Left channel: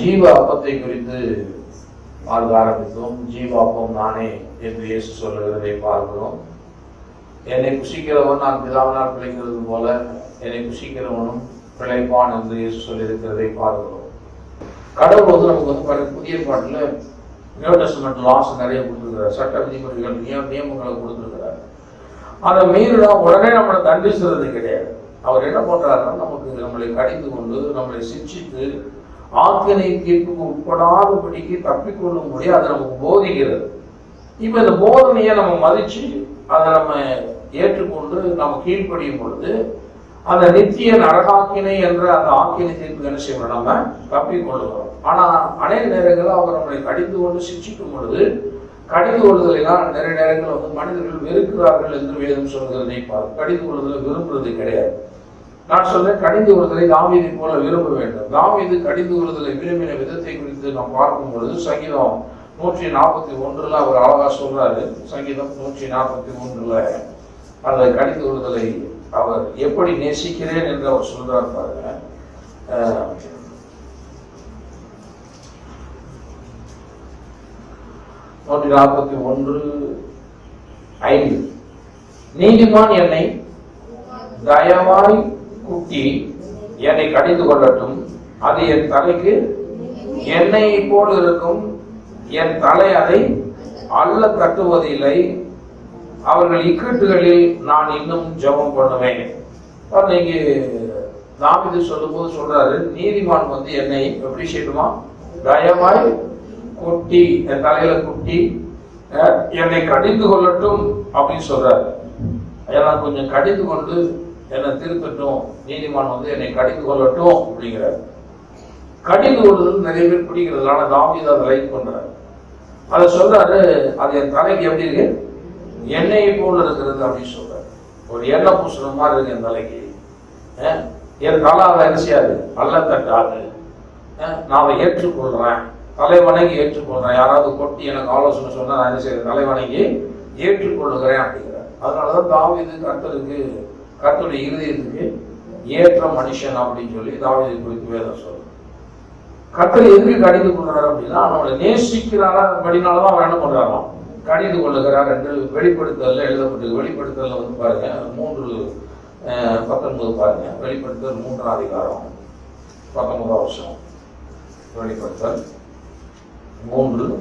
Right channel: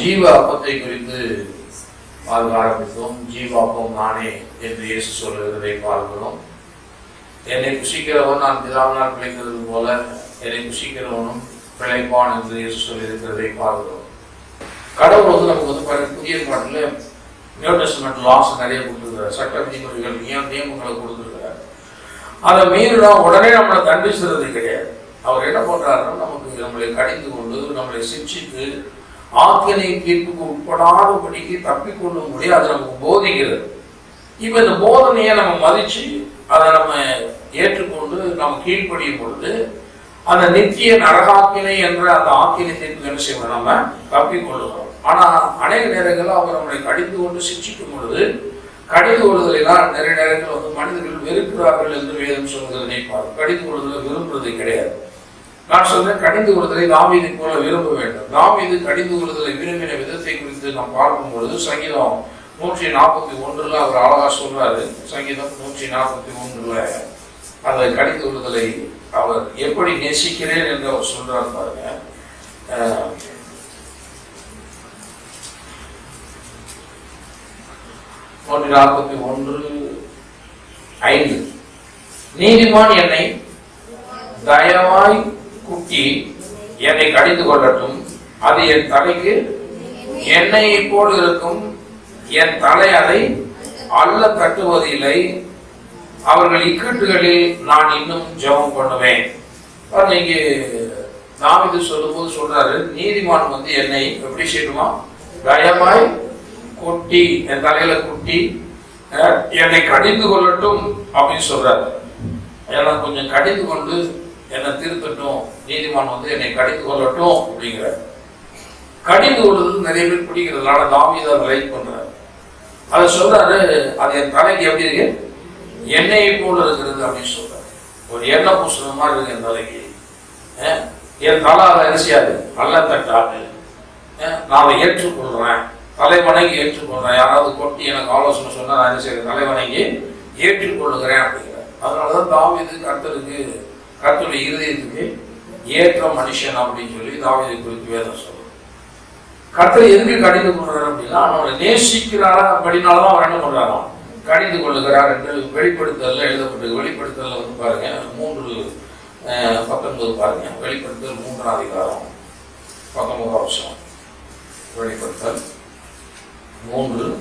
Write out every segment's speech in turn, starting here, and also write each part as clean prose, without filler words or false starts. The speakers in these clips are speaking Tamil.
ஜீவ அப்பத்தை குறித்து பார்க்க ஆரம்பித்தோம். ஜீவ அப்பம் நானே என்று இயேசு சொல்லுகிறதை பார்க்கிறோம். என்னை புசிக்கிறவன் நான் பிதாவினால் பிழைக்கிறது போல என்னை புசிக்கிறவனும் பிழைப்பான் என்று இயேசு சொல்லியிருக்கிறதை பார்க்கிறோம். கடவுள் நமக்கு புதிய பாட்டில் நியூ டெஸ்டமெண்ட் லாஸ் நிறைய கொடுத்துருக்கிறார். சட்ட விதிமுறைகள் நியமங்களை கொடுத்துருக்கிறார். அதை மீறினா உடனே நம்மளை தண்டிச்சுறது கிடையாது. அவர் என்ன பண்றாருன்னா நமக்கு நம்மளை கடிந்து கொண்டு நம்மளை சிக்ஷித்து ஆக்கினை தீர்ப்புக்கு உட்படாதபடிக்கு தப்பிக்கொள்ளும்படி அது நமக்கு போதிக்கிறது. இப்ப இந்த போதனையை நம்ம மதிச்சு அதை நம்ம ஏற்றுக்கொண்டு நம்ம கீழ்ப்படியும் பொழுது அந்த நித்திய நரகாக்கினை என்ற அந்த ஆக்கினை தீர்ப்பு என்ன செய்யணும், நம்ம தப்பிக்கொள்ளுகிறோம். ஆனா அநேக நேரங்களில் அவர் நம்மளை கடிந்து கொண்டு சிக்ஷிக்கும் பொழுது கடிந்து கொள்ளுதலாம் நிறைய நேரங்கள் மனிதர்கள் வெறுக்கிறார்கள் என்று வேதம் சொல்கிறதை பார்க்கும். கடிந்து கொள்ளுதலை விரும்புறது கிடையாது. நான் சொல்றேன், கடிந்து கொள்ளுதலை தாவீதை போல விரும்ப வேண்டும். தாவீது கடிந்து கொள்ளுதலை விரும்பின விதத்தை குறித்து நாம் பார்க்கும் பொழுது சங்கீதம் 141 அவர் அழகா சொல்றாரு. சங்கீதம் 141 அந்த கடிந்து கொள்ளுதலை அவர் எப்படி நேசிக்கிறேன் என்று அவர் சொல்றார் பாருங்க. 141:5 நீதிமான் என்னை தயவாய் குட்டி என்னை கடிந்து கொள்ளட்டும், அது என் தலைக்கு எண்ணெயை போல் இருக்கும், என் தலை அதை அல்ல தட்டுவதில்லை, அவர்கள் இக்கட்டுகளில் நான் இன்னும் ஜெபம் பண்ணுவேன். நீங்க தாவீது சொல்லும் போது சொல்றாரு, நீதிமான் என்னை எப்படி செய்யணுமா, தயவாய் குட்டி என் தலையில குட்டி என்னை கடிந்து கொள்ளட்டும் அப்படின்னு சொல்றாரு. ஏன்னா கொஞ்சம் கடிந்து கொண்டு என்னை திருத்தட்டும், நீதிமான் என்னை கடிந்து கொள்ளட்டும் அப்படிங்கிற கடிந்து கொள்வது நிறைய பேர் பிடிக்கிறதுனால தாவீது அதை லைக் பண்றாரு. அதை சொல்றாரு, அது என் தலைக்கு எப்படி இருக்கு, எண்ணெயை போல இருக்கிறது அப்படின்னு சொல்றாரு. ஒரு எண்ணெய் பூசுற மாதிரி இருக்கு என் தலைக்கு. என் தலை அதை அரிசியாது அல்ல தட்டாது, நான் அதை ஏற்றுக்கொள்றேன், தலைவணங்கி ஏற்றுக்கொள்றேன். யாராவது கொட்டி எனக்கு ஆலோசனை சொன்னா நான் என்ன செய்யறேன், தலைவணங்கி ஏற்றுக்கொள்ளுகிறேன் அப்படிங்கிறார். அதனாலதான் தாவீது கர்த்தருடைய இருதயத்துக்கு ஏற்ற மனுஷன் அப்படின்னு சொல்லி தாவீதை குறித்து வேதம் சொல்லுது. கர்த்தரை எதுக்கு கடிந்து கொள்றாரு அப்படின்னா அவனை நேசிக்கிறாரா அப்படின்னால்தான் அவர் என்ன பண்றாராம், கடிந்து கொள்ளுகிறார் என்று வெளிப்படுத்தல எழுதப்பட்டது. வெளிப்படுத்தல பாருங்க 3:19 பாருங்க. வெளிப்படுத்தல் 3ஆம் அதிகாரம் 19ஆம் வருஷம். வெளிப்படுத்தல் 3:19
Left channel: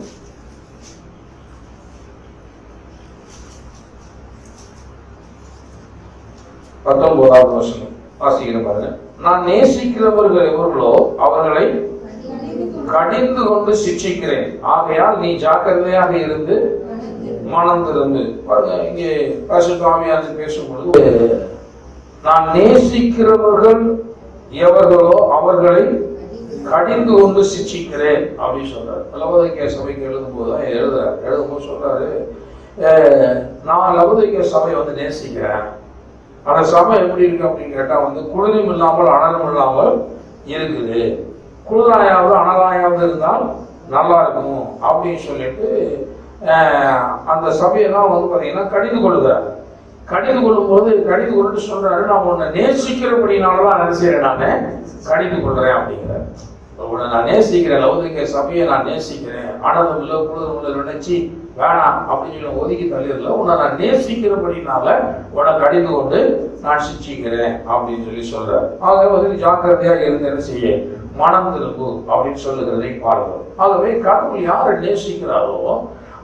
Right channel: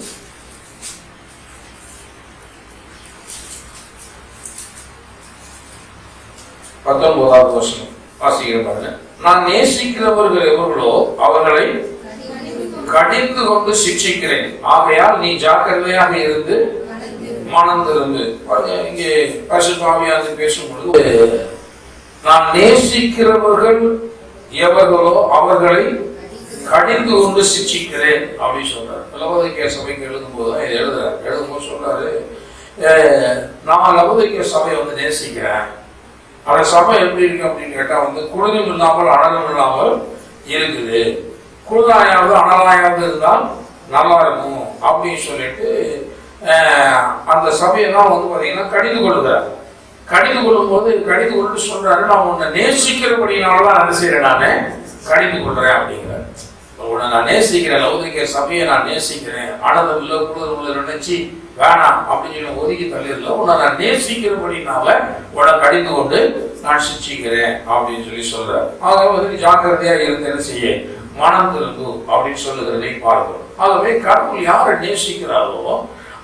வருஷம் வாசிக்கிற பாருங்க. நான் நேசிக்கிறவர்கள் எவர்களோ அவர்களை கடிந்து கொண்டு சிக்ஷிக்கிறேன், ஆகையால் நீ ஜாக்கிரதையாக இருந்து மனம் திறந்து. இங்கே பரிசுத்தாவியானவர் பேசும்பொழுது நான் நேசிக்கிறவர்கள் எவர்களோ அவர்களை கடிந்து கொண்டு சிக்ஷிக்கிறேன் அப்படின்னு சொல்றாரு. லவோதிக்கேய சபைக்கு எழுதும் போதுதான் எழுதுறாரு. எழுதும்போது சொல்றாரு, நான் லவோதிக்கேய சபையை நேசிக்கிறேன். அந்த சபை எப்படி இருக்கு அப்படின்னு கேட்டா குளிரும் இல்லாமல் அனலும் இல்லாமல் இருக்குது. குளிராயாவது அனலாயாவது இருந்தால் நல்லா இருக்கும் அப்படின்னு சொல்லிட்டு அந்த சபையெல்லாம் பாத்தீங்கன்னா கடிந்து கொள்ளுகிறார். கடிந்து கொள்ளும் போது கடிந்து கொண்டு சொல்றாரு, நான் உன்னை நேசிக்கிறபடினாலதான் அதை செய்யறேன், நானே கடிந்து கொள்றேன் அப்படிங்கிறார். உன்னை நான் நேசிக்கிறேன், லவோதிக்கேய சபையை நான் நேசிக்கிறேன், அனதம் இல்லை குளிர் உள்ள நினைச்சு வேணாம் அப்படின்னு சொல்லி ஒதுக்கி தள்ளிடல, உன்னை நான் நேசிக்கிறபடினால உன்னை கடிந்து கொண்டு நான் சிக்ஷிக்கிறேன் அப்படின்னு சொல்லி சொல்றாரு. ஆகவே ஜாக்கிரதையா இருந்து என்ன செய்ய மனம் திரும்பு அப்படின்னு சொல்லுகிறதை பார்க்கிறோம். ஆகவே கடவுள் யாரை நேசிக்கிறாரோ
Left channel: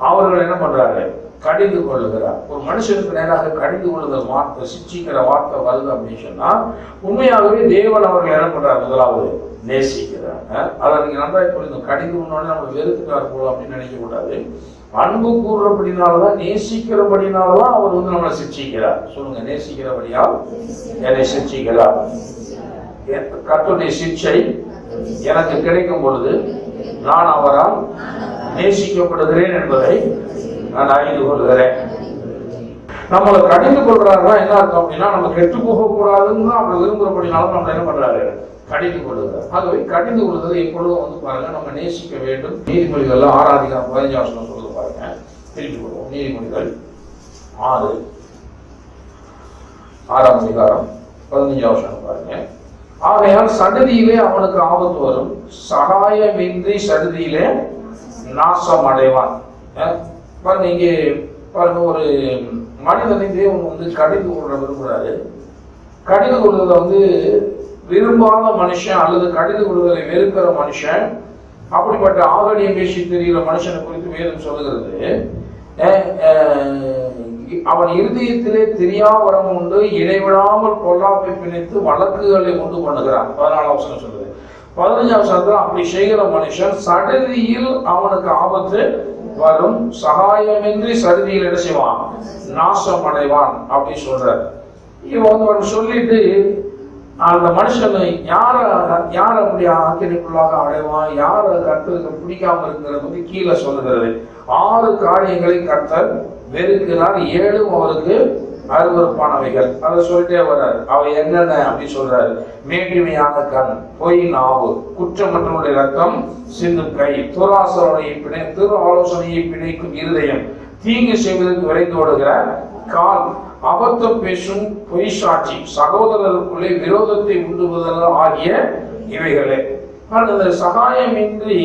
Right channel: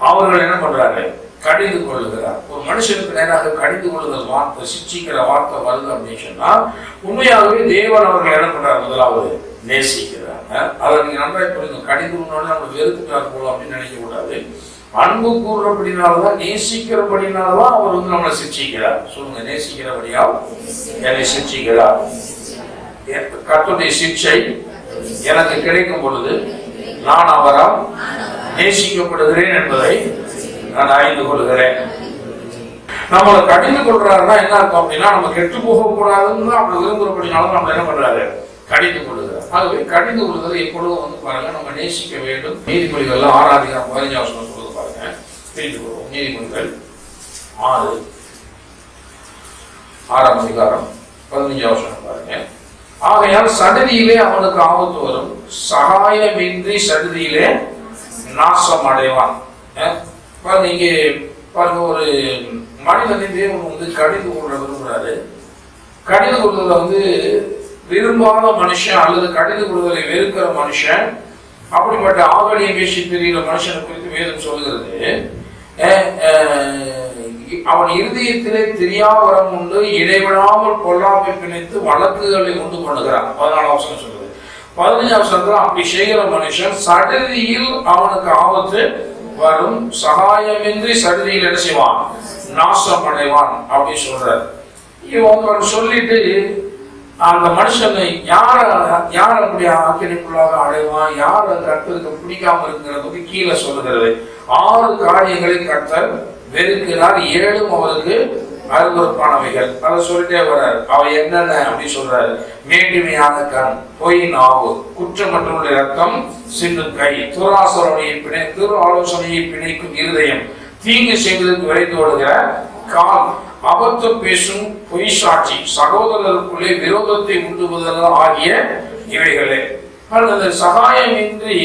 அவர்கள் என்ன பண்றாங்க, கடிந்து கொள்ளுகிறார். ஒரு மனுஷனுக்கு நேராக கடிந்து கொள்ளுதல் வார்த்தை, சிக்ஷிக்கிற வார்த்தை வருது அப்படின்னு சொன்னா உண்மையாகவே தேவன் அவர்கள் என்ன பண்றாரு, முதலாவது நேசிக்கிறாங்க. அதை நீங்க நன்றாக புரிந்து, கடிந்து கொண்டாலும் நம்ம வெறுத்துட்டார் போல அப்படின்னு நினைக்க கூடாது. அன்பு கூறுறபடினால்தான், நேசிக்கிறபடினால்தான் அவர் நம்மளை சிக்ஷிக்கிறார். சொல்லுங்க, நேசிக்கிறபடியால் என்னை சிக்ஷிக்கிறார். கர்த்தருடைய சிக்ஷை எனக்கு கிடைக்கும் பொழுது நான் அவரால் நேசிக்கப்படுகிறேன் என்பதை நான் அறிந்து கொள்கிறேன். நம்மளை கடிந்து கொள்றாருன்னா என்ன அர்த்தம் அப்படின்னா, நம்ம கெட்டு போக கூடாதுன்னு அப்படி விரும்புறபடினாலும் நம்ம என்ன பண்றாரு, கடிந்து கொள்ளுகிறார். ஆகவே கடிந்து கொள்வதை எப்பொழுதும் பாருங்க நம்ம நேசிக்க வேண்டும். நீதிமொழிகள் 6ஆம் அதிகாரம் 15ஆம் வசனம் சொல்லுது பாருங்க. திருப்பி கொள்வோம். நீதிமொழிகள் 6ஆம் அதிகாரம் 15ஆம் வசனம் பாருங்க. ஆகையால் சடுதியிலே அவனுக்கு ஆபத்து வரும், சகாயமின்றி சடுதியிலே நாசம் அடைவான். பாருங்க, இங்கே பாருங்க, ஒரு மனிதனை தேவன் வந்து கடிந்து கொள்ள விரும்புகிறாரு. கடிந்து கொள்வதில் விரும்பாத மனுஷன் அல்லது கடிந்து கொள்வதை வெறுக்கிற மனுஷன், அப்படிப்பட்ட ஆகலிய பேசி தெரிகிற மனுஷனை குறித்து வேதம் சொல்கிறது, அவன் இருதயத்திலே தெரியாவரம் உண்டு, இடைவிடாமல் பொல்லாமை பிணைத்து வழக்குகளை உண்டு பண்ணுகிறான். 14ஆம் வசனம் சொல்றது. 15ஆம் வசனத்துல அப்படி செய்கிற மனுஷன் சடுதியில் அவனுக்கு ஆபத்து வரும், சகாயமின்றி சடுதியில் என்ன செய்வான், நாசம் அடைவான் அப்படின்னு சொல்றாரு. இவன் சொல்லிட்டு அந்த மனுஷனை யார் அப்படி ஆக்கிரமிப்புள்ளாக அடைவான், யார் கர்த்தருக்கு பிடிக்காம இருக்கிறது கீழே சொல்லுகிறது. 6 காரியங்களை கர்த்தர் வெறுக்கிறார், 7 அவருக்கு அருவருப்பானவைகள். அதை சொல்லிட்டே வர்றாரு. அவை என்னென்ன அப்படின்னு சொல்றாரு. மேட்டிமையான கண், பொய் நாவு, குற்றமற்றவனுடைய ரத்தம் சிந்தும் கை, துரு ஆலோசனையை பிணைக்கும் இருதயம், தீங்கு செய்வதற்கு விரைந்து ஓடுகிற கால், அபத்தம் பேசும் பொய் சாட்சி, சகோதரருக்குள்ளே விரோதத்தை உண்டுவதல் ஆகிய இவைகளே. அந்த சகாயமின்றி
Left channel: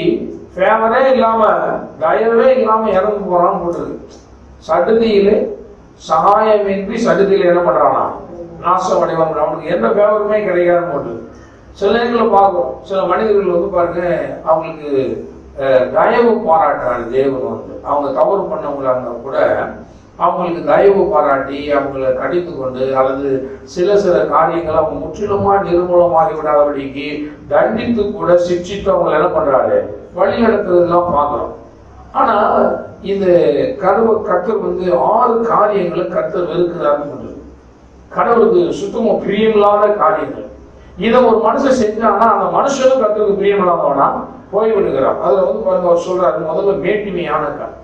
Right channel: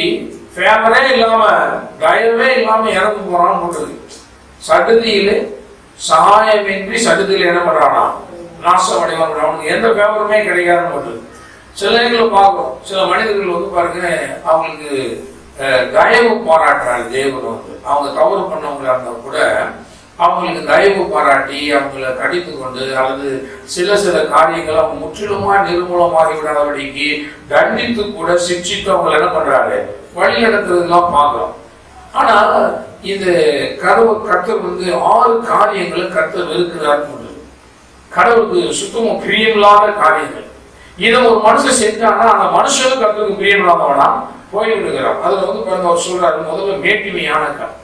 ஃபேவரே இல்லாம தயவே இல்லாம இறந்து போறான்னு போட்டுருக்கு. சடுதியிலே சகாயமின்றி சடுதியில் என்ன பண்றானா, நாசம் அடைவான். அவனுக்கு எந்த ஃபேவருமே கிடைக்காதுன்னு போட்டுருக்கு. சில நேரங்களில் பார்க்கும், சில மனிதர்கள் பாருங்க, அவங்களுக்கு தயவு பாராட்டுறாங்க தேவன். அவங்க தவறு பண்ணவங்களா இருந்தா கூட அவங்களுக்கு தயவு பாராட்டி அவங்களை கடித்து கொண்டு அல்லது சில காரியங்களை அவங்க முற்றிலுமா நிர்மூலமாகி விடாதபடிக்கு தண்டித்து கூட சிக்ஷித்து அவங்க என்ன பண்றாரு, வழி நடத்துறதுலாம் பார்க்கிறோம். ஆனா இந்த கர்த்தர் 6 காரியங்களை கர்த்தர் வெறுக்கிறார்னு, கடவுளுக்கு சுத்தமா பிரியமில்லாத காரியங்கள். இதை ஒரு மனுஷன் செஞ்சானா அந்த மனுஷனும் கர்த்தருக்கு பிரியமில்லாதவனா போய்விடுகிறான். அதுல பாருங்க, அவர் சொல்றாரு, முதல்ல மேட்டிமையான கண்,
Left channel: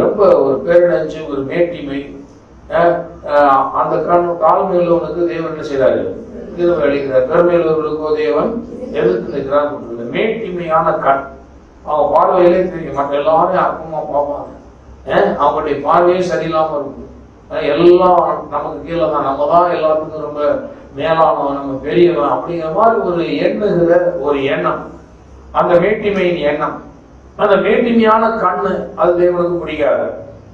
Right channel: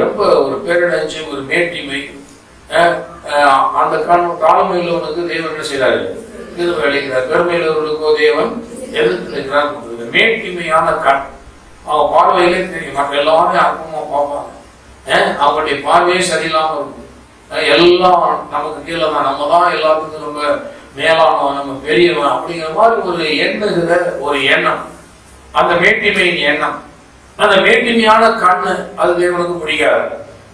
ரொம்ப ஒரு பேரடைஞ்சு ஒரு மேட்டிமை. அந்த காலமையில் உனக்கு தேவன் என்ன செய்யறாரு, இது விளைகிறார். பெருமையில் உள்ளவர்களுக்கோ தேவன் எதிர்த்து நிற்கிறார். மேட்டிமையான கண், அவங்க பார்வையிலே தெரியும், மற்ற எல்லாமே அற்பமா பார்ப்பாங்க. அவங்களுடைய பார்வையே சரியில்லாம இருக்கும். எல்லாம் நமக்கு கீழே தான், நம்ம தான் எல்லாத்துக்கும் ரொம்ப மேலானவன், நம்ம பெரியவன் அப்படிங்கிற மாதிரி ஒரு எண்ணுகிற ஒரு எண்ணம், அந்த மேட்டிமையின் எண்ணம். அந்த மேட்டிமையான கண்ணு அது தேவனுக்கு பிடிக்காது.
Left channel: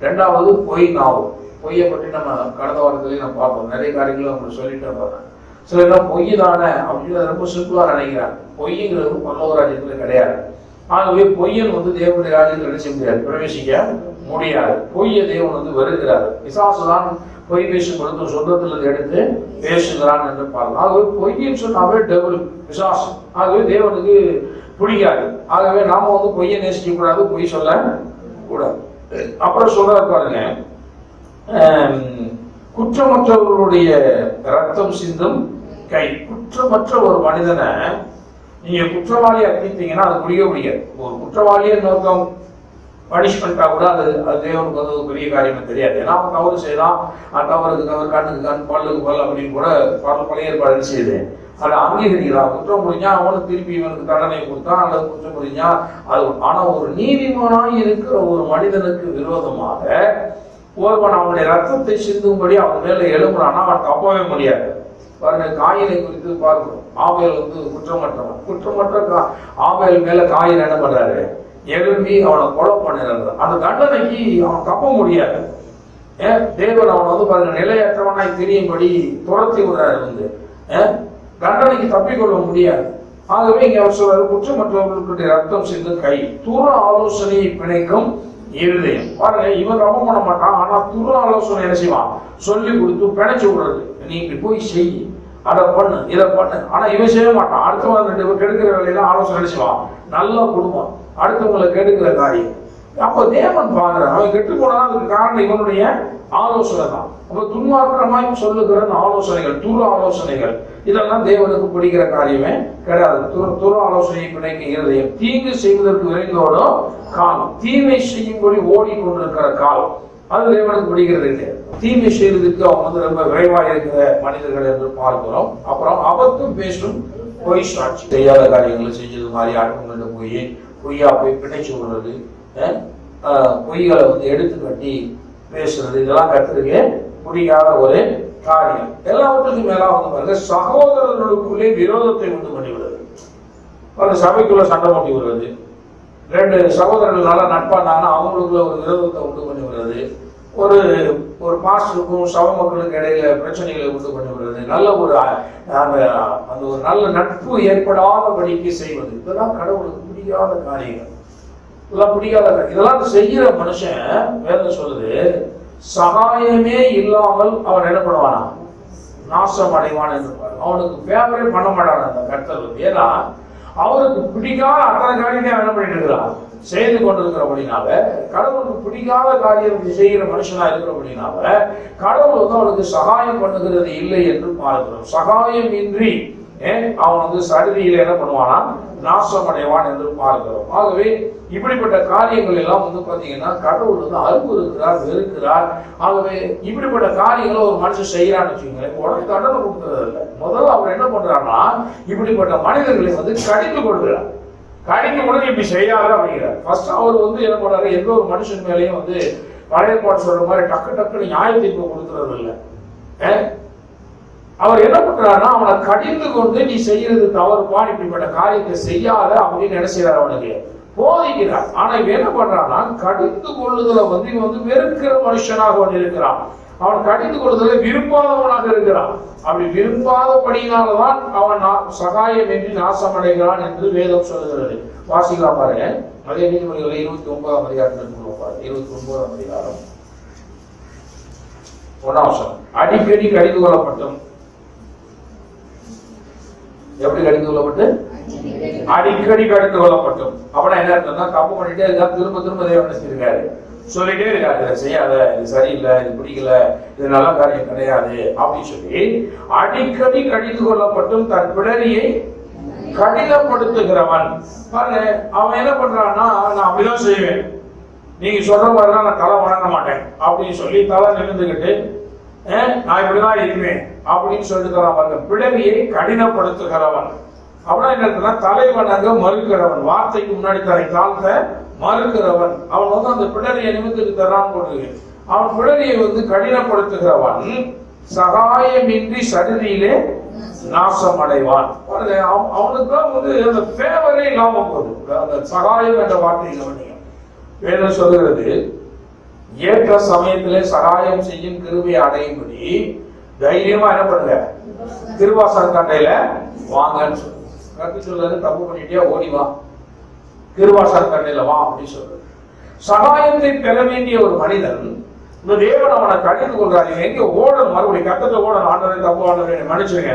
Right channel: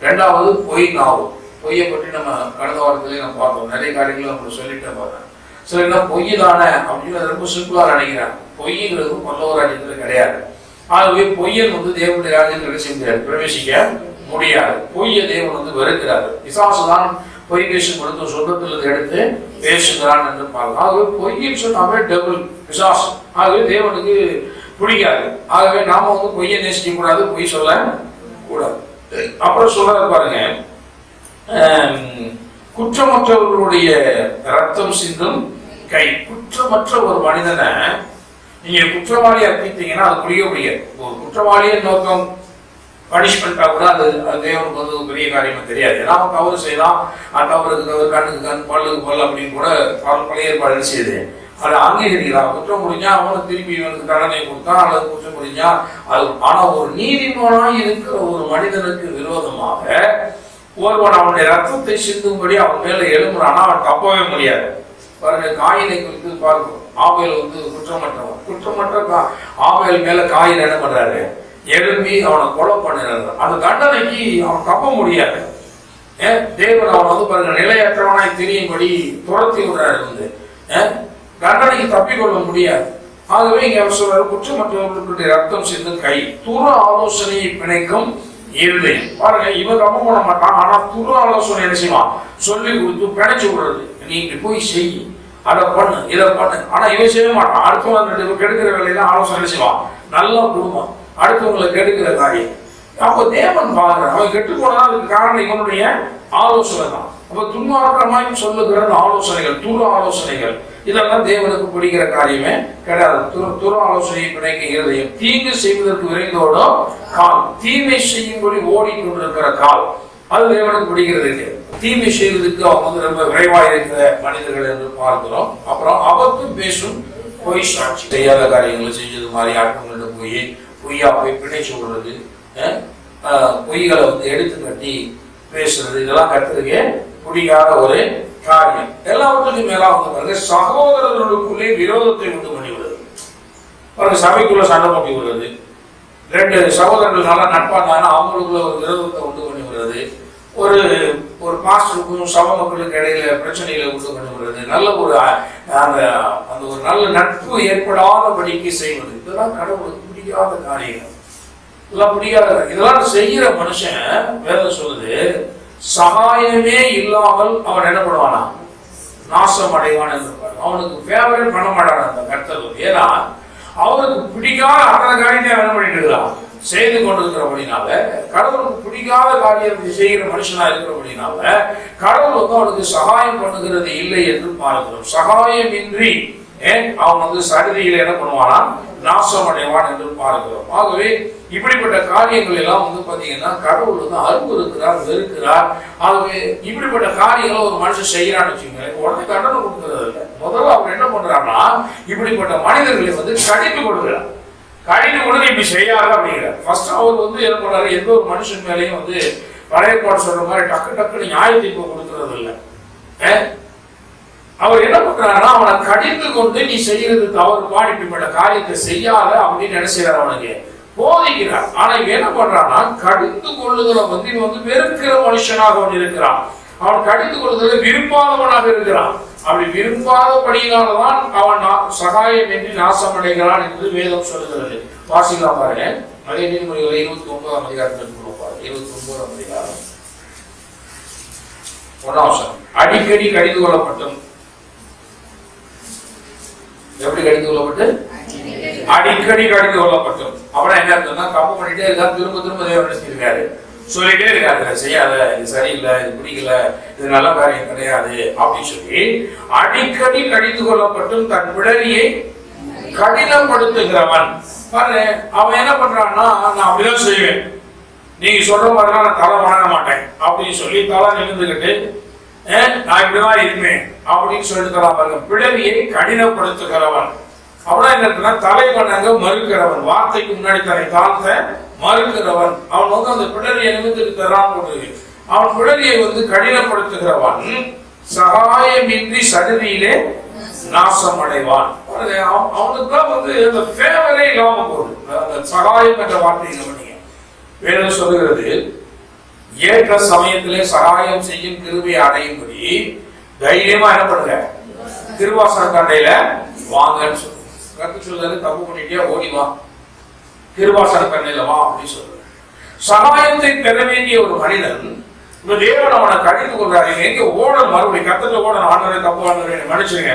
2வது பொய் நாவு. பொய்யை பற்றி நம்ம கடந்த வாரத்திலேயே நம்ம பார்த்தோம். நிறைய காரியங்களும் நம்ம சொல்லிட்டே போறேன். சில பொய் தானே அப்படின்னு ரொம்ப சிம்பிளா நினைக்கிறாங்க. பொய்ங்கிறது பல்லவ ராஜ்யத்தில் கிடையாது. ஆகவே பொய்யன் தேவனுடைய ராஜ்யத்தில் செய்ய முடியாது, பிரவேசிக்க முடியாது. பொய்யை தேவன் வெறுக்கிறார். பிசாசு தான் பொய் பேசும் பொழுது சொந்தத்திலிருந்து எடுத்து பேசுகிறான் என்று பார்க்கலாம். ஆகவே பொய்ன்னு சொன்னாவே டெபிள், பிசாசு. ஆகவே தேவனுக்கு பிடிக்காது. ஆகவே நாம பொய்யை நேசிக்க கூடாது, பொய் சொல்ல கூடாது. அப்புறம் சொல்றாரு பாருங்க, குற்றமற்றவர்களுடைய ரத்தம் சிந்தும் கை. குற்றமற்ற ஒரு மனிதனை நீங்க குற்றவாளியை அர்ப்பித்தீங்கன்னா அது முடிய முடியாது. ஒரு குற்றவாளியை நோக்கம் பனிஷ்மெண்டா கூட அது தேவனுக்கு பெரிய காரியமே தெரியாது. ஏன்னா அவன் தவறு செய்யலாம், தவறுக்கு தவறு, கண்ணுக்கு கண், பல்லுக்கு பல் அப்படின்னு கூட பழைய ஏற்பாடு செய்யுது. அதை அங்கீகரிக்கிறான். குற்றம் முடிஞ்சா அவனுக்கு திருப்பி இவனுக்கு தண்டனை கொடுத்தா அல்லது குற்றம் முடிஞ்சா அது. ஆனா ஒரு நீதிமானாய் இருக்கிற ஒரு மனிதனுக்கு விரோதமாக ஒருவன் அவனுடைய ரத்தத்தை சிந்தும்படி அவன் மேல எழும்புறானா அவன் தப்பவே முடியாது. பாருங்க, காயினை குறித்து பார்க்கிறோம். ஆபேல் குற்றமற்ற ஆபேல் மேல காயின் என்ன பண்றாரு, எழும்பி அவனை கொலை பண்ணுறாரு. அந்த தண்டனைக்கு அவன் தப்ப முடியாது. தேவன் அவன் பாருங்க நிலையற்றவனாய் தெரியும்படி துரத்தி விடுறாரு. தண்டனைக்கு தப்பிக்கொள்ள முடியாது. ஆகவே இங்க அவர் சொல்றாரு, குற்றமற்றவர்களுடைய ரத்தம் சிந்தும் கை, துர ஆலோசனையை பிணைக்கும் இருதயம். பாருங்க, இவன் தப்பு பண்ண மாட்டான், ஆனா துர ஆலோசனை என்ன செய்வான், சொல்லி கொடுத்து பிணைச்சு விடுறது. நீ இப்படி போய் செய், அதை பண்ணு, இதை பண்ணு. ஆனா இவன் செய்ய மாட்டான். அடுத்தவங்க கெடுக்கிற வேலையில ஆலோசனை செய்வான். நல்ல குடும்பம், அடுத்தவங்களை கெடுக்கிற காரியம். அப்போ தேவன் பாக்குற அவன் கெட்டு போனா அதுக்கு காரணம் இவனுடைய ஆலோசனை தான். அப்ப துன்மார்க்கமாய் சொல்லுகிற ஆலோசனைகள், துர ஆலோசனைகள், இதெல்லாம் தேவனுக்கு பிடிக்கிற காரியமே கிடையாது. துர ஆலோசனையை பிணைக்க இருதயம், தீங்கு செய்வதற்கு விரைந்தோடோ கால், தீமை செய்யும்படி ஓடிக்கொண்டிருக்கிற கால், அது தேவனுக்கு பிடிக்கிறது இல்லை. தீமை செய்வதற்கு அவங்க ரொம்ப விரைவாக இருக்கிற மனிதர்கள் என்று பார்க்கிறோம். அப்புறம் அபத்தம் பேசும் பொய் சாட்சி, செய்யாத காரியங்களை செஞ்சது மாதிரி ஆட்கள்கிட்ட போய் பொய்யா போய் பிணைச்சு விடுறது, பொய்களை எடுத்து கட்டி பேசுறது, இதெல்லாம் கற்றுக்கே பிடிக்காத ஒரு காரியம். எல்லாவற்றுக்கும் மேலா வந்து பாருங்க, சகோதரர்களுக்குள்ளே விரோதத்தை உண்டு பண்ணி விடுறது. பாருங்க, சபைக்குள்ள சண்டை போட்டி விடுறது, ரெண்டு சகோதரர்கள் நல்லா நட்பானாலும் அவங்களுக்குள்ள ஒரு விரோதத்தை உண்டு பண்ணி விடுறது, ஒரு ஒரு பாஸ்டருக்கும் சபை மக்களுக்கு இடையில பிரச்சனைகளை உண்டு பண்ணி விடுறது, நல்ல ஒரு அந்த அந்த ஒரு நல்ல நட்பு ஏற்படாதபடிக்கு செய்வது, இதெல்லாம் கடவுளுக்கு பிடிக்காத காரியங்கள். இதெல்லாம் பிடிக்காத, இதெல்லாம் செய்யற மனுஷன் வேதம் சொல்லுது, சகாயமே இல்லாமல் அவன் என்ன பண்ணுவானா, நாசம் அடைவான் என்று. அவனுக்கு ஃபேவரட் பண்ண மாட்டான் அந்த கர்த்தர். ஏன்னா அவனுக்கு பிடிக்காத அத்தனை காரியத்தை என்ன பண்ணிட்டு இருக்கிறான், செய்து கொண்டிருக்கிறபடினால, கடவுளுக்கு பிடிக்காத காரியத்தை செய்கிற மனுஷனா இருக்கிறபடினால கடவுள் வந்து அவனுக்கு சகாயம் பண்ணுகிறது இல்லை என்று பார்க்கிறோம். சகாயமின்றி அவன் வந்து சடுதியில் என்ன பண்ணுவானா, நாசம் அடைவான் என்று பார்க்கிறோம். ஆகவே இப்படிப்பட்ட காரியங்கள் எல்லாம் வந்து பாத்தீங்கன்னா கடவுள் வந்து அன்பு இருக்கிறார், வெறுக்கிறார். ஆகவே இப்படிப்பட்ட காரியங்களை ஒரு மனுஷன் செய்யறான்னு வச்சுக்கோங்க, உடனே தண்டனை கொடுக்கறது இல்லை. முதல்ல அவர் என்ன பண்றாருன்னா, இப்படிப்பட்ட மனிதர்களை வந்து கடிந்து கொடுக்கிறார். கடிந்து கொடுத்து இப்படி செய்யாத அப்படிங்கிறார். ஃபர்ஸ்ட் அவர் வந்து என்ன பண்றாரு, எந்த ஒரு மனுஷன் மேலேயும் வந்து பழைய பாட்டு சொல்ற மாதிரி டக்கு டக்குன்னு நியாய தீர்ப்பு கொடுக்கறது இல்லை. அவர் என்ன பண்றாருன்னா, அவனை கடிந்து கொண்டு நீ செய்யறது தவறுப்பா, இப்படிப்பட்ட காரியத்தை செய்யாத அப்படின்னு நினைச்சார், அவனுக்கு போதிக்கிறார். ஆனா இவன் என்ன பண்றான்னா, கடிந்து கொள்ளுதலை வந்து இவன் வந்து வெறுக்கிற மனுஷனாக அவன் இருக்கிறான். அவன் கடிந்து கொள்ளுதலை விரும்பாதவனாக இருக்கிறான். அப்படி விரும்பாதபடியினால்தான் அவன் சகாயம் என்று நாசம் அடைகிறான் என்று வேதம் சொல்லுகிறது. வாசிக்கலாம் பாருங்க, அதே நீதிமொழிகளை 29ஆம் அதிகாரத்திற்கு கொடுப்பாரு. 29ஆம் அதிகாரம் 1ஆம் வசனம். அடிக்கடி கடிந்து கொள்ளப்பட்டும், எப்படி கடிந்து கொள்ளப்பட்டு, அடிக்கடி கடிந்து கொள்ளப்பட்டும். அப்படின்னா என்ன அர்த்தம்னா, தப்பு பண்ணிட்டே இருக்காரு, திரும்ப திரும்ப தேவன் நினைச்சிருக்காரு, சொல்லிட்டே இருக்காரு, செய்யாத, இது சரியில்லை, இது பிடிக்கல, இது நல்ல காரியம் கிடையாது அப்படின்னு சொல்லி அடிக்கடி கடிந்து கொள்ளப்பட்டும் தன் பிடரியை கடினப்படுத்துகிறவன். பாரு, அவன் என்ன பண்றான்னா, நான் அப்படிதான் செய்வேன், நீங்க சொல்ற மாதிரிலாம் நான் தலை வணங்க மாட்டேன் அப்படின்னு சொல்லி தலை நிமிர்ந்துகிட்டு நான் இப்படிதான் இருப்பேன் அப்படின்னு சொல்லிட்டு பாருங்க, பிடரியை கடினப்படுத்துகிறவன். அப்படின்னா என்ன, தலை வணங்க மறுக்கிறவன், வார்த்தைக்கு முன்னாடி தலை தாழ்த்த மறுக்கிறவன். அவன் வந்து அந்த பிடரியை நிமிர்ந்துட்டு தரான் போது அவன் பிடரியை வந்து கடினப்படுத்துகிறவன் சகாயமின்றி சடுதியிலே நாசம் அடைவான். அவனுக்கு தான் வந்து அந்த ஃபேவரே இல்லாம போகுது. அந்த சகாயம் என்ற வார்த்தையை கவனிங்க. வேதம் சொல்லுகிறது, ஏற்ற சமயத்திலே சகாயம் செய்யும் கிருபையை அடையும்படி தைரியமா என்ன பண்ணுங்க, கிருபாசன கண்டையில வாங்கன்னு சொல்லு. கற்று சொல்றது, தப்பு பண்ணிட்டியா ஓடிவா, கிருபாசன கண்டையில வா அப்படின்னு சொல்லு. சகாயத்தை பெற வேண்டிய ஒரு மனிதன் இந்த தேவன் அவனை கடிந்து கொள்றாரு. எங்க ஓடல், மறுபடியும் கத்தத்துல ஓடல், ஆண்டவரே தப்பு, ஆண்டவரே மன்னிச்சுங்க,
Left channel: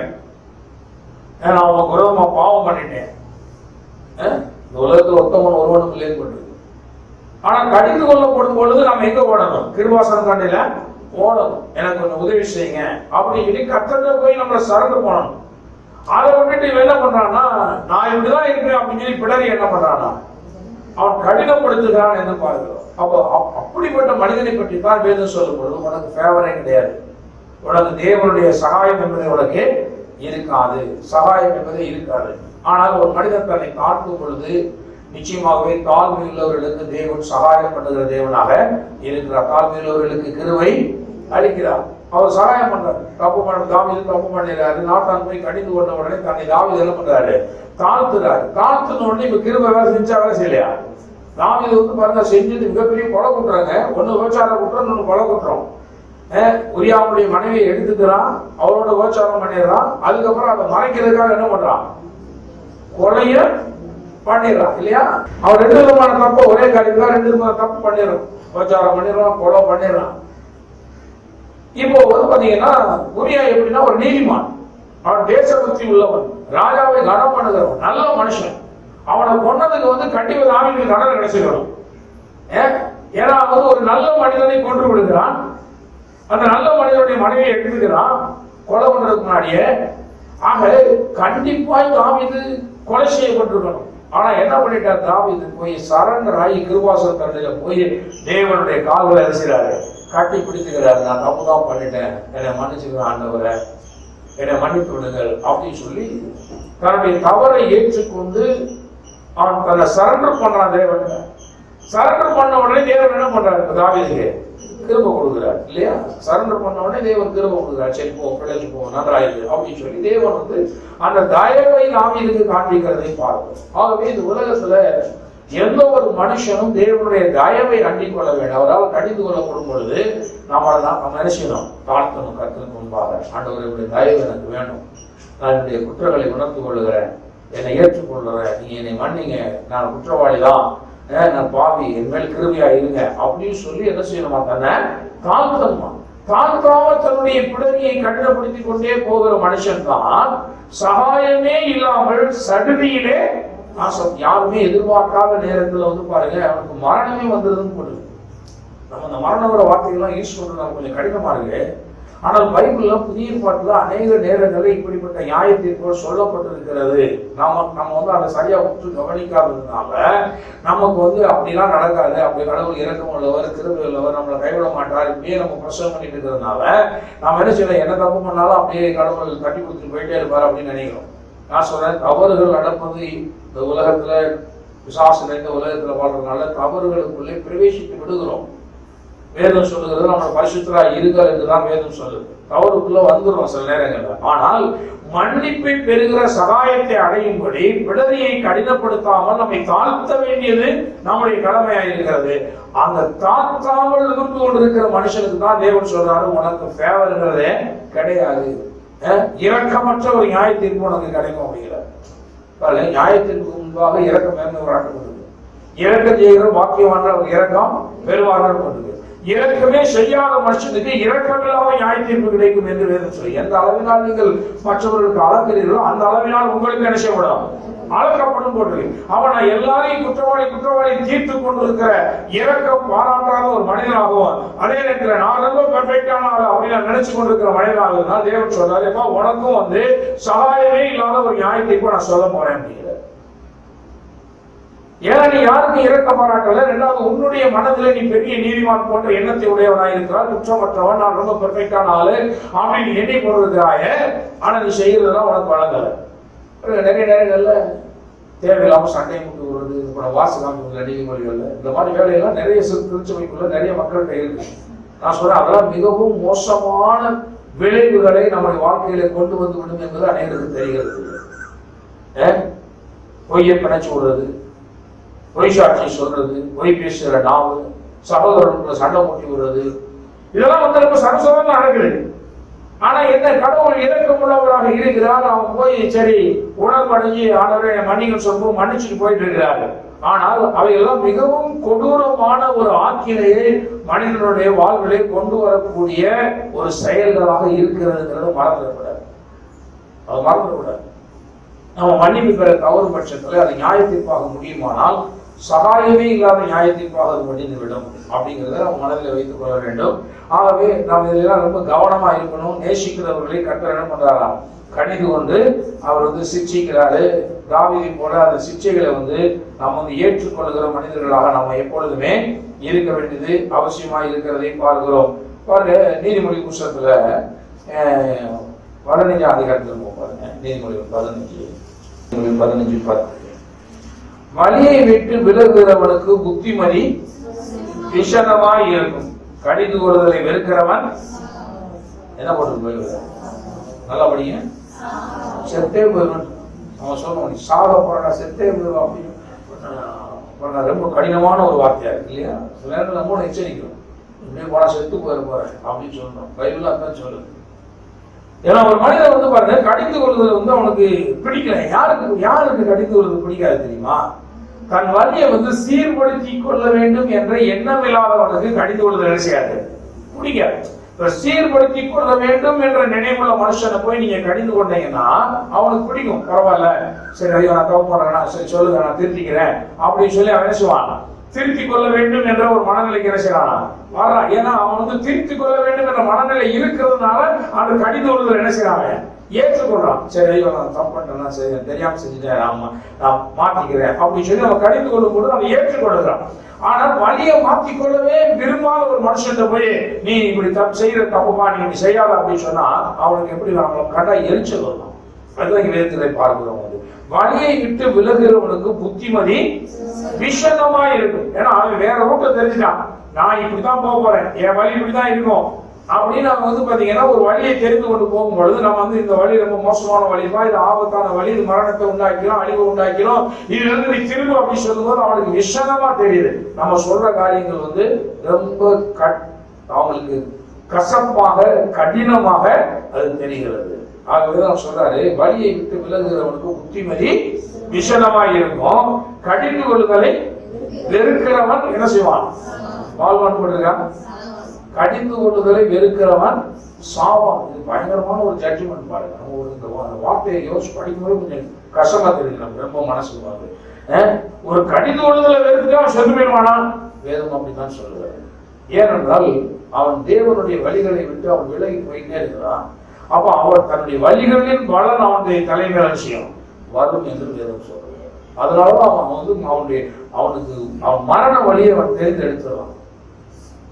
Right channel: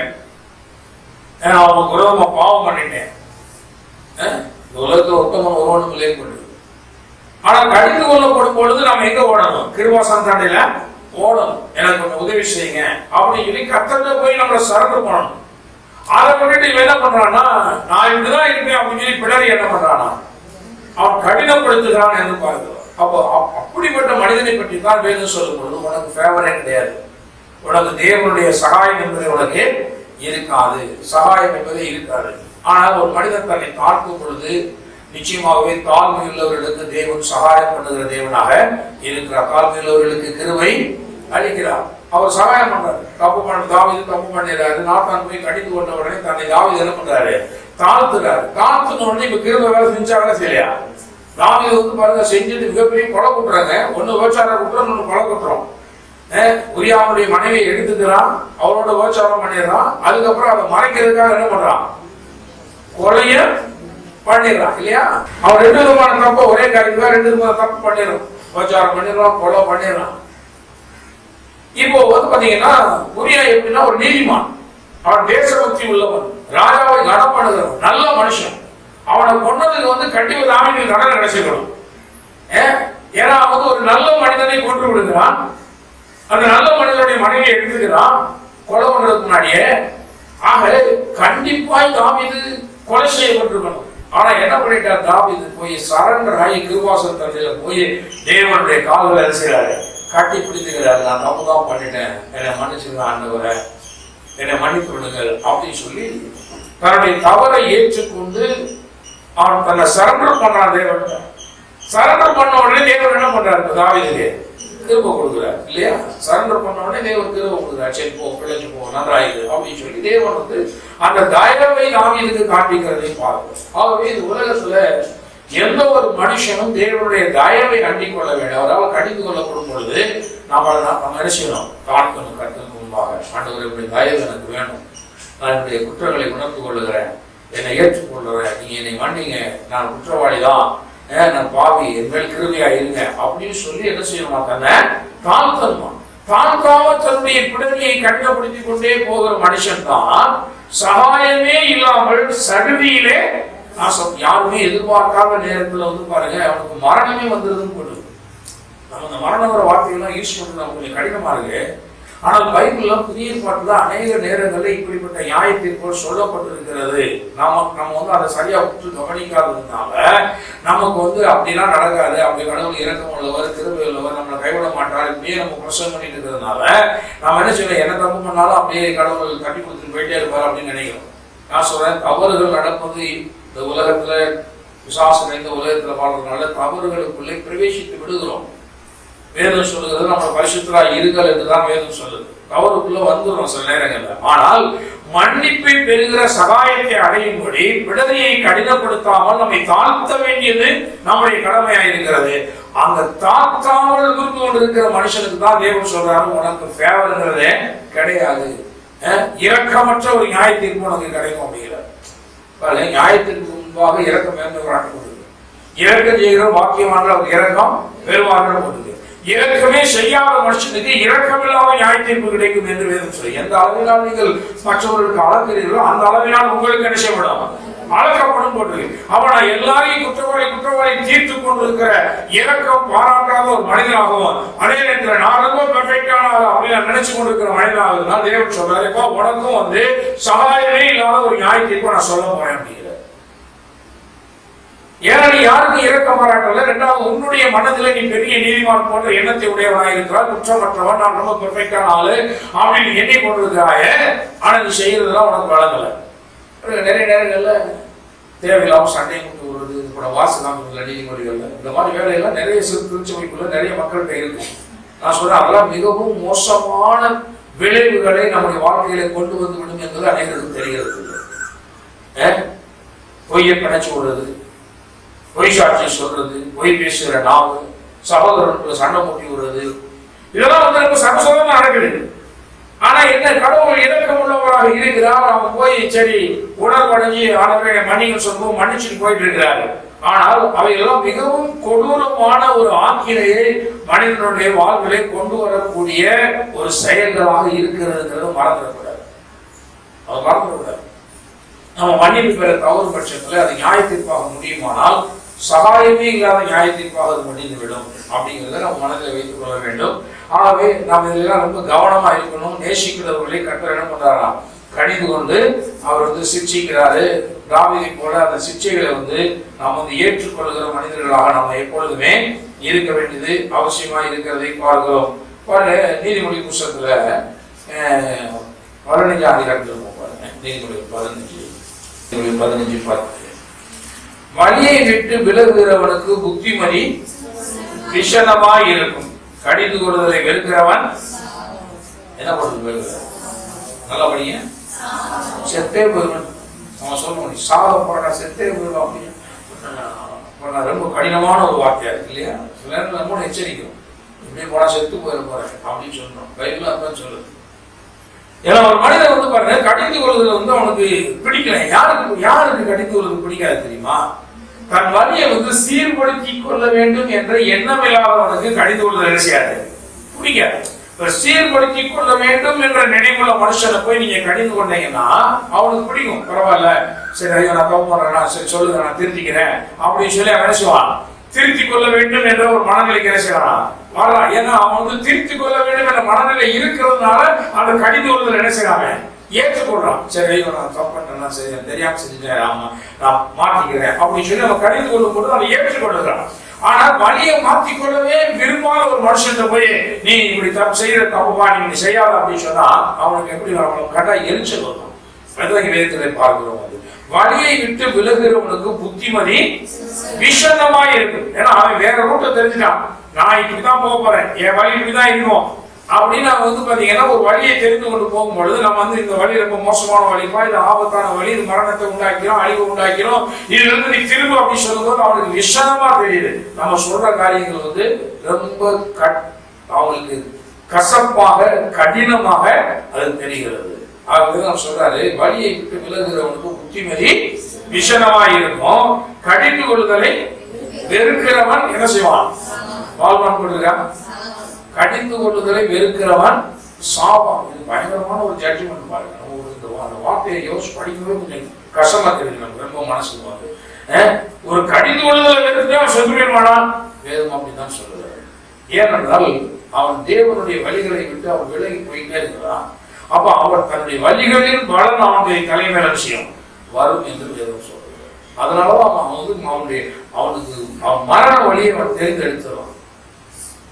அவனுக்கு விரோதமா பாவம் பண்ணிட்டேன், இந்த உலகத்துல ஒருத்தவன் ஒருவனும் இல்லைன்னு. ஆனா கடிந்து கொள்ளப்படும் பொழுது நம்ம எங்க ஓடணும், கிருபாசன கண்டையில ஓடணும். எனக்கு கொஞ்சம் உதவி செய்யுங்க அப்படின்னு சொல்லி கத்தட்ட போய் நம்மள சரண்டு போனோம். அதை விட்டுட்டு இவன் என்ன பண்றான்னா, நான் இப்படிதான் இருப்பேன் அப்படின்னு சொல்லி பிடரி என்ன பண்றானா, அவன் கடினப்படுத்துகிறான் என்று பார்க்கிறோம். அப்போ அப்படிப்பட்ட மனிதனை பற்றி தான் வேதம் சொல்லும் பொழுது, உனக்கு ஃபேவரே கிடையாது, உனக்கு தேவனுடைய சகாயம் என்பது உனக்கு இருக்காது, சகாயம் என்பதே இருக்காது. ஆனால் ஒரு மனிதன் தன்னை தாழ்த்தும் பொழுது நிச்சயமாகவே தாழ்மை உள்ளவர்களுக்கு தேவன் சகாயம் பண்ணுகிற தேவனாக இருக்கிறார். தாழ்மை உள்ளவர்களுக்கு கிருபை அளிக்கிறார். அவர் சகாயம் பண்றாரு. தப்பு பண்ண தாவீது தப்பு பண்ணிடுறாரு, நாத்தான் போய் கடிந்து கொண்ட உடனே தன்னை தாவீது என்ன பண்றாரு, தாழ்த்துறாரு. தாழ்த்துன உடனே இப்ப கிருபை வேலை செஞ்சாங்களா செய்யலையா? தாவீது வந்து பாருங்க, செஞ்சுட்டு மிகப்பெரிய கொலை குட்டுறாங்க. ஒண்ணு விபச்சார குற்றம், ஒண்ணு கொலை குற்றம். உரியாவுடைய மனைவியை எடுத்துக்கிறான், அவரோட விபச்சாரம் பண்ணிடுறான். அதுக்கப்புறம் அதை மறைக்கிறதுக்காக என்ன பண்றான், கொலைய பண்ணிடுறான் இல்லையா? அவன் ரெண்டு விதமான தப்பு ஒரே காரியத்துக்காக ரெண்டு விதமான தப்பு பண்ணிடுறான், விபச்சாரம் பண்ணிடுறான், கொலை பண்ணிடுறான். இப்போ வந்து பாத்தீங்கன்னா உரியா எப்படின்னா ஒரு நீதிமான், அவன் தேசபக்தி உள்ளவன், ராஜாவை கனம் பண்ணுகிறவன், நல்ல மனுஷன். அவனை கொண்டதுக்கு வந்து கண்டிப்பா ராமிக்கு தண்டனை கிடைச்சிருக்கணும். ஏன்னா அவன் வந்து ஒரு நல்ல மனிதனை கொன்று விடுகிறான், அந்த நல்ல மனிதனுடைய மனைவியை எடுத்துக்கிறான் கொலை பண்றதுக்கு முன்னாடியே. ஆக கண்டிப்பாய் தாவீது கொலை செய்யப்பட்டிருக்கணும். ஆனா என்ன பண்ணிட்டார், தாவீது போய் சரண்டர் ஆகி கிருபாசன கண்டையில போய் தேவனுடைய கால்களை செய்யறாரு, கட்டி பிடித்துக்கிறாரு. நான் தப்பு தான் பண்ணிட்டேன், என்னை மன்னிச்சுக்கிறேன் ஆண்டவரை, என்னை மன்னித்து விடுங்கள் அப்படின்னு சொல்லி தன்னுடைய தவறை ஏற்றுக்கொண்டு அவன் தன்னை சரண்டர் பண்றான் தேவன். சரண்டர் பண்ண உடனே தேவன் என்ன பண்றாரு, தாவீதுக்கு கிருபை கொடுக்குறாரு இல்லையா? சரண்டர் பண்ண உடனே தேவன் கிருபை கொடுக்குறாரு. சரி போ, பிழைச்சு போ, நன்றாயிரு அப்படின்னு சொல்லி தேவன் வந்து அந்த தயவை தாவீதுக்கு காண்பிக்கிறதை பார்க்கிறோம். ஆகவே இந்த உலகத்துல எந்த ஒரு மனுஷனும் தேவனுடைய தயவை அண்டிக் கொள்ள வேண்டும். அவரால் கடிந்து கொள்ளப்படும் பொழுது நம்ம என்ன செய்யணும்? தாழ்த்தணும். கருத்துக்கு முன்பாக ஆண்டவருடைய தயவு எனக்கு வேணும், நான் என்னுடைய குற்றங்களை உணர்ந்து கொள்ளுகிறேன், என்னை ஏற்றுக்கொள்கிறேன், நீங்க என்னை மன்னிங்க, நான் குற்றவாளி தான், நான் பாவி, என் மேல் கிருபையா இருங்க அப்படின்னு சொல்லி என்ன செய்யணுமா? தன்னை தாழ்த்தணுமா? தாழ்த்தாம தன்னுடைய பிடரியை கண்டுபிடித்துக் கொண்டே போகிற மனுஷன் தான் சகாயமே இல்லாமல் சடுதியிலே யாருமே எதிர்பார்க்காத நேரத்துல வந்து பாருங்க அவனுக்கு மரணமே வந்துருதுன்னு போடுது. நம்ம இந்த மரணங்கிற வார்த்தைகள்லாம் யூஸ் பண்றது நமக்கு கொஞ்சம் கடினமா இருக்கு. ஆனால் பைபிள்ல புதிய பாட்டுல அநேக நேரங்களில் இப்படிப்பட்ட நியாய தீர்ப்புகள் சொல்லப்பட்டிருக்கிறது. நம்ம வந்து அதை சரியா உற்று கவனிக்காததுனால நமக்கு வந்து அப்படிலாம் நடக்காது, அப்படி கடவுள் இரக்கம் உள்ளவர், கிருபை உள்ளவர், நம்மளை கைவிட மாட்டார், இப்படியே நம்ம பிரசவம் பண்ணிட்டு இருக்கிறதுனால நம்ம என்ன செய்யணும்? என்ன தப்பு பண்ணாலும் அப்படியே கடவுள் தட்டி கொடுத்துட்டு போயிட்டே இருப்பார் அப்படின்னு நினைக்கிறோம். நான் சொல்றேன், தவறுகள் நடப்பது இந்த உலகத்துல, விசுவாசம் இந்த உலகத்துல வாழ்றதுனால தவறுகளுக்குள்ளே பிரவேசித்து விடுகிறோம். வேதம் சொல்லுகிறது நம்ம பரிசுத்தரா இருங்கள் என்றுதான் வேதம் சொல்லுது. தவறுக்குள்ள வந்துடும் சில நேரங்கள்ல. ஆனால் மன்னிப்பை பெறுகிற சகாயத்தை அடையும்படி விடுதலையை கடினப்படுத்தாமல் நம்மை தாழ்த்த வேண்டியது நம்முடைய கடமையா இருக்கிறது. அந்த தாழ்த்தாமல் இருந்து கொண்டிருக்கிற மனுஷனுக்கு தான் தேவன் சொல்றாரு, உனக்கு ஃபேவர்ங்கிறதே கிடையாது, இரக்கமற்ற ஒரு நியாய தீர்ப்பு உனக்கு கிடைக்கும் அப்படிங்கிறார். நியாயத்திற்கு முன்பாக இரக்கம் காட்டப்படுது. இரக்கம் செய்கிற வாக்கியமான ஒரு இரக்கம் பெருவார்கள் போடுது. இரக்கமே செய்யாத மனுஷனுக்கு இரக்கமில்லாத நியாய தீர்ப்பு கிடைக்கும் என்று வேதம் சொல்லி, எந்த அளவினால் நீங்கள் மற்றவர்களுக்கு அளக்கிறீர்களோ அந்த அளவினால் உங்களுக்கு என்ன செய்யப்படும்? அளக்கப்படும் போட்டு. அவனை எல்லாரையும் குற்றவாளி தீர்த்து கொண்டிருக்கிற இரக்கம் பாராட்டாத ஒரு மனிதனாகவும், அதே நேரத்தில் நான் ரொம்ப பெர்ஃபெக்டான அப்படின்னு நினைச்சு கொண்டிருக்கிற மனிதனாக தேவன் சொல்றாரு, உனக்கும் வந்து சகாயமே இல்லாத ஒரு நியாய தீர்ப்பை நான் சொல்ல போறேன் அப்படிங்கிற. ஏன்னா நீ யாருக்கும் இறக்க மாறாட்டல. ரெண்டாவது, உன்னுடைய மனதில் நீ பெரிய நீதிமான் போன்ற எண்ணத்தை உடையவனாக இருக்கிறார், குற்றமற்றவன், நான் ரொம்ப பெர்ஃபெக்டான ஆளு அப்படின்னு எண்ணி கொண்டிருக்கிறாய. ஆனா நீ செய்யறதுலாம் உனக்கு வழங்கல. நிறைய நேரங்கள்ல தேவையில்லாம சண்டையை கொண்டு வருவது, இது கூட வாசகாமிகள் நீதிமொழிகள்ல இந்த மாதிரி வேலையெல்லாம் நிறைய திருச்சபைக்குள்ள நிறைய மக்கள்கிட்ட இருக்கு. நான் சொல்றேன், அதெல்லாம் மிகவும் மோசமான விளைவுகளை நம்முடைய வாழ்க்கையில கொண்டு வந்து விடும் என்பது அனைவருக்கும் தெரிகிறது. பொய்யை பிணைச்சு விடுறது, பொய் சாட்சி சொல்றது, பொய் பேசுகிற நாவு, சகோதரனுக்குள்ள சண்டை மூட்டி விடுறது, இதெல்லாம் வந்து ரொம்ப சமசோதமா நடக்குது. ஆனா என்ன, கடவுள் இரக்கம் உள்ளவராக இருக்கிறார். அவன் போய் சரி உணர்வடைஞ்சு ஆனவரை மன்னிகள் சொல்லுவோம் மன்னிச்சுட்டு போயிட்டு இருக்கிறாரு. ஆனால் அவையெல்லாம் மிகவும் கொடூரமான ஒரு ஆக்கினையை மனிதனுடைய வாழ்விலை கொண்டு வரக்கூடிய ஒரு செயல்களாக இருக்கிறதுங்கிறத மறந்துடக்கூடாது. அது மறந்துடக்கூடாது. நம்ம மன்னிப்பு பெற தவறு பட்சத்தில் அது நியாய தீர்ப்பாக முடியுமானால் சகாயமே இல்லாத நியாய தீர்ப்பாக அது முடிந்துவிடும் அப்படிங்கிறத நம்ம மனதில் வைத்துக் கொள்ள வேண்டும். ஆகவே நாம் இதெல்லாம் ரொம்ப கவனமா இருக்கணும். நேசிக்கிறவர்களை கர்த்தர் என்ன பண்றாராம்? கடிந்து கொண்டு அவர் வந்து சிக்ஷிக்கிறாரு. தாவீதை போல அந்த சிக்ஷைகளை வந்து நாம் வந்து ஏற்றுக்கொள்கிற மனிதர்களாக நம்ம எப்பொழுதுமே இருக்க வேண்டியது அவசியமா இருக்கிறதை பார்க்கிறோம். நீதிமொழி புஸ்தகத்துல 15 அதிகாரத்தில் பாருங்க. நீதிமொழி 15:10 வழியை விட்டு விலகுகிறவனுக்கு புத்திமதி விஷதமாய் இருக்கும், கடிந்து கொள்வதை வெறுக்கிறவன் என்ன பண்ணுறது? நல்லபடிய செத்தே போயிடும். அவன் சொல்லுவான், சாக போறா செத்தே போயிடும் அப்படின்னு ரொம்ப கடினமான ஒரு வார்த்தையா இருக்கு இல்லையா? சில நேரம் நம்ம எச்சரிக்கிறோம், இப்படியே போனா செத்து போயிட போறேன் அப்படின்னு சொல்றோம். பைபிள் அதான் சொல்லுது. ஏன்னா ஒரு மனிதன் வந்து பாருங்க, கடிந்து கொள்வது வந்து அவனுக்கு பிடிக்கல. யாருக்கு கடிந்து கொள்வது பிடிக்காது தெரியுமா? தன் வழியை வந்து சீர்படுத்தி கொள்ள வேண்டும் என்ற எண்ணம் இல்லாதவனுக்கு கடிந்து கொள்வது நினைச்சாது பிடிக்காது. சீர்படுத்தி கொள்ள வேண்டும் என்ற நினைவுள்ள மனுஷனை போய் நீங்க கடிந்து கொண்டீங்கன்னா அவனுக்கு பிடிக்கும். பரவாயில்ல, சரி நான் தப்பு பண்றேன், சரி சொல்லுங்க நான் திருத்திக்கிறேன் அப்படின்னு சொல்லி அவன் நினைச்சுவான். திருத்தி கொள்ள வேண்டும் என்ற ஒரு மனநிலைக்கு நினைச்சான் வரலாம். ஏன்னா அவன் வந்து திருத்தி கொள்ள வேண்டும் என்ற மனநிலை இருக்கிறதுனால அந்த கடிந்து கொள்வதில் நினைச்சாங்க ஏற்றுக்கொள்றான். சரி நான் தப்பு பண்றேன், சரி தெரியாம செஞ்சுட்டேன், ஆமா நான் மாற்றிக்கிறேன் அப்படின்னு சொல்லி அவன் கடிந்து கொள்ளும் போது அவன் ஏற்றுக்கொள்ளுகிறான். ஆனா வழியை மாற்றிக்கொள்ளவே விரும்பாத ஒரு மனுஷன் போய் நீ இப்படி தப்பு செய்யற தப்புமா நீ செய்யாத அப்படின்னு சொன்னா அவனுக்கு எப்படி கண்டா எரிச்சல் வரும். அதுதான் வேதத்தை பார்க்கிறோம். அது வழியை விட்டு விலகுறவனுக்கு புத்திமதி விஷதமாய் இருக்கும். ஏன்னா அவன் வேற ரூட்டை தெரிஞ்சுட்டான். நான் இப்படிதான் போக போறேன், என் வழி இப்படிதான் இருக்கும் அப்படின்னு நம்ம வந்து பாத்தீங்கன்னா ஒரு வழியை தெரிந்து கொண்டு போகும்பொழுது நம்ம வந்து இந்த வழி ரொம்ப மோசமான வழிப்பா, இது ஆபத்தான வழி, இது மரணத்தை உண்டாக்கிறோம், அழிவு உண்டாக்கிறோம், இதுல இருந்து நீ திரும்ப அப்படின்னு சொல்லும்போது அவனுக்கு விஷயமா தெரியுது. நம்ம சொல்ற காரியங்கள் வந்து ரொம்ப அவங்களுக்கு கசப்பாக கடினமாக அது தெரிகிறது. ஆகவே அவர் சொல்றாரு, வழியை விட்டு விலகுகிறவனுக்கு புத்திமதி விஷயமா இருக்கும், கடிந்து கொள்ளுதலை வெறுக்கிறவன் என்ன செய்வான்? வாழ்வான் கொடுக்கிறான். கடிந்து கொள்ளுதலை வெறுக்கிறவன் சாவான். இது பயங்கரமான ஒரு ஜட்ஜ்மெண்ட் பாருங்க. அந்த வார்த்தையை யோசிச்சு படிக்கும்போது கொஞ்சம் கஷ்டமா தெரியுது நமக்கு, ரொம்ப மனசுக்கு வந்து ஒரு கடிந்து கொள்ளுதலை வெறுத்து அவன் செத்து போயிடுவானா? வேதம் அப்படிதான் சொல்லுவாரு. ஏனென்றால் அவன் தேவனுடைய வழிகளை விட்டு அவன் விலகி போயிட்டே இருக்கிறான். அப்ப அவன் தன்னுடைய வழிகளின் பலன் அவனுடைய தலைமையில விஷயம் வரும் என்று வேதம் சொல்றாரு. அதனாலதான் அவன் வந்து அவனுக்கு அவன் மரண வழியை அவன் தேர்ந்தெடுத்துறான்,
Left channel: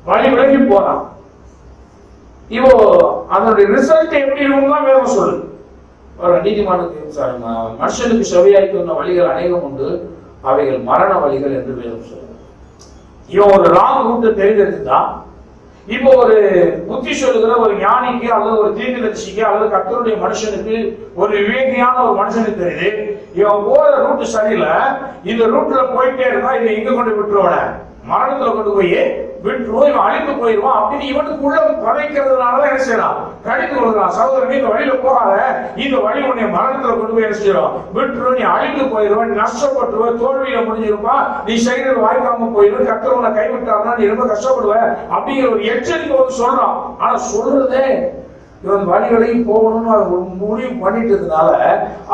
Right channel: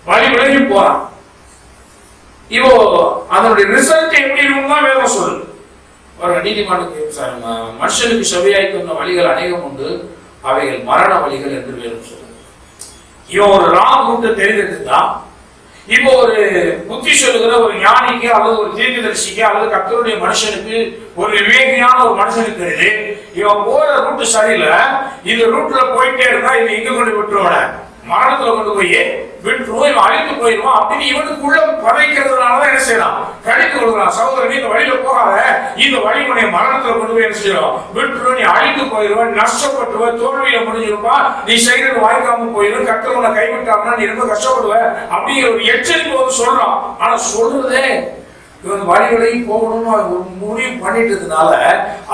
வழி விலகி போறான். இப்போ அதனுடைய ரிசல்ட் எப்படி இருக்கும்னா வேதம் சொல்லுது. நீதிமன்றத்துக்கு மனுஷனுக்கு செவியாய்க்கு வந்த வழிகள் அநேகம் உண்டு, அவைகள் மரண வழிகள் என்று வேதம் சொல்லுது. இவன் ஒரு ராங் ரூட்டை தெரிந்தெடுத்துதான் இப்போ ஒரு புத்தி சொல்லுகிற ஒரு ஞானிக்கு அல்லது ஒரு தீர்க்கதரிசிக்கு அல்லது கர்த்தருடைய மனுஷனுக்கு, ஒரு விவேகியான ஒரு மனுஷனுக்கு தெரியுது இவன் போற ரூட் சரியில்லை, இந்த ரூட்ல போயிட்டே இருந்தா இவன் எங்க கொண்டு விட்டுருவான? மரணத்துல கொண்டு போய் விட்டுருவோம், இவன் அழிந்து போயிடுவான் அப்படின்னு இவனுக்குள்ள பதைக்கிறதுனாலதான் என்ன செய்யலாம்? கடிந்து கொள்கிறான். சகோதரன், இந்த வழியில போகாத, இந்த வழி உன்னை மரணத்துல கொண்டு போய் என்ன செய்யலாம்? விட்டுருவோம், நீ அழிந்து போயிடுவான், நஷ்டப்பட்டுருவ, தோல்வியில முடிஞ்சிருப்பான், நீ செய்யறது வாய்க்காம போயிடும், கர்த்தர் உன்னை கைவிட்டாங்கன்னா நீ ரொம்ப கஷ்டப்படுவ அப்படிங்கிற ஒரு எச்சரிக்கை வந்து சொல்றான். ஆனா சொல்றதே இவன் வழிகளையும் போகணும்னு ஒரு முடிவு பண்ணிட்டதுனால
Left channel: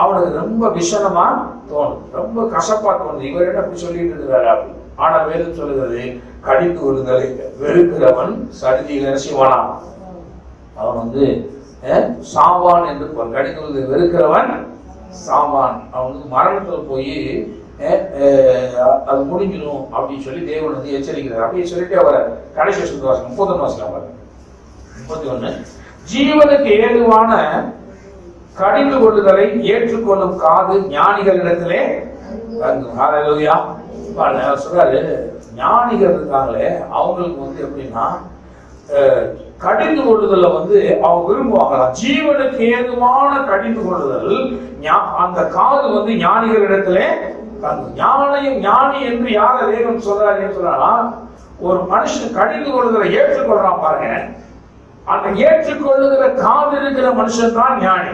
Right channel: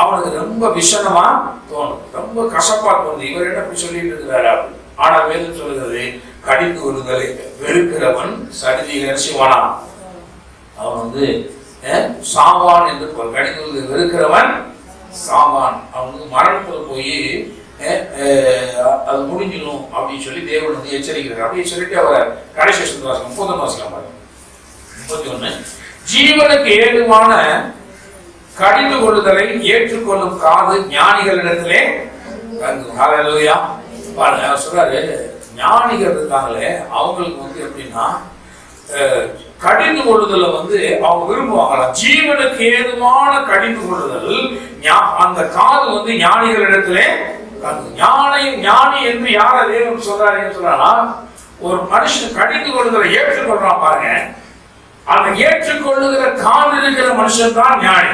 அவனுக்கு ரொம்ப விஷனமா தோணும், ரொம்ப கசப்பா தோணுது. இவர் என்ன அப்படி சொல்லிட்டு இருக்கிறாரு? ஆனா வேதம் சொல்லுகிறது, கடிந்து கொள்ளுதலை வெறுக்கிறவன் சடிதியில் என்ன செய்வானா? அவன் வந்து சாவான் என்று போல். கடிந்து கொள்ளுதலை வெறுக்கிறவன் சாவான். அவன் வந்து மரணத்தில் போய் அது முடிஞ்சிடும் அப்படின்னு சொல்லி தேவன் வந்து எச்சரிக்கிறார். அப்படின்னு சொல்லிட்டு அவரை கடைசி 30 வாசிக்கலாம் 31. ஜீவனுக்கு ஏதுவான கடிந்து கொள்ளுதலை ஏற்றுக்கொள்ளும் காது ஞானிகளிடத்திலே ஹல்லேலூயா. சொல்றாரு, ஞானிகள் இருக்காங்களே அவங்களுக்கு வந்து எப்படின்னா கடிந்து கொள்ளுதல வந்து அவங்க விரும்புவாங்களாம். ஜீவனுக்கு ஏதுவான கடிந்து கொள்ளுதல் அந்த காது வந்து ஞானிகளிடத்திலே. ஞானி என்று யார தேவன் சொல்றாருன்னு சொன்னா, ஒரு மனுஷன் கடிந்து கொள்ளுதலை ஏற்றுக்கொள்றான் பாருங்க, அந்த ஏற்றுக்கொள்ளுகிற காது இருக்கிற மனுஷன் தான் ஞானி.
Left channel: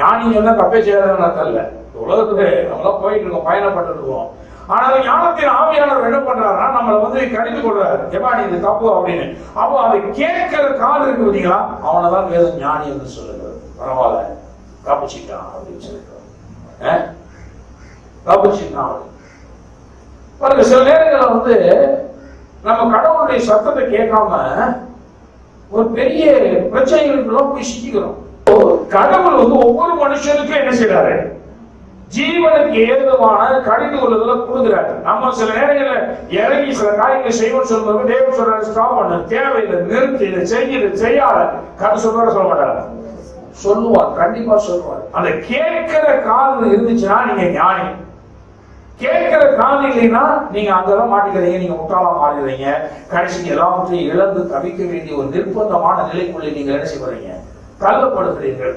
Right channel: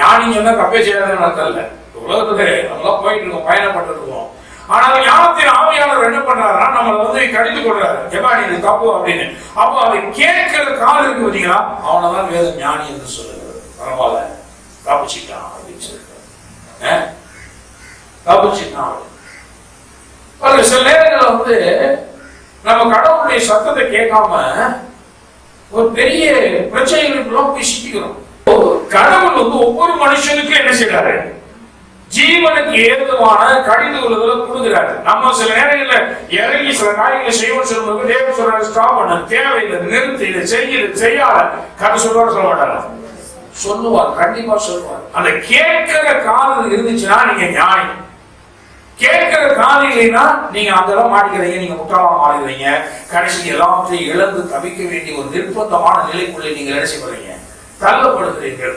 ஞானி சொன்னா தப்பே செய்யாத அர்த்தம் இல்ல. உலகத்துல நம்மளாம் போயிட்டு இருக்கோம், பயணப்பட்டு இருக்கோம். ஆனால் ஞானத்தின் ஆவியானவர் என்ன பண்றாருன்னா நம்மளை வந்து கடிந்து கொள்றாரு, ஏமா இது தப்பு அப்படின்னு. அப்போ அதை கேட்கிற காது இருக்கு பார்த்தீங்களா, அவனதான் வேதம் ஞானி என்று சொல்லுகிறது. பரவாயில்ல, தப்பிச்சுட்டான் அப்படின்னு சொல்லிட்டு தப்பிச்சுட்டான். சில நேரங்களில் வந்து நம்ம கடவுளுடைய சத்தத்தை கேட்காம ஒரு பெரிய பிரச்சனைகளுக்குள்ள போய் சிக்கிக்கிறோம். கடவுள் வந்து ஒவ்வொரு மனுஷனுக்கும் என்ன செய்யறாரு? ஜீவனுக்கு ஏதுவான கடிந்து கொள்ளுதலை கொடுக்கிறாரு. நம்ம சில நேரங்களில் இறங்கி சில காரியங்களை செய்வோம் சொல்லும்போது தேவன் சொல்றாரு, ஸ்டாப் பண்ண, தேவையில்லை, நிறுத்தி, இதை செய்யாத. கதை சொல்லுவார சொல்ல மாட்டாங்க, சொல்லுவார், கண்டிப்பா சொல்லுவார். அந்த கேட்கிற காது இருந்துச்சுன்னா நீங்க ஞானி. கேட்கிற காது இல்லைன்னா நீங்க அங்கெல்லாம் மாட்டிக்கிறீங்க, நீங்க முற்றாவா மாறிடுறீங்க. கடைசிக்கு எல்லாவற்றையும் இழந்து தவிக்க வேண்டிய ஒரு நிர்பந்தமான நிலைக்குள்ளே நீங்க என்ன செய்வீங்க? தள்ளப்படுகிறீர்கள்.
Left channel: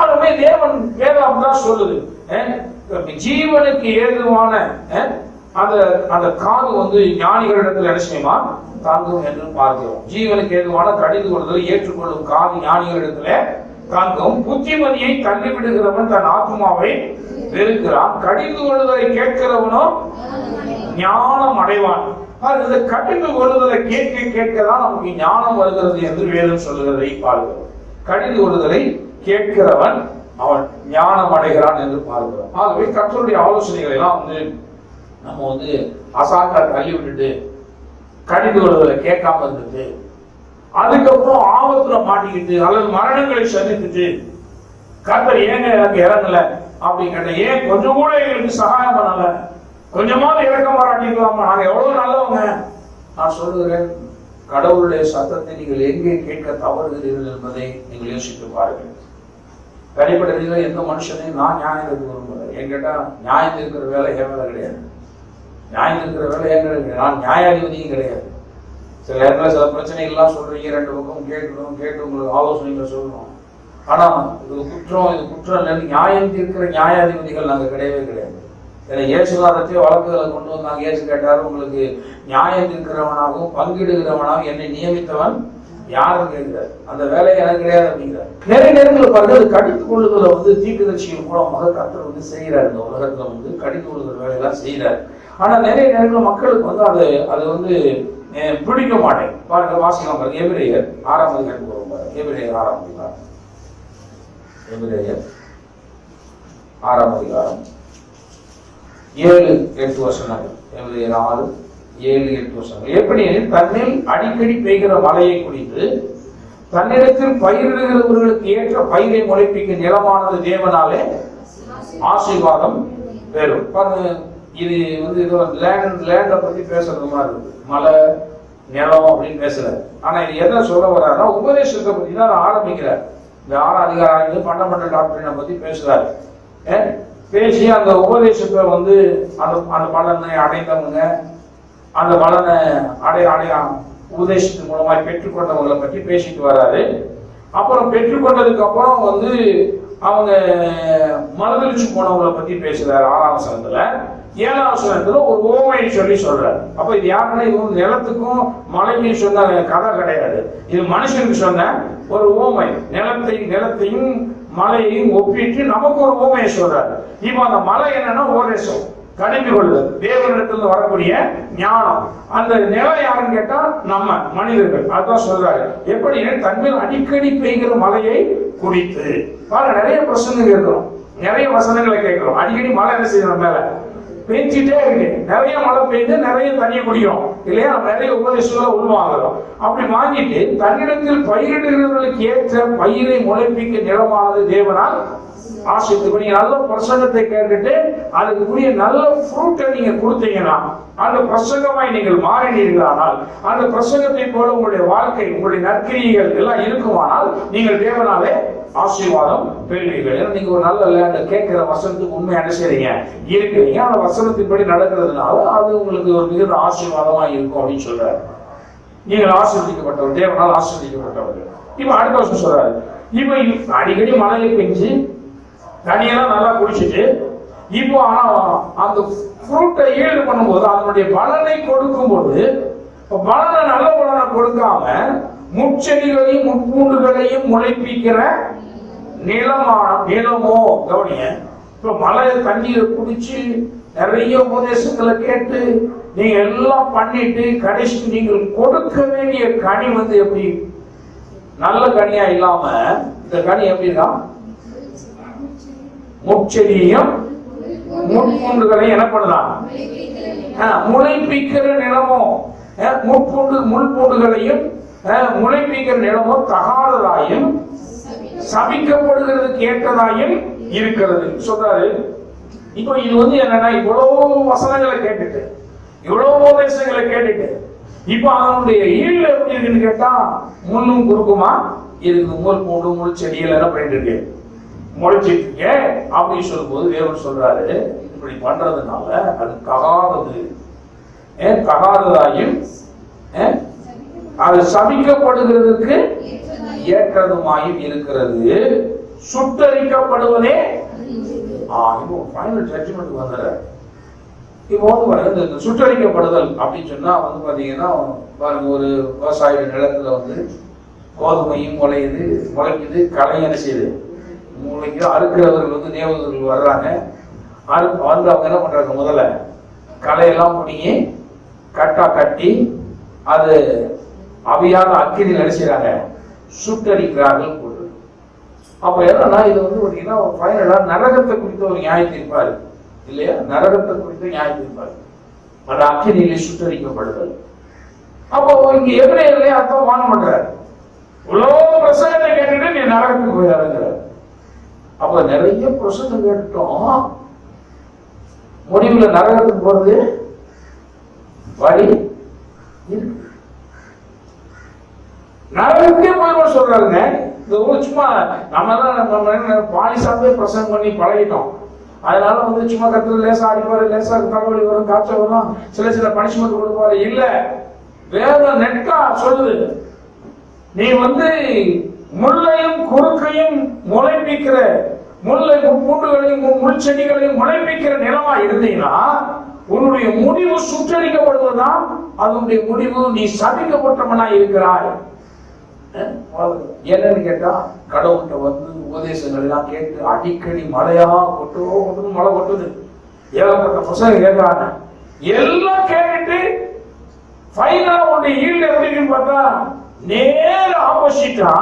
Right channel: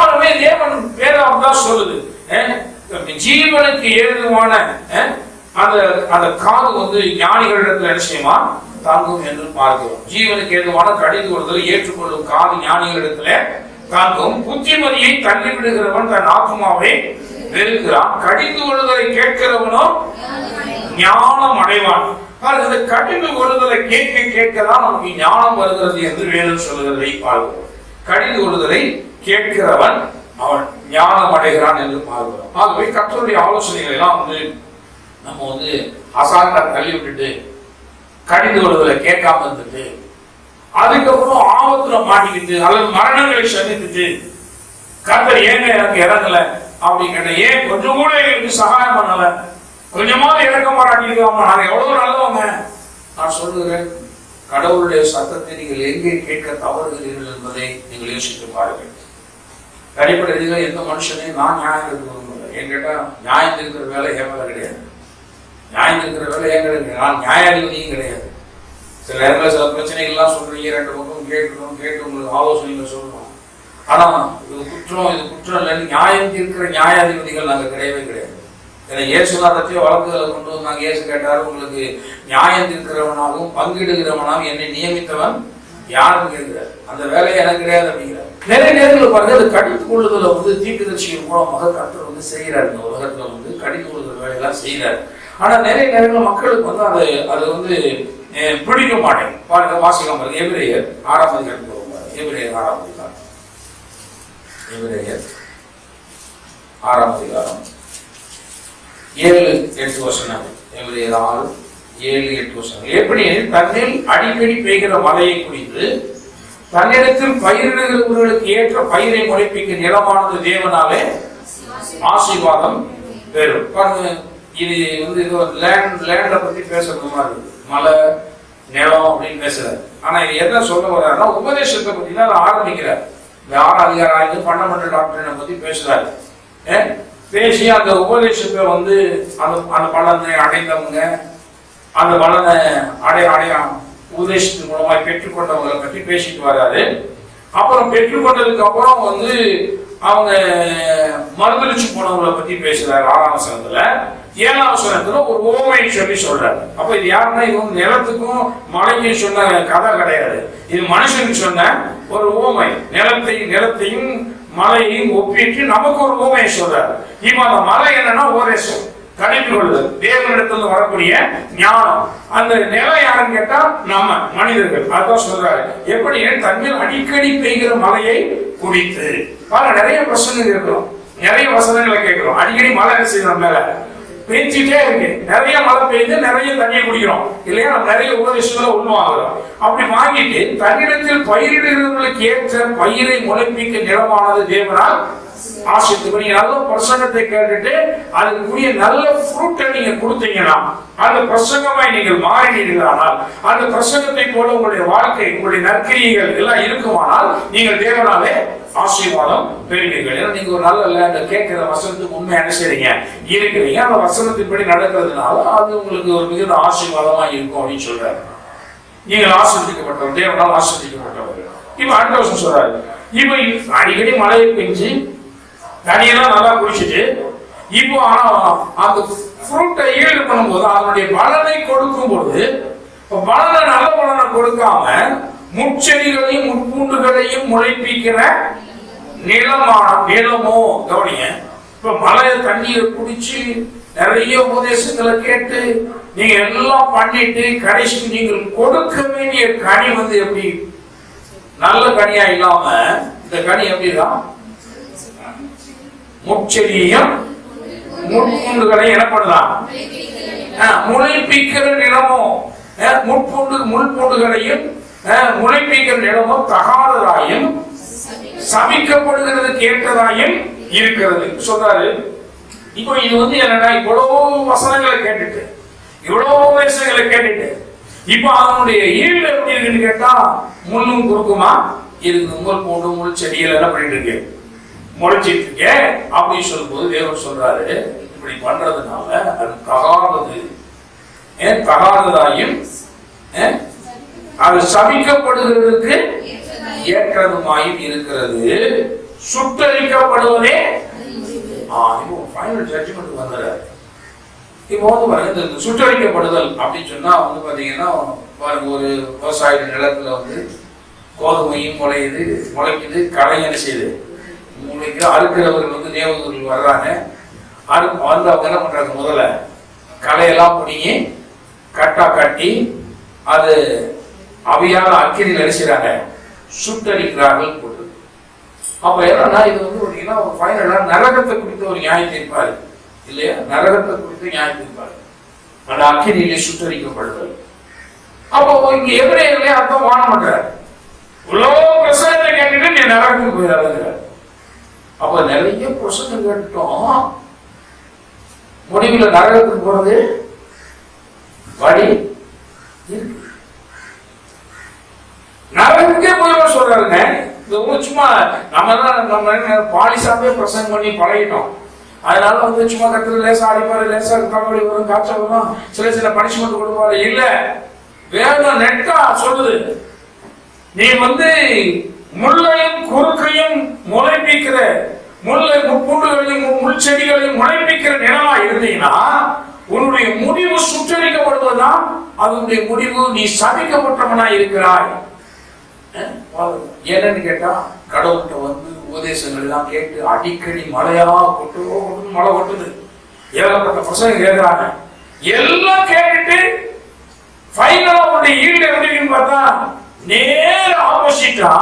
ஆகவே தேவன் வேதம் தான் சொல்லுது, ஜீவனுக்கு ஏதுவான அந்த காது வந்து ஞானிகளிடத்தில் நிச்சயமா தாங்கும் என்று பார்க்கிறோம். ஜீவனுக்கு ஏதுவான கடிந்து கொள்ளுதலை ஏற்றுக்கொள்ளும் காது ஞானிகளிடத்துல தாங்கும். புத்திமதியை தள்ளிவிடுகிறவன் தன் ஆத்மாவை வெறுக்கிறான், கடிந்து கொள்ளுதலை கேட்கிறவனும் ஞானம் அடைவான். கடிந்து கொள்ளுதலை கேட்க கேட்கதான் நமக்கு ஞானம் வருகிறது என்று வேதம் சொல்லுகிறதை பார்க்கிறோம். கடிந்து கொள்ளுதலை கேட்கிறவன் அவன் ஞானம் அடைகிறான் என்று பார்க்கிறோம். ஆகவே கர்த்தருடைய ஆலோசனைகளை எல்லாம் வந்து நம்ம வந்து அசால்ட்டா தள்ளி விட்டுட்டு கடிந்து கொள்ளுதலை கேட்காம இருந்துட்டு அதுக்கப்புறம் ஆபத்துல மாட்டிக்கிட்டு அல்லது மரணங்களை சந்தித்துட்டு கர்த்தர் ஏங்க எனக்கு இறங்கல அப்படின்னு கேட்ட, ஏன் கொஞ்சம் கூட எங்களுக்கு சகாயம் பண்ணல, கொஞ்சமாவது இறக்க மாட்டாட்டிருக்காம, நாங்க எவ்வளவு நல்லவங்க. நான் சொல்லுகிறேன், கடவுளுடைய சத்தத்தை நீங்கள் எங்கே கேட்க தவறுகிறீர்கள் என்பதை நீங்கள் யோசித்து பாருங்கள். தனிப்பட்ட ரீதியில் எந்த மனுஷனையும் நான் நியாயம் எடுத்து என்கிட்ட நியாயம் இருக்கிற வேலை என் வேலை கிடையாது. நியாயம் இருக்கிற வேலை ஏன் கிடையாது? நான் நியாயாதிபதியும் கிடையாது. சில நேரங்களில் சில பிரச்சனைகள்லாம் சொல்றீங்க, 2 பக்கம் கேட்டு உங்களுக்கு ஆலோசனைகளை சொல்லணும். ஆனா இது குற்றம் இல்லைன்னு நியாயம் தீர்க்கிற நியாயாதிபதிகள் நாங்கள் கிடையவே கிடையாது. ஏன்னா இயேசுதாரத்தையோ வழக்குகளை கொண்டு வந்தாங்க. இயேசு கேட்டாரு, உங்களுக்கு நியாயம் தீர்க்கிறவனாகவும் பங்கிடுகிறவனாகவும் என்னை நியமித்தவன் யாரும் கேட்கிறார். அந்த வேலையை எனக்கு கிடையாது அப்படிங்கிறார். நிறைய நேரங்கள் பாருங்க, அது கடித்து கொள்ளுதலை தீர்க்கதரிசிகள் மூலமாக கர்த்தர் செய்கிறார். இந்த உலகத்துல கடித்து கொள்ளுதல் வேலையெல்லாம் செய்கிறார். ஆனா நிறைய நேரங்கள் மக்களுக்கு அது பிடிக்க மாட்டேன். பாருங்க, வாசிக்கலாம் பாருங்க, எபிரேயர் 6ஆம் அதிகாரம் போகும். எபிரேயர் 6ஆம் அதிகாரம், எபிரேயர் 6ஆம் அதிகாரம் 7-8 வசனங்கள். எபிரேயர் 6-7-8 வசனங்கள். எப்படி தன்னில் அடிக்கடி பெய்கிற மழையை குறித்து தன்னிடத்தில் பயிரிடுகிறவர்களுக்கு ஏற்ற பயிரை முளைப்பிக்க நிலமானது தேவனாலே ஆசீர்வாதம் பெறும். பாருங்க, இது லேண்டை பத்தி பேசுறது மாதிரி இருக்கு. மலை நிலம் அப்படின்னு பேசுறாரு. ஆனா இது என்ன சொல்ல வர்றாருன்னா உபதேசத்தை பத்தி தான் ஆரம்பிக்கிறார். இந்த 6ஆம் அதிகாரம் ஃபண்டமெண்டல் டாக்டரினை பத்தி பேசுறாரு. பேசி அந்த உபதேசத்தை அந்த பலனை அடைந்தவங்க, அந்த பலனை அடைய உபதேசத்தின் மூலமாக பெற்றுக்கொண்டவங்களை பற்றி பேசிட்டு வர்றாரு. அப்புறம் பெற்றுக்கொண்டதுக்கு அப்புறம் அவங்க மறுதளிச்சு போனவங்களை பத்தி பேசுறாரு 6ஆம் வசனத்துல. 7ஆம் வசனத்துல ஒரு ஓமையை சொல்றாரு. அப்ப இது யாருன்னா, இது நிலத்துக்கும் மலைக்கும் சொன்ன கதை கிடையாது. இது மனுஷனுக்கு சொன்ன ஒரு ஓமை. நிலத்தையும் மலையையும் ஒப்பிட்டு நமக்கு ஒரு ஓமையை சொல்றாரு. இப்ப அந்த மலை என்னன்னா உபதேசம், கடிந்து கொள்ளுதல், தேவனிடத்துல வரக்கூடிய ஞானம். அந்த நிலம் யாருன்னு கேட்டா நம்ம மனிதர்கள். அதான் சொல்றாரு, எப்படி தன்மேல் அடிக்கடி பெய்கிற மலையை குடித்து. நிறைய பிரச்சனைகள் இருக்கிறோம், நிறைய வசனங்களை கேட்கிறோம். அடிக்கடி மழை செய்யற மேல பேஞ்சிட்டே இருக்கு. நிறைய மழை பெய்து நிறைய தண்ணியை குடிக்கிறோம் இல்லையா? நிறைய உபதேசங்களை உள்வாங்குறோம். அப்படி வாங்கிட்டு தன்னிடத்தில் பயிரிடுகிறவர்களுக்கு ஏற்ற பயிரை முளைப்பிக்க நிலமானது தேவனால் ஆசிரியர். நீங்க நல்ல பிரசங்கத்தை கேட்டுட்டு அதுக்குரிய நல்ல ஃப்ரூட்டை நீங்க கொடுத்தீங்கன்னா, அந்த பிரசங்கமாய் நீங்கள் மாறினீர்களானால், அந்த பிரசங்கத்தை போல உங்களுடைய வாழ்க்கை, உங்களுடைய நற்கிரியைகள் எல்லாம் இருக்குமானால் நீங்கள் தேவனாலே ஆசீர்வாதம் பெறுவீர்கள். ஏன்னா நீங்க ஒரு நல்ல கேட்கிற வசனத்துக்கு உண்மையான செய்றீங்க இருக்கிறீங்க. அந்த வசனத்தின்படி நடக்கிறதுனால அது உங்களுக்கு ஒரு மிகுந்த ஆசீர்வாதமா இருக்கும் அப்படின்னு சொல்றாரு. நீங்கள் ஆசீர்வதிக்கப்பட்டவர், தேவனால் ஆசீர்வதிக்கப்பட்டவர். இப்ப அடுத்த வருஷம் சொல்றாரு, இப்ப அடிக்கடி மழையை பெஞ்சு தண்ணியெல்லாம் நல்லா குடிச்சிட்டு இப்போ அந்த ஃப்ரூட்டை ஈல்டு பண்ணும்போது, அதனுடைய பலனை கொடுக்கும் போது, பலனை நல்ல பலனை கொடுக்காம முட்செடிகளையும் முட்பூண்டுகளையும் முளைப்பிக்கிற நிலமோ கவனிங்க. இப்ப மழை தண்ணியை குடிச்சு நிறைய உபதேசங்களை கேட்டு நீங்க எல்லாம் பண்ணிட்டு கடைசிக்கு நீங்கள் கொடுக்க வேண்டிய கனி எப்படி நல்ல கனியா இல்லாம இந்த கனி எப்படிதான் முட்செடியையும் முட்பூண்டுகளையும் என்ன பண்ணலாம் முளைப்பிக்கிற நிலமோ, முள்பூண்டுகளையும் முளைப்பிக்கிற நிலமோ தகாததாயும் சபிக்கப்படுகிறதுக்கு ஏற்றதாயும் இருக்கிறது சொல்றாரு. இப்போ இது என்னன்னா, இவ்வளவு வசனங்களை கேட்டுட்டு இவ்வளவு உபதேசங்களை கேட்டுட்டு இப்ப அதனுடைய ஈல்டு எப்படி இருக்குன்னு கேட்டா முள்ளும் குறுக்குமா இருக்கு. முள் போட்டு முள் செடிகள் என்ன பண்ணிட்டு இருக்கு, முளைச்சிட்டு இருக்க அப்படின்னு சொல்லும் போது தேவன் சொல்றாரு, இப்படி பண்றதுனால அது தகாதது, தகாததாயும் அது சபிக்கப்படுகிறதுக்கு ஏற்றதுமாயும் இருக்கிறது, சுட்டரிக்கப்படுவதே. இப்போ ஃபைனல் ஜட்ஜ்மெண்ட் வந்துடுறாரு. இப்போ இந்த சுட்டரிக்கப்படுதல் அப்படின்னு சொன்னா பாத்தீங்கன்னா, பாருங்க, ஒரு விவசாய நிலத்துல கோதுமையும் முளைக்குது, களை என்ன செய்யுது முளைக்கு. அறுக்கிறவர்கள் தேவதூர்கள் வர்றாங்க. அவங்க என்ன பண்றாங்க, முதல்ல களையெல்லாம் பிடிங்கி கட்டா கட்டி அது அவையால அக்கிரியில் அடிச்சுறாங்க, சுட்டரிக்கிறார்கள் போட்டு. அப்ப என்னன்னா, இது ஃபைனலா நரகத்தை குறித்த ஒரு நியாயத்தை இருப்பாரு இல்லையா? நரகத்தை குறித்து நியாயத்தை இருப்பாரு, அந்த அக்கிரியிலே சுட்டரிக்கப்படுதல். அப்போ இங்க எபிரேயர்களே அர்த்தம் வாழ மாட்டாரு. இவ்வளவு பிரசங்கத்தை கேட்டுட்டு நீ நரகத்துக்கு போயிடாதுங்கிறார். அப்ப நிறைய பிரசங்கம் கேட்டுட்டோம், முடிவுல நரகத்துக்கு போறது வழி இருக்கு. நரகத்துக்கே போய் சொல்றாருங்க. இந்த சும்மா நம்ம பாலிசாவே பிரசங்கம் பண்ணி பழகிட்டோம். அதனால வந்து சும்மா கத்துல லேசா அடிப்பாரு, லேசா தலைவலி வரும், காய்ச்சல் வரும், சில சில பனிஷ்மெண்ட் கொடுப்பாரு. இல்ல, வேதம் நெட்டா சொல்லுது, நீ வந்து முள்ளையும் குறுக்கையும் முளைப்பிக்கிற, முல்லை முட்பூண்டுகளையும் முள் செடிகளையும் முளைப்பிக்கிற நிலமா இருந்தீங்கன்னா உன்னுடைய முடிவு சுற்றறிக்கப்படுவதுதான் அதனுடைய முடிவு. நீ சபிக்கப்பட்டவனா இருக்கிறாய். என்னன்னு கேட்டா, கடவுள்கிட்ட வந்து உபதேசங்கள் எல்லாம் கேட்டு அடிக்கடி மழையா கொட்டு மழை கொட்டுது, ஏகப்பட்ட பசங்க கேட்கிறாங்க, எல்லாம் கேட்டுட்டு ஃபைனலா உன்னுடைய ஈடு எப்படின்னு பார்த்தா நேர ஆப்போசிட்டா,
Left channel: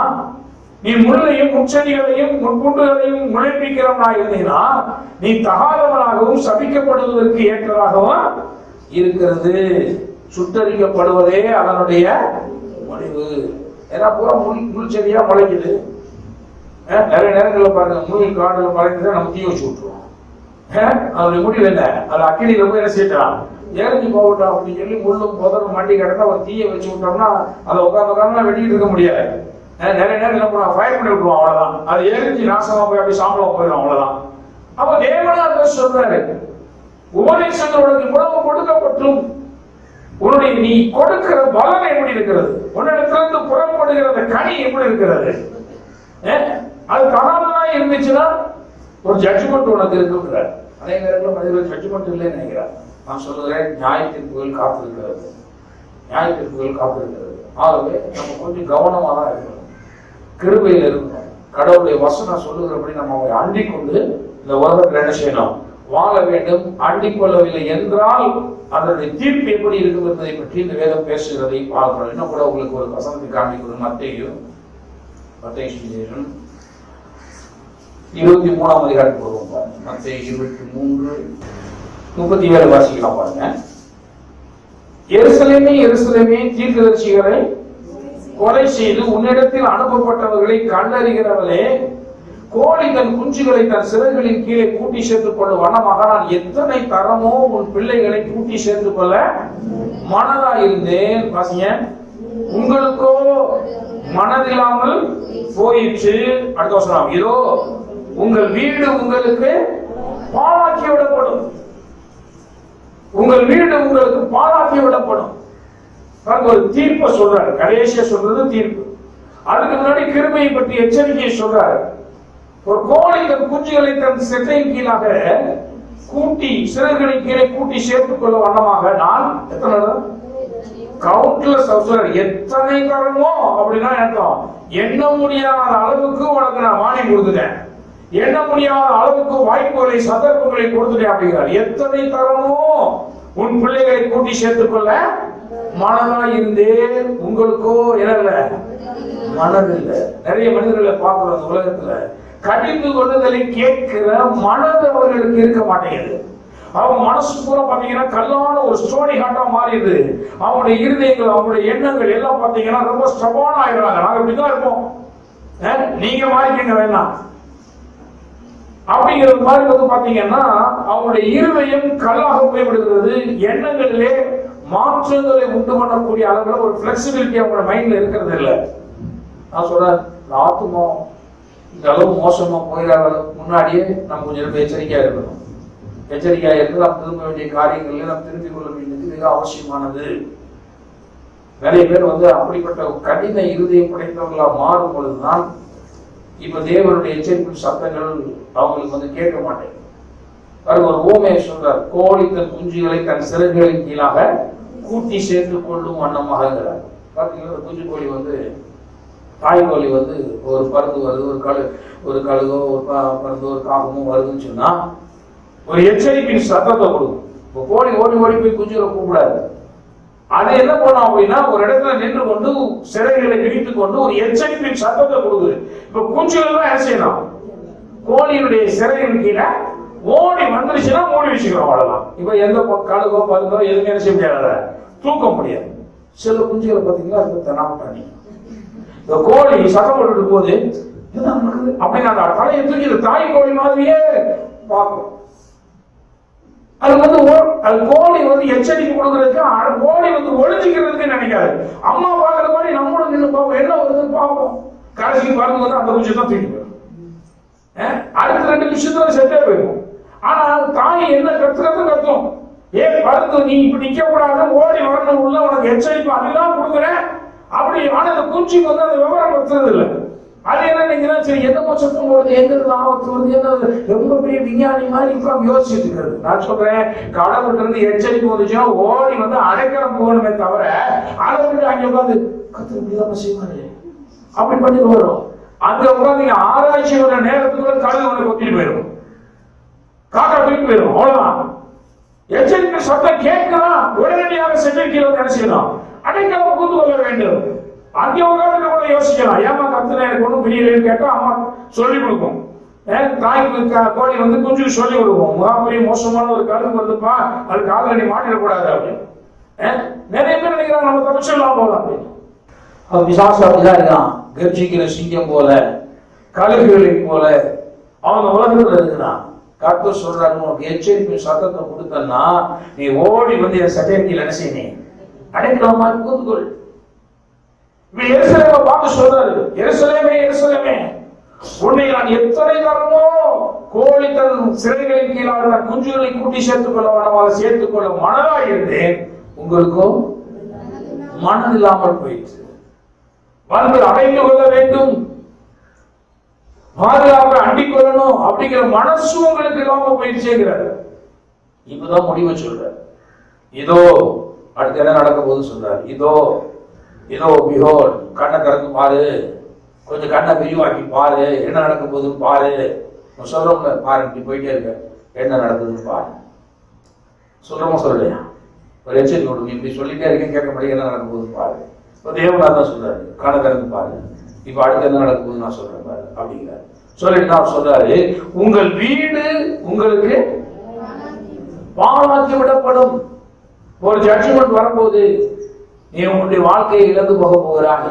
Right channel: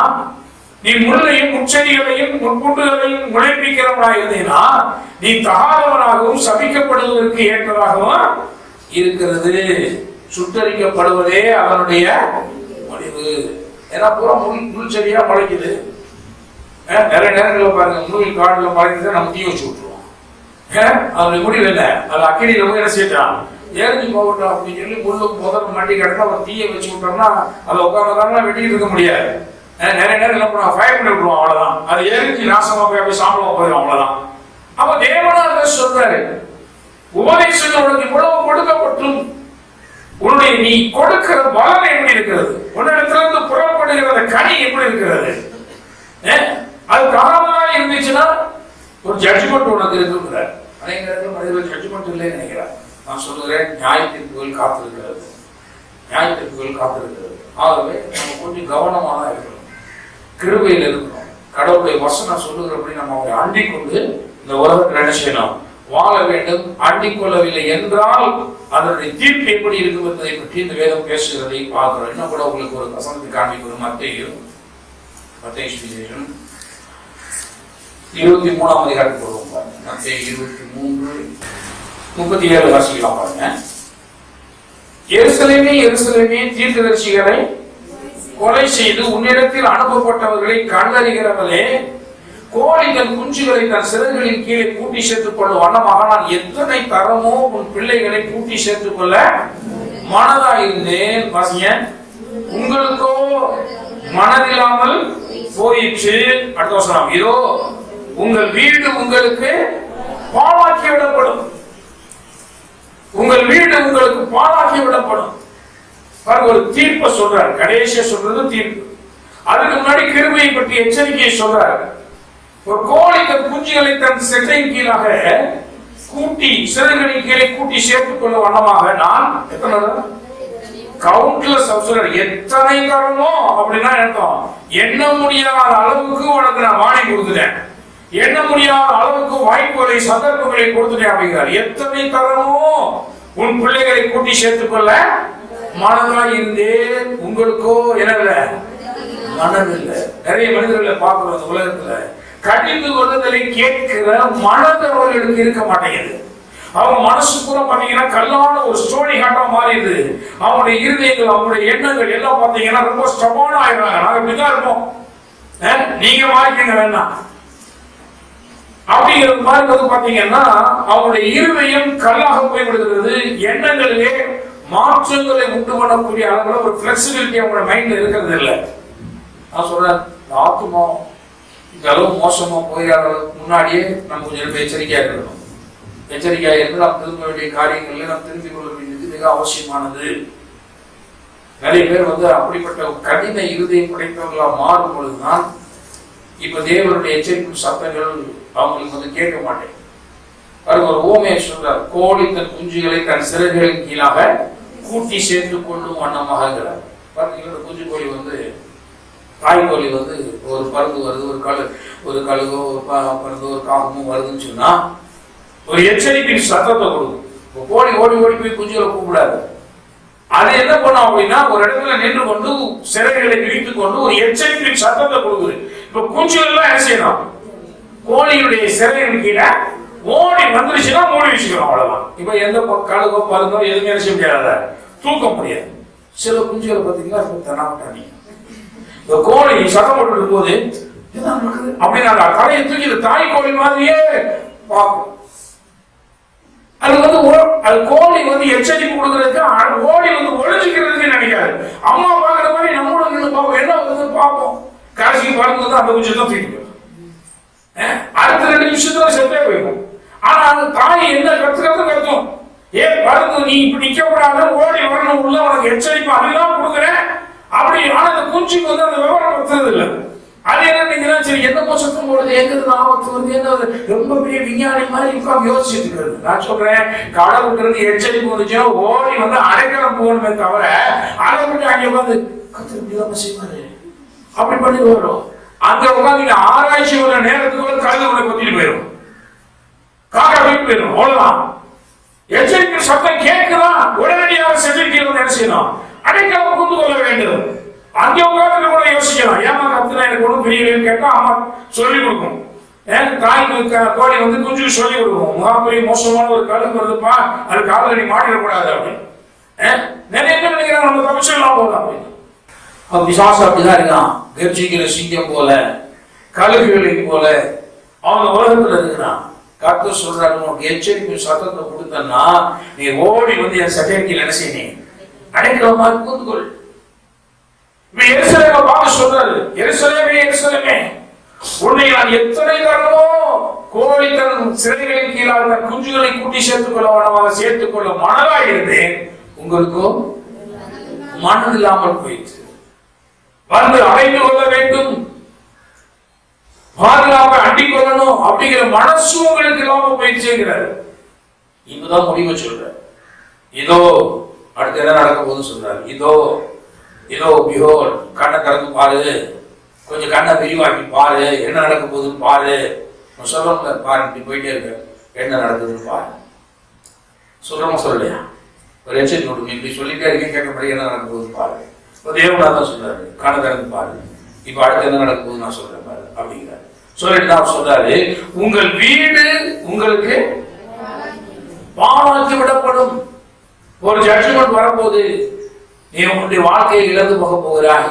நீ முள்ளையும் முச்செடிகளையும் முட்பூண்டுகளையும் முளைப்பிக்கிறவனா இருந்தீங்கன்னா நீ தகாதவனாகவும் சபிக்கப்படுவதற்கு ஏற்றதாகவும் இருக்கிறது. சுட்டரிக்கப்படுவதே அவனுடைய முடிவு. ஏன்னா பூரா முள் செடியா முளைக்குது. நிறைய நேரங்களில் பாருங்க, முள் காடுல முளைக்குது, நம்ம தீ வச்சு விட்டுருவோம். அவனுடைய முடிவு என்ன? அது அக்கினியில போய் என்ன செய்யறான், எரிஞ்சு போகட்டும் அப்படின்னு சொல்லி முள்ளும் புதரும் மாட்டி கிடந்தா ஒரு தீயை வச்சு விட்டோம்னா அதை உட்காந்துதான் வெட்டிட்டு இருக்க முடியாது. நிறைய நேரம் என்ன பண்ணுவோம், ஃபயர் பண்ணி விடுவோம், அவ்வளவுதான். அது எரிஞ்சு நாசமா போய் அப்படி சாம்பலமா போயிடும், அவ்வளவுதான். அப்ப தேவனா சொல்றாரு, உபதேசங்கள் உனக்கு இவ்வளவு கொடுக்கப்பட்டும் உன்னுடைய நீ கொடுக்கிற பலன் எப்படி இருக்கிறது, உன்னிடத்திலிருந்து புறப்படுகிற கனி எப்படி இருக்கிறது, அது தகாததா இருந்துச்சுன்னா ஒரு ஜட்ஜ்மெண்ட் உனக்கு இருக்குங்கிற. அநேக நேரத்தில் மனிதர்கள் ஜட்ஜ்மெண்ட் இல்லைன்னு நினைக்கிறார். நான் சொல்லுகிறேன், நியாயத்திற்குள் காத்திருக்கிறது, நியாயத்திற்குள் காத்திருக்கிறது. ஆகவே நம்ம கொஞ்சம் கவனமாக தான் இருக்கணும், கிருபையில் இருக்கணும். கடவுளுடைய வசனம் சொல்லுகிறபடி நம்ம அவரை அண்டிக் கொண்டு இந்த உலகத்தில் என்ன செய்யணும், வாழ வேண்டும். அண்டிக் கொள்ளவில்லை என்றால் அதனுடைய தீர்ப்பு எப்படி இருக்கும் என்பதை பற்றி இந்த வேதம் பேசுகிறதை பார்க்கிறோம். இன்னும் கூட உங்களுக்கு ஒரு வசனத்தை காண்பிக்கிறோம். மத்தேயு 23ஆம் அதிகாரத்துக்கு வருவோம் பாருங்க. மத்தேயு 23:37 வாசிக்கலாம் பாருங்க. எருசலேமே எருசலேமே, தீர்க்கதரிசிகளை கொலை செய்து உன்னிடத்தில் அனுப்பப்பட்டவர்களை கண்டறிகிறவளே, கோழி தன் குஞ்சுகளை தன் சிறகுகளின் கீழே கூட்டி சேர்த்துக் கொள்ளும் வண்ணமாக நான் எத்தனை தரமோ உன் பிள்ளைகளை கூட்டி சேர்த்துக் கொள்ள மனதா இருந்தேன். உங்களுக்கோ மனதில்லாமல் போயிற்று. அடுத்த வசனம், இதோ உங்கள் வீடு உங்களுக்கு பாழாக்கி விடப்படும், உங்கள் வீடு உங்களுக்கு பாழாக்கி விடப்படும். ஒரு தீர்ப்பை சொல்றாரு, கடைசியா சொல்றது தீர்ப்பு. அதுக்கு முன்னாடி கிருபையை பற்றி எச்சரிக்கையை சொல்றாரு. ஒரு கோழி தன் குஞ்சுகளை தன் செட்டையின் கீழாக கூட்டி சிறகுகளின் கீழே கூட்டி சேர்த்துக் கொள்ள வண்ணமாக நான் எத்தனை கவுண்ட்லெஸ் சொல்றாரு, எத்தனை தரமோ அப்படின்னா அர்த்தம், எண்ண முடியாத அளவுக்கு உனக்கு நான் வாணி கொடுத்துட்டேன், எண்ண முடியாத அளவுக்கு வாய்ப்புகளை சந்தர்ப்பங்களை கொடுத்துட்டேன் அப்படிங்கிறார். எத்தனை தரமோ உன் பிள்ளைகளை கூட்டி சேர்த்துக் கொள்ள மனதா இருந்தேன், உங்களுக்கோ என்ன மனதில்லை. நிறைய மனிதர்களை பார்க்கிறோம் உலகத்துல, கடிந்து கொள்ளுதலை கேட்கிற மனது அவர்களுக்கு இருக்க மாட்டேங்குது. அவங்க மனசு கூட பாத்தீங்கன்னா கல்லான ஒரு ஸ்டோரி காட்டா மாறிடுது. அவங்களுடைய இருதயங்கள், அவங்களுடைய எண்ணங்கள் எல்லாம் பாத்தீங்கன்னா ரொம்ப ஸ்டபான ஆயிடுறாங்க. நாங்க இப்படிதான் இருப்போம், நீங்க மாறிக்கங்க வேண்டாம் அப்படிங்கிறது மாதிரி வந்து பாத்தீங்கன்னா அவங்களுடைய இருதயம் கல்லாக போய்விடுகிறது. எண்ணங்களிலே மாற்றங்களை உண்டு பண்ணக்கூடிய அளவுல ஒரு பிளெக்சிபிலிட்டி அவங்களோட மைண்ட்ல இருக்கிறது இல்லை. நான் சொல்றேன், ஆத்மா இந்த அளவு மோசமா போயிடாத முன்னாடியே நம்ம கொஞ்சம் எச்சரிக்கையா இருக்கணும். எச்சரிக்கையா இருந்து நாம் திரும்ப வேண்டிய காரியங்கள்ல நாம் திரும்பி கொள்ள வேண்டியது மிக அவசியமானது. நிறைய பேர் வந்து அப்படிப்பட்ட கடின இருதயம் படைத்தவர்களா மாறும் பொழுதுதான் இப்ப தேவனுடைய எச்சரிக்கும் சத்தங்கள் அவங்களுக்கு வந்து கேட்க மாட்டேன். ஒரு ஓமையை சொல்றார், கோழி தன் குஞ்சுகளை தன் சிறகுகளின் கீழாக கூட்டி சேர்த்துக் கொள்ளும் வண்ணமாகிறார். பாத்தீங்கன்னா குஞ்சு கோழி வந்து, தாய் கோழி வந்து ஒரு பருந்து வருது, ஒரு கழுகோ பருந்து ஒரு காகமும் வருதுன்னு சொன்னா ஒரு எச்சரிப்பின் சத்தத்தை கொடுக்கும். கோழி ஓடி ஓடி போய் குஞ்சுகளை கூப்பிடாது. அதை என்ன பண்ணும் அப்படின்னா ஒரு இடத்துல நின்று கொண்டு சிறகுகளை விரித்துக் கொண்டு ஒரு எச்சரிப்பின் சத்தத்தை கொடுக்குது. இப்ப குஞ்சுகள் எல்லாம் என்ன செய்யணும், கோழியுடைய சிறகுகள் கீழே ஓடி வந்துருச்சுன்னா மூடி வச்சுக்கணும், அவ்வளவுதான். இப்ப எந்த கழுகோ பருந்தோ எதுவுமே என்ன செய்ய முடியாது, தூக்க முடியாது. சில குஞ்சுகளை பார்த்தீங்கன்னா தனாட்டானி, இந்த கோழி சத்தம் போட்டு போது அப்படின்னா தலையை தூக்கி தாய் கோழி மாதிரியே பார்க்கும். அது வந்து அது கோழி வந்து எச்சரிக்கை கொடுக்கறதுக்கு, கோழி வந்து ஒழிச்சுக்கிறதுக்கு நினைக்காது. அம்மா பாக்குற மாதிரி நம்மளும் நின்று பார்ப்போம், என்ன வருதுன்னு பார்ப்போம். கடைசிக்கு பறந்து அந்த குஞ்சு தான் தூக்கி போயிடும். அடுத்த 2 நிமிஷத்துல செத்தே போயிடும். ஆனா அந்த தாய் என்ன கத்தும், பருந்து நீ இப்படி நிக்க கூடாது, ஓடி வரணும், உள்ள உனக்கு எச்சரிக்கை அதெல்லாம் கொடுக்குறேன் அப்படி. ஆனா அந்த குஞ்சுக்கு வந்து அந்த விவரம் பத்துறது இல்லை. அது என்ன சரி என்ன சத்தம் போடுது, எங்கிறது ஆபத்து வருது, என்ன ரொம்ப பெரிய விஞ்ஞானி மாதிரி உட்காந்து யோசிச்சுட்டு இருக்கிறது. நான் சொல்றேன், கடவுளுக்கு இருந்து எச்சரிக்கை வந்துச்சுன்னா ஓடி வந்து அடைக்கலம் போகணுமே தவிர அதை விட்டு அங்கே உட்காந்து கத்திர செய்வாரு அப்படி பண்ணிட்டு வரும். அங்க உட்காந்து ஆராய்ச்சி வர நேரத்துக்கு கழுது உடனே கொத்திட்டு போயிடும், காக்கா வீட்டு போயிடும், அவ்வளவுதான். எச்சரிக்கை சத்தம் கேட்கலாம், உடனடியாக எச்சரிக்கையில் என்ன செய்யணும், அடைக்கலம் புரிந்து கொள்ள வேண்டும். அங்கே உட்காந்து கூட யோசிக்கலாம், ஏமா கத்துனா எனக்கு ஒன்றும் புரியலன்னு கேட்டா அம்மா சொல்லிக் கொடுக்கும். தாய்க்கு கோழி வந்து குஞ்சுக்கு சொல்லிக் கொடுக்கும், பெரிய மோசமான ஒரு கழுகு வருதுப்பா, அது காதல நீ மாட்டிடக்கூடாது அப்படின்னு. நிறைய பேர் நினைக்கிறாங்க நம்ம தப்பிச்சிடலாம் போதும் அப்படின்னு. பிசாசு அப்படிதான் இருக்கான், கர்ஜிக்கிற சிங்கம் போல, கழுகுகளை போல அவங்க உலகத்துல இருக்கிறான். கர்த்தர் சொல்றாரு, உனக்கு எச்சரிக்கை சத்தத்தை கொடுத்தன்னா நீ ஓடி வந்து என் சட்டையில் என்ன செய்ய அடைக்கலமா கூந்துகொள். எருசலேமை பார்த்து சொல்றாரு, எருசலேமே எருசலேமே, உன்னை நான் எத்தனை தரமோ கோழி தன் சிறைகளின் கீழாக நான் குஞ்சுகளை கூட்டி சேர்த்துக் கொள்ள வேணமாக சேர்த்துக் கொள்ள மனதாக இருந்தேன், உங்களுக்கும் மனம் இல்லாமல் போயிற்று. வந்து அடைந்து கொள்ள வேண்டும், பாதுகாப்பை அண்டிக் கொள்ளணும் அப்படிங்கிற மனசு உங்களுக்கு இல்லாம போயிடுச்சுங்கிறாரு. இப்பதான் முடிவை சொல்ற. இதோ அடுத்து என்ன நடக்க போகுது சொல்றாரு. இதோ இதோ பிஹோல், கண்ணை திறந்து பாரு, கொஞ்சம் கண்ணை விரிவாக்கி பாரு, என்ன நடக்க போகுதுன்னு பாரு. சொல்றோம்ல, பாருங்க போயிட்டே இருக்க, என்ன நடக்குதுன்னு பாரு. சொல்றோமா சொல்லலையா? ஒரு எச்சரிக்கை கொடுங்க, இப்படி சொல்லிட்டே இருக்கேன், கேட்க முடியும், என்ன நடக்க போகுதுன்னு பாரு. தேவனார் தான் சொல்றாரு, கண்ணை திறந்து பாரு, இப்ப அடுத்து என்ன நடக்க போகுது நான் சொல்றேன் பாரு அப்படிங்கிறாரு. சொல்லிட்டு தான் சொல்றாரு, உங்கள் வீடு உங்களுக்கு பாழாக்கி விடப்படும். ஒரு ஜட்ஜ்மெண்ட் வரப்போகுது, நீ உன்னுடைய வாழ்க்கையை இழந்து போக போகிறாய்.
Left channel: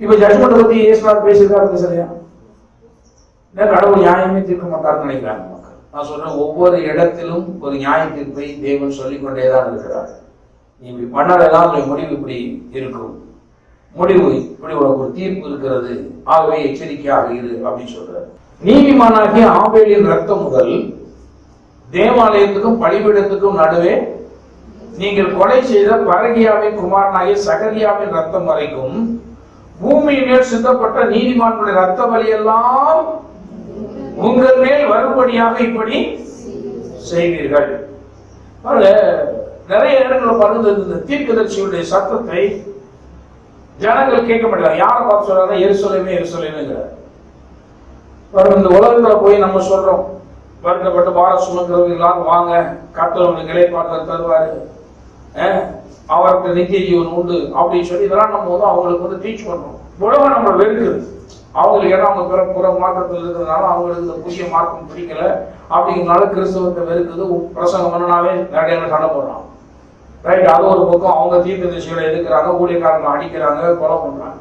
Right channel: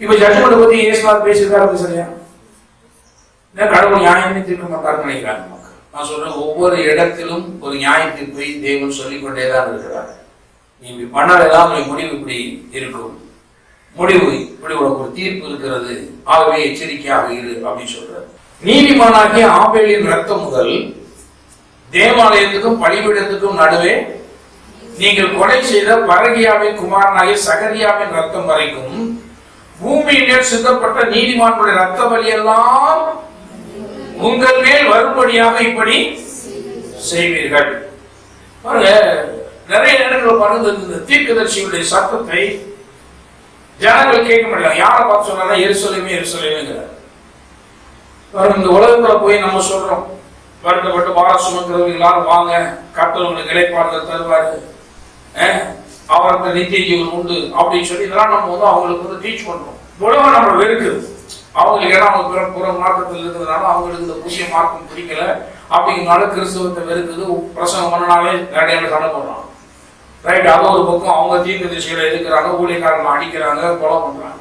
இப்ப ஜட்ஜ்மெண்ட் பத்தி இயேசுவார் பேசியிருக்காரு, சரியா? கடவுள் நியாயமே தீர்க்க மாட்டாருன்னு நினைக்கிறாங்க மக்கள். நான் சொல்றேன், ஒவ்வொரு இடத்திலும் ஒரு நியாய தீர்ப்பை தேவன் சொல்லிக் கொண்டேதான் இருக்கிறார். நீ இப்படி பண்ணாதான் முடிவு இப்படி இருக்கும், முடிவு இப்படி உனக்கு ஒரு தீர்ப்பு இருக்கிறது, ஆகவே எச்சரிக்கையாக இரு அப்படின்னு சொல்றாரு. நீதிமானாகிய ஆபேலின் ரத்தம் முதல் தேவாலயத்துக்கும் பலிபீடத்துக்கும் நடுவே நீங்கள் கொலை செய்த பரகியாவின் குமாரனாகிய சகரியாவின் ரத்தம் வரைக்கும் பூமியிலே சிந்தப்பட்ட நீதிமான்களுடைய ரத்த வலியெல்லாம் உங்கள் மேல் வரும்படியாக இப்படி செய்வீர்கள். நிறைய இடங்களில் பறந்து இந்த தீர்க்கதரிசியுடைய சத்தத்தை ஜனங்கள் கேட்க மாட்டாங்க. யாரை பார்த்து சொல்றாங்க? எருசலேமே எருசலேமேங்கிறார். இந்த உலகத்துல போய் நம்ம சொல்றோம், வருத்தப்பட்டு பாரம் சுமக்கிறவங்க எல்லாரும் வாங்க, கர்த்தர் உங்களுக்கு இளைப்பாறுதல் தருவாரு, அவருக்கு நித்திய ஜீவன் உண்டு அப்படின்னு சொல்லி இதெல்லாம் நம்ம வந்து அவங்களுக்கு வந்து டீச் பண்றோம். உலகம் நம்ம வெறுக்குது, அவங்களுக்கு ஏன்னா அவங்க புற மார்க்கத்தில் இருக்கிறதுனால அவங்களுக்கு இந்த புதிய மார்க்கம் பிடிக்கல அப்படிங்கிறதுனால கிறிஸ்தவத்தை வெறுக்குது. பிரசங்கம் பண்ணனாலே நிறைய சண்டை போடுறாங்க, ரைட்? அது ஒரு பக்கம் அவங்க தீர்க்க திசைகளை எதிர்க்கிறாங்க, ஊழியக்காரங்க அடிக்கிறாங்க, கொலை பண்றாங்க.